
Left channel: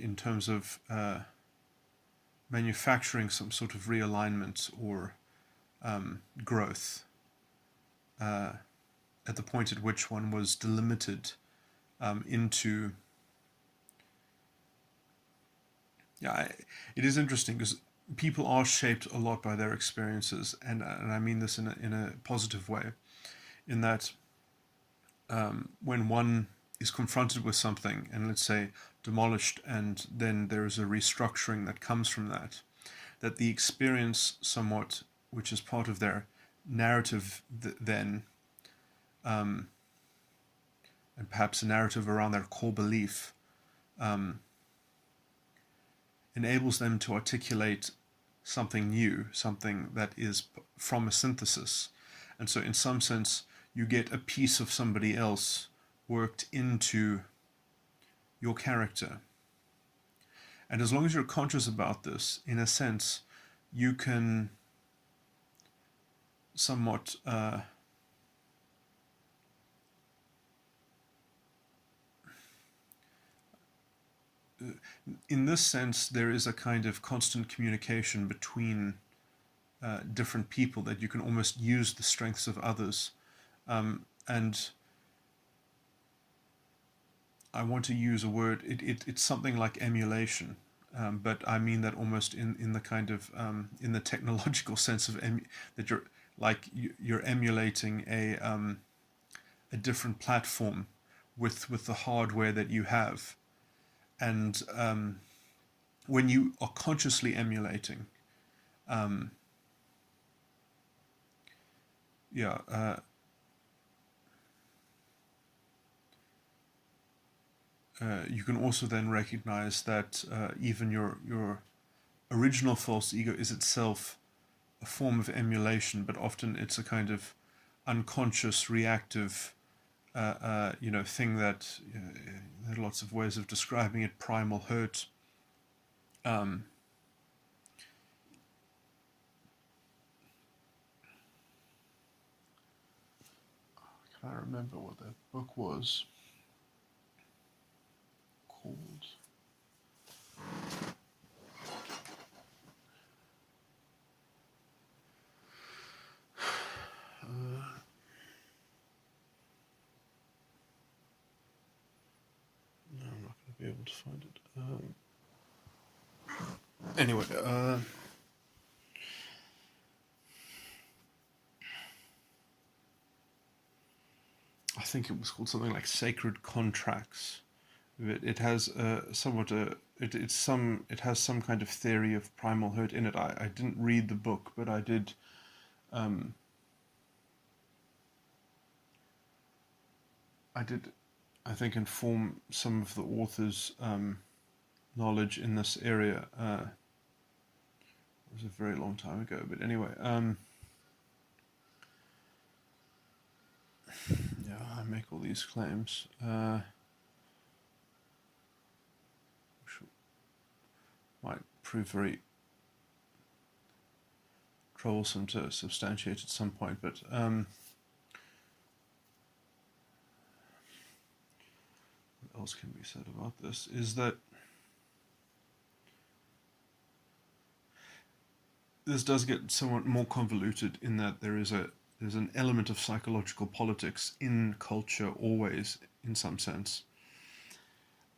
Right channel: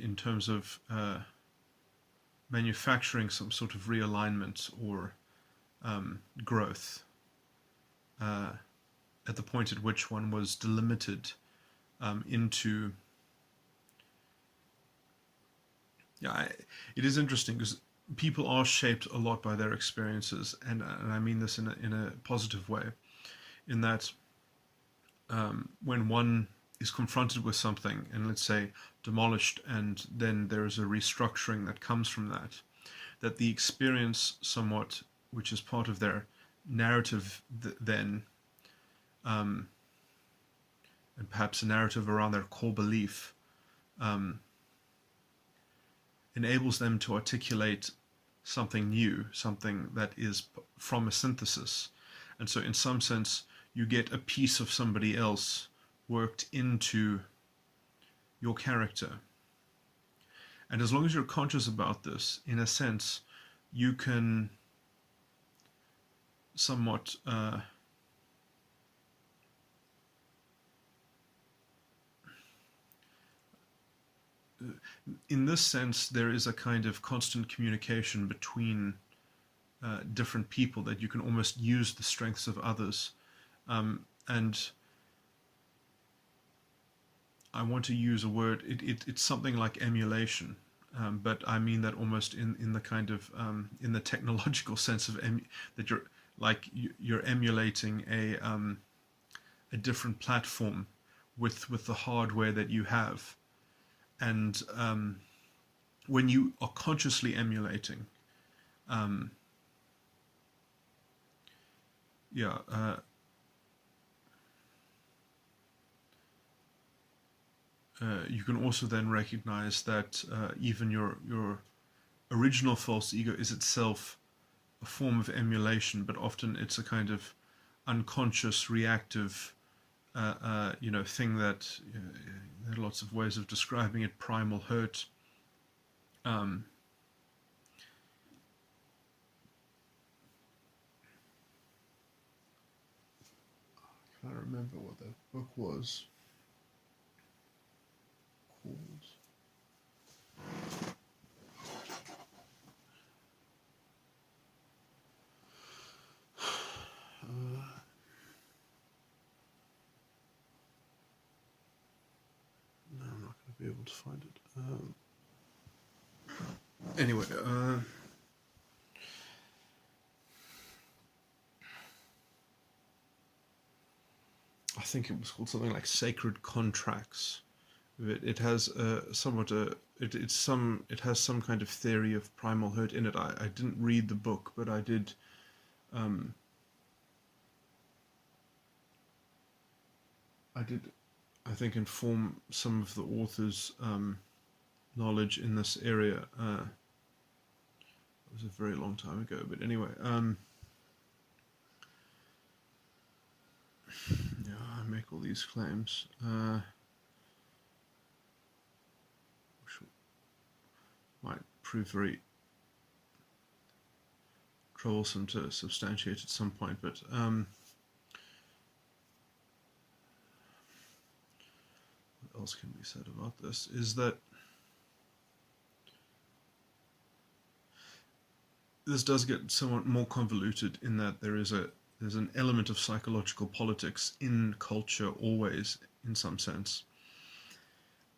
in terms of manufacturing some sort of realignment or growth at the point at which one was delimited into. It is interesting because people are shaped a lot by their experiences, and I mean this in a positive way, in that when one is confronted with something and, let's say, demolished, and then there is a restructuring that comes from that the experience somewhat, which is part of their narrative then, and perhaps a narrative around their core belief, enables them to articulate something new, something that is from a synthesis. And so in some sense, you get a piece of somebody else worked into your character. And as long as you're conscious about this, in a sense, you can somewhat in this sense, there is a kind of constant communication between different people, that you can almost use the strengths of others. And I want to use a word, it's something like emulation, but I mean that almost in the kind of, in the technological sense of that you're emulating a different platform with the hardware that you have. And when you are consciously emulating, you can also then recognize that even your original false ego is itself a form of emulation, but often it's a kind of unconscious, reactive thing that there are lots of ways of describing it. Primal hurt. Can I remember what that book was called? No, I'm not going to be able to find it. Anyway, I think it was called something like Sacred Contracts. It has it has some kind of theory of primal hurt in it. I didn't read the book, but I did. I think, inform some of the author's knowledge in this area. It was a very long time ago, but anyway, yeah, I make all these claims, which might prove very troublesome to substantiate at some point, but what else can be said about this is that this does get somewhat more convoluted in that there's an element of psychological politics in culture always, in some sense.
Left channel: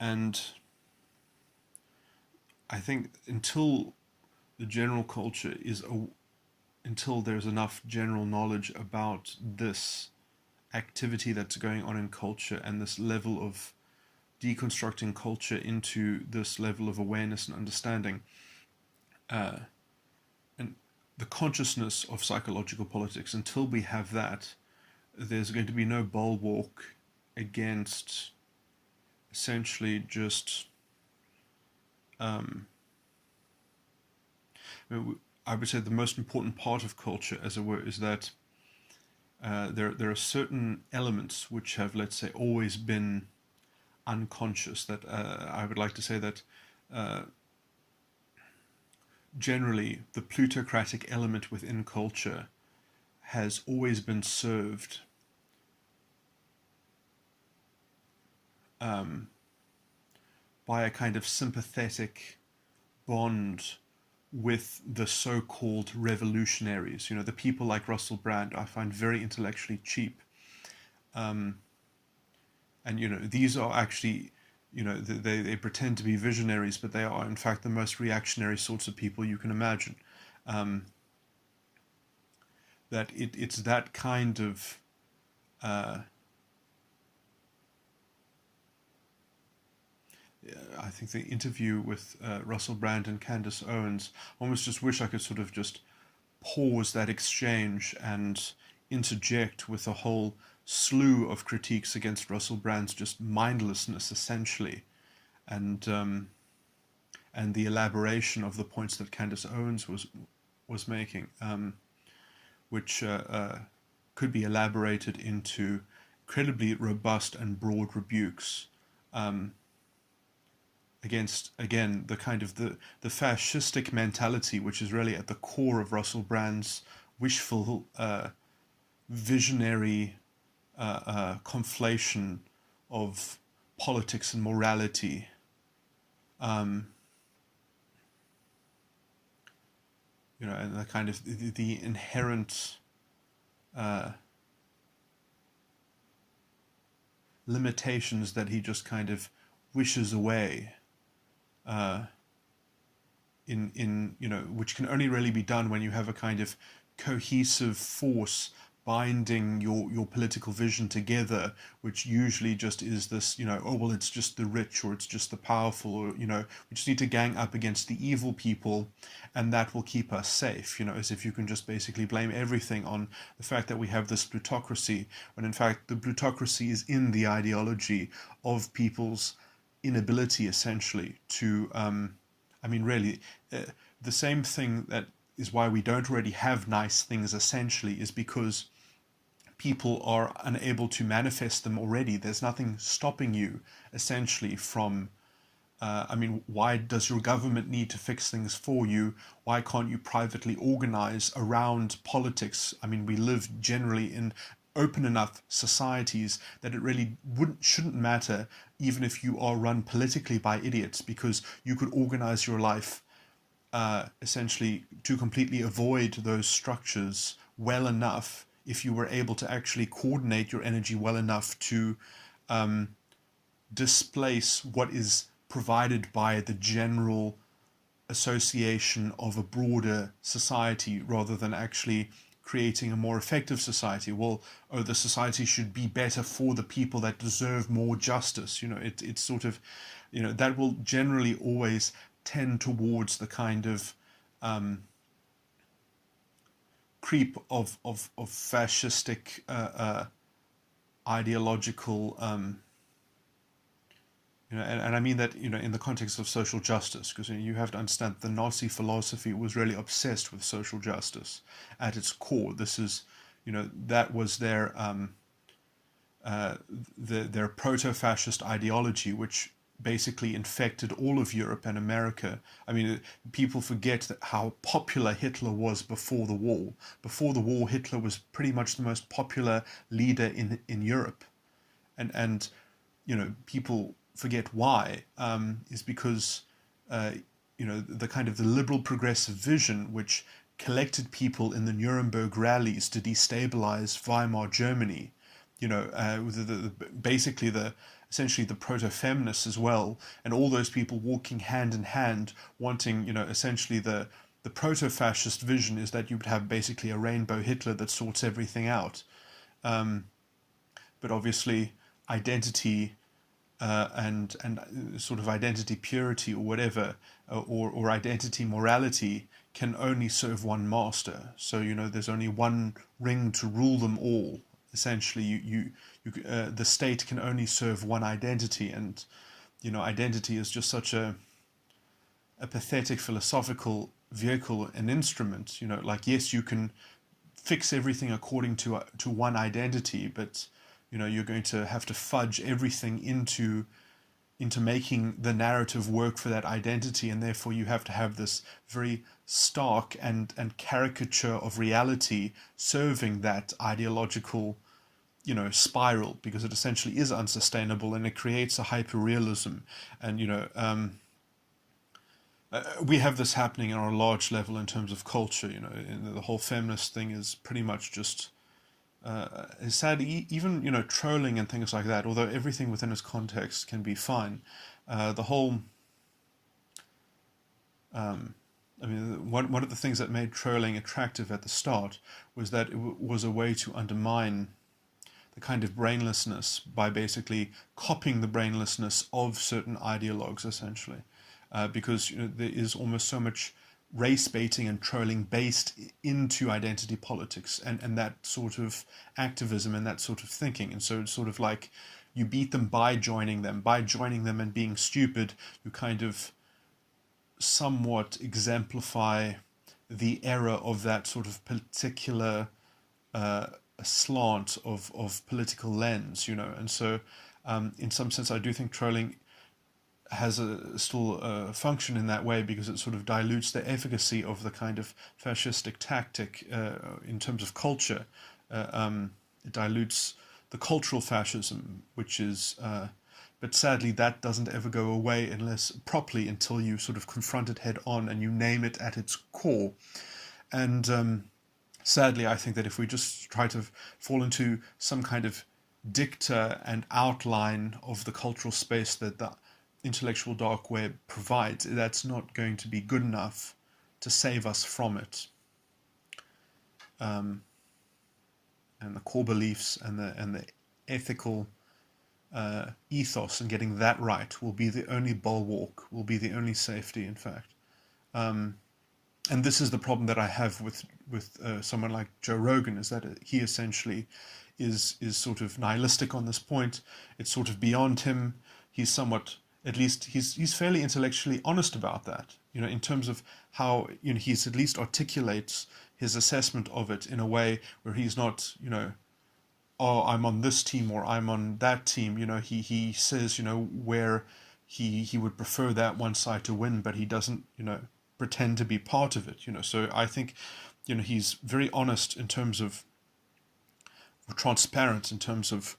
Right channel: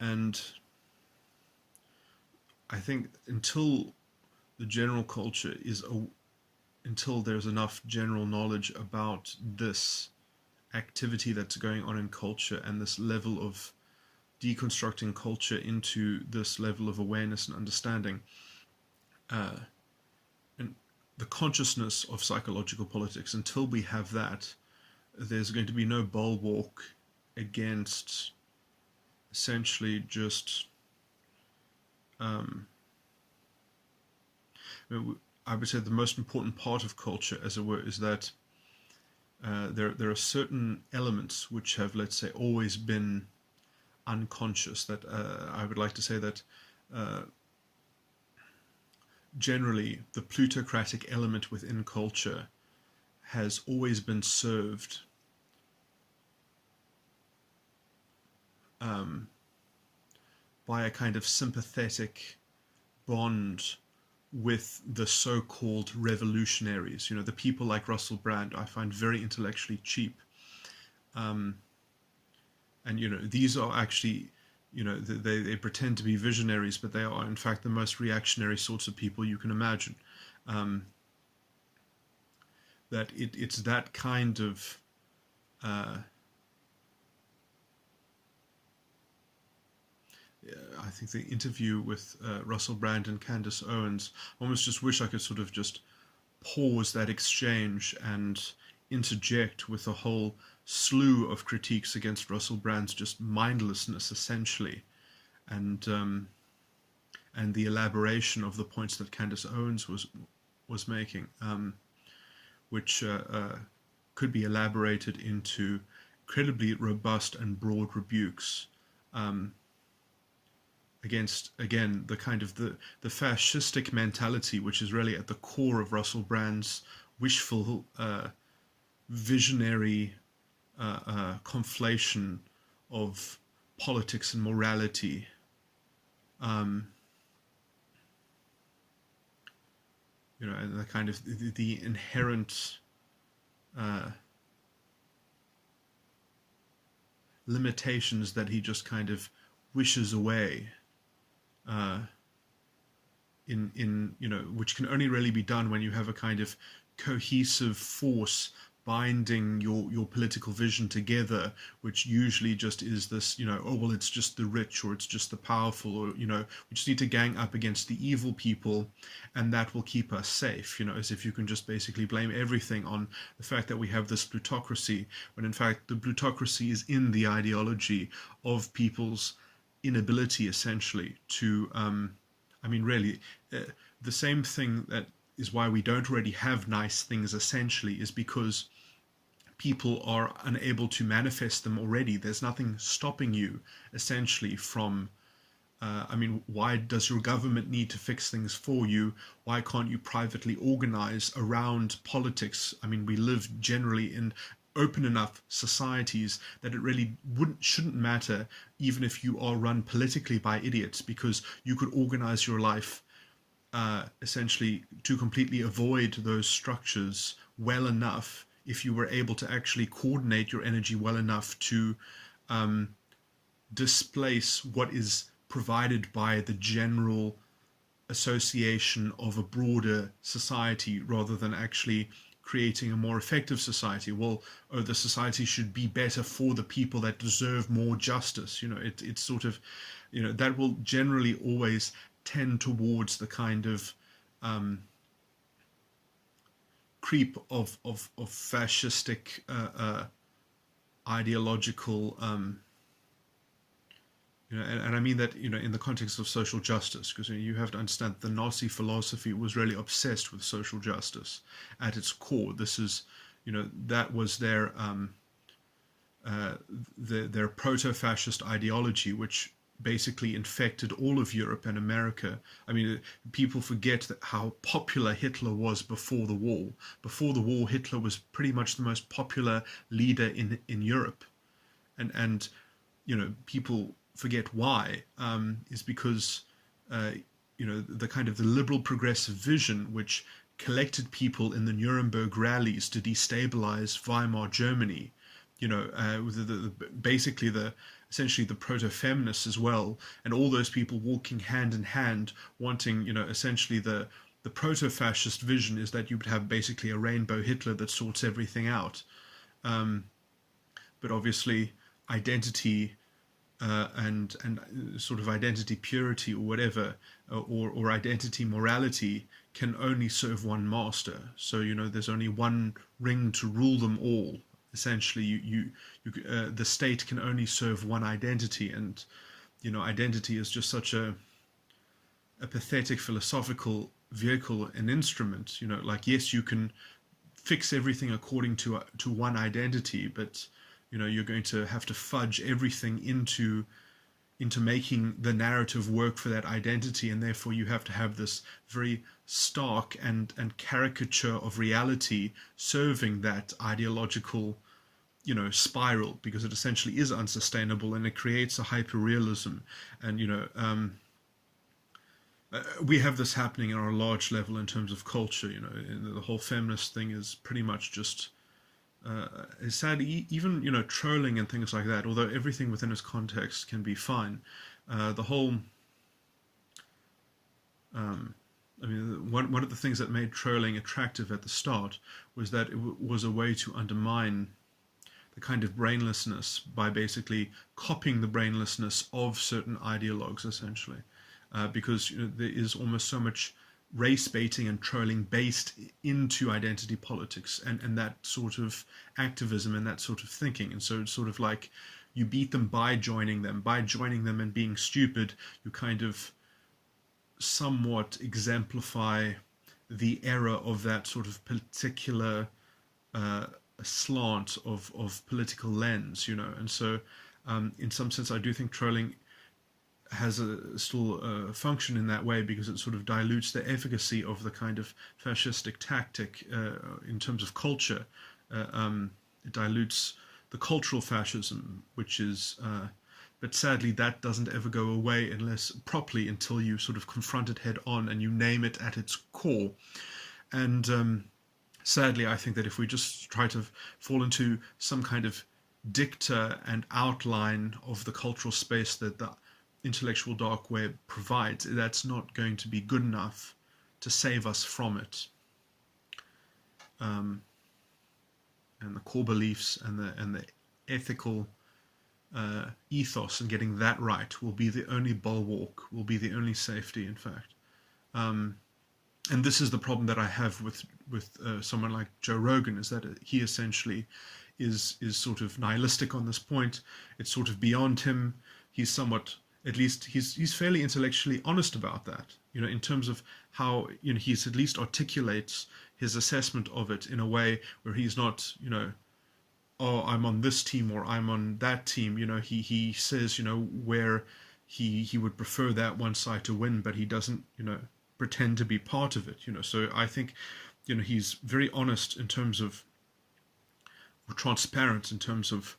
And I think until the general culture until there's enough general knowledge about this activity that's going on in culture and this level of deconstructing culture into this level of awareness and understanding, and the consciousness of psychological politics, until we have that, there's going to be no bulwark against essentially just I would say the most important part of culture, as it were, is that there are certain elements which have, let's say, always been unconscious. That I would like to say that generally the plutocratic element within culture has always been served by a kind of sympathetic bond with the so-called revolutionaries. The people like Russell Brand I find very intellectually cheap. And, these are actually, they pretend to be visionaries, but they are in fact the most reactionary sorts of people you can imagine. That it's that kind of I think the interview with Russell Brand and Candace Owens, I almost just wish I could sort of just pause that exchange and interject with a whole slew of critiques against Russell Brand's just mindlessness, essentially, and the elaboration of the points that Candace Owens was making, which could be elaborated into incredibly robust and broad rebukes against, again, the kind of the fascistic mentality, which is really at the core of Russell Brand's wishful, visionary conflation of politics and morality. And the kind of the inherent limitations that he just kind of wishes away, which can only really be done when you have a kind of cohesive force binding your political vision together, which usually just is this, it's just the rich, or it's just the powerful, or, we just need to gang up against the evil people, and that will keep us safe, as if you can just basically blame everything on the fact that we have this plutocracy, when in fact the plutocracy is in the ideology of people's inability, essentially, to, the same thing that is why we don't already have nice things, essentially, is because people are unable to manifest them already. There's nothing stopping you, essentially, from, why does your government need to fix things for you? Why can't you privately organize around politics? We live generally in open enough societies that it really shouldn't matter, even if you are run politically by idiots, because you could organize your life essentially to completely avoid those structures well enough, if you were able to actually coordinate your energy well enough to displace what is provided by the general association of a broader society, rather than actually creating a more effective society. The society should be better for the people that deserve more justice. It's sort of, that will generally always tend towards the kind of creep of fascistic ideological, and I mean that, in the context of social justice, because you have to understand the Nazi philosophy was really obsessed with social justice at its core. This is, that was their proto-fascist ideology, which basically infected all of Europe and America. People forget that how popular Hitler was before the war. Before the war, Hitler was pretty much the most popular leader in Europe. And people forget why, is because, the kind of the liberal progressive vision, which collected people in the Nuremberg rallies to destabilize Weimar Germany, basically essentially the proto-feminists as well, and all those people walking hand in hand, wanting, essentially the proto-fascist vision is that you would have basically a rainbow Hitler that sorts everything out. But obviously identity and sort of identity purity, or whatever, or identity morality, can only serve one master. So, there's only one ring to rule them all. Essentially, the state can only serve one identity, and identity is just such a pathetic philosophical vehicle and instrument. Yes, you can fix everything according to one identity, but you're going to have to fudge everything into making the narrative work for that identity, and therefore you have to have this very stark and caricature of reality serving that ideological spiral, because it essentially is unsustainable, and it creates a hyperrealism. And we have this happening on a large level in terms of culture. The whole feminist thing is pretty much just is sad. Even trolling and things like that, although everything within its context can be fine. The whole one of the things that made trolling attractive at the start was that it was a way to undermine the kind of brainlessness by basically copying the brainlessness of certain ideologues, essentially, because there is almost so much race baiting and trolling based into identity politics and that sort of activism and that sort of thinking. And so it's sort of like you beat them by joining them and being stupid. You kind of somewhat exemplify the error of that sort of particular slant of political lens, and so in some sense I do think trolling has still a function in that way, because it sort of dilutes the efficacy of the kind of fascistic tactic in terms of culture. It dilutes the cultural fascism, which is, but sadly that doesn't ever go away until you sort of confront it head on and you name it at its core. And sadly, I think that if we just try to fall into some kind of dicta and outline of the cultural space that the intellectual dark web provides, that's not going to be good enough to save us from it. And the core beliefs and the ethical ethos, and getting that right will be the only bulwark, will be the only safety, in fact. And this is the problem that I have with someone like Joe Rogan, is that he essentially is sort of nihilistic on this point. It's sort of beyond him. He's somewhat, at least he's fairly intellectually honest about that, in terms of how, he's at least articulates his assessment of it in a way where he's not, oh, I'm on this team or I'm on that team. He says, where he would prefer that one side to win, but he doesn't, pretend to be part of it. So I think, he's very honest in terms of, or transparent in terms of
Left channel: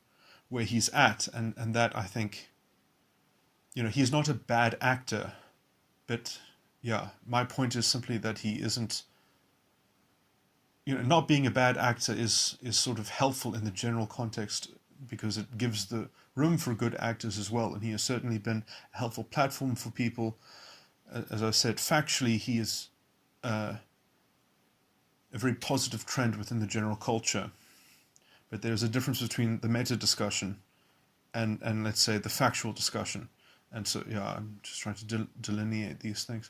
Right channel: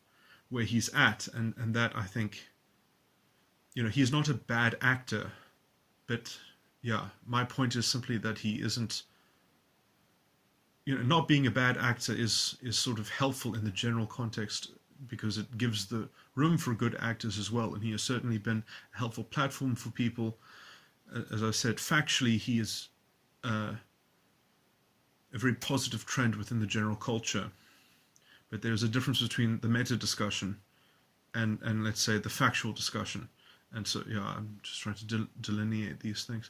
where he's at, and that, I think, he's not a bad actor, but yeah, my point is simply that he isn't, not being a bad actor is sort of helpful in the general context, because it gives the room for good actors as well, and he has certainly been a helpful platform for people. As I said, factually, he is a very positive trend within the general culture, but there's a difference between the meta discussion and let's say the factual discussion. And so, yeah, I'm just trying to delineate these things.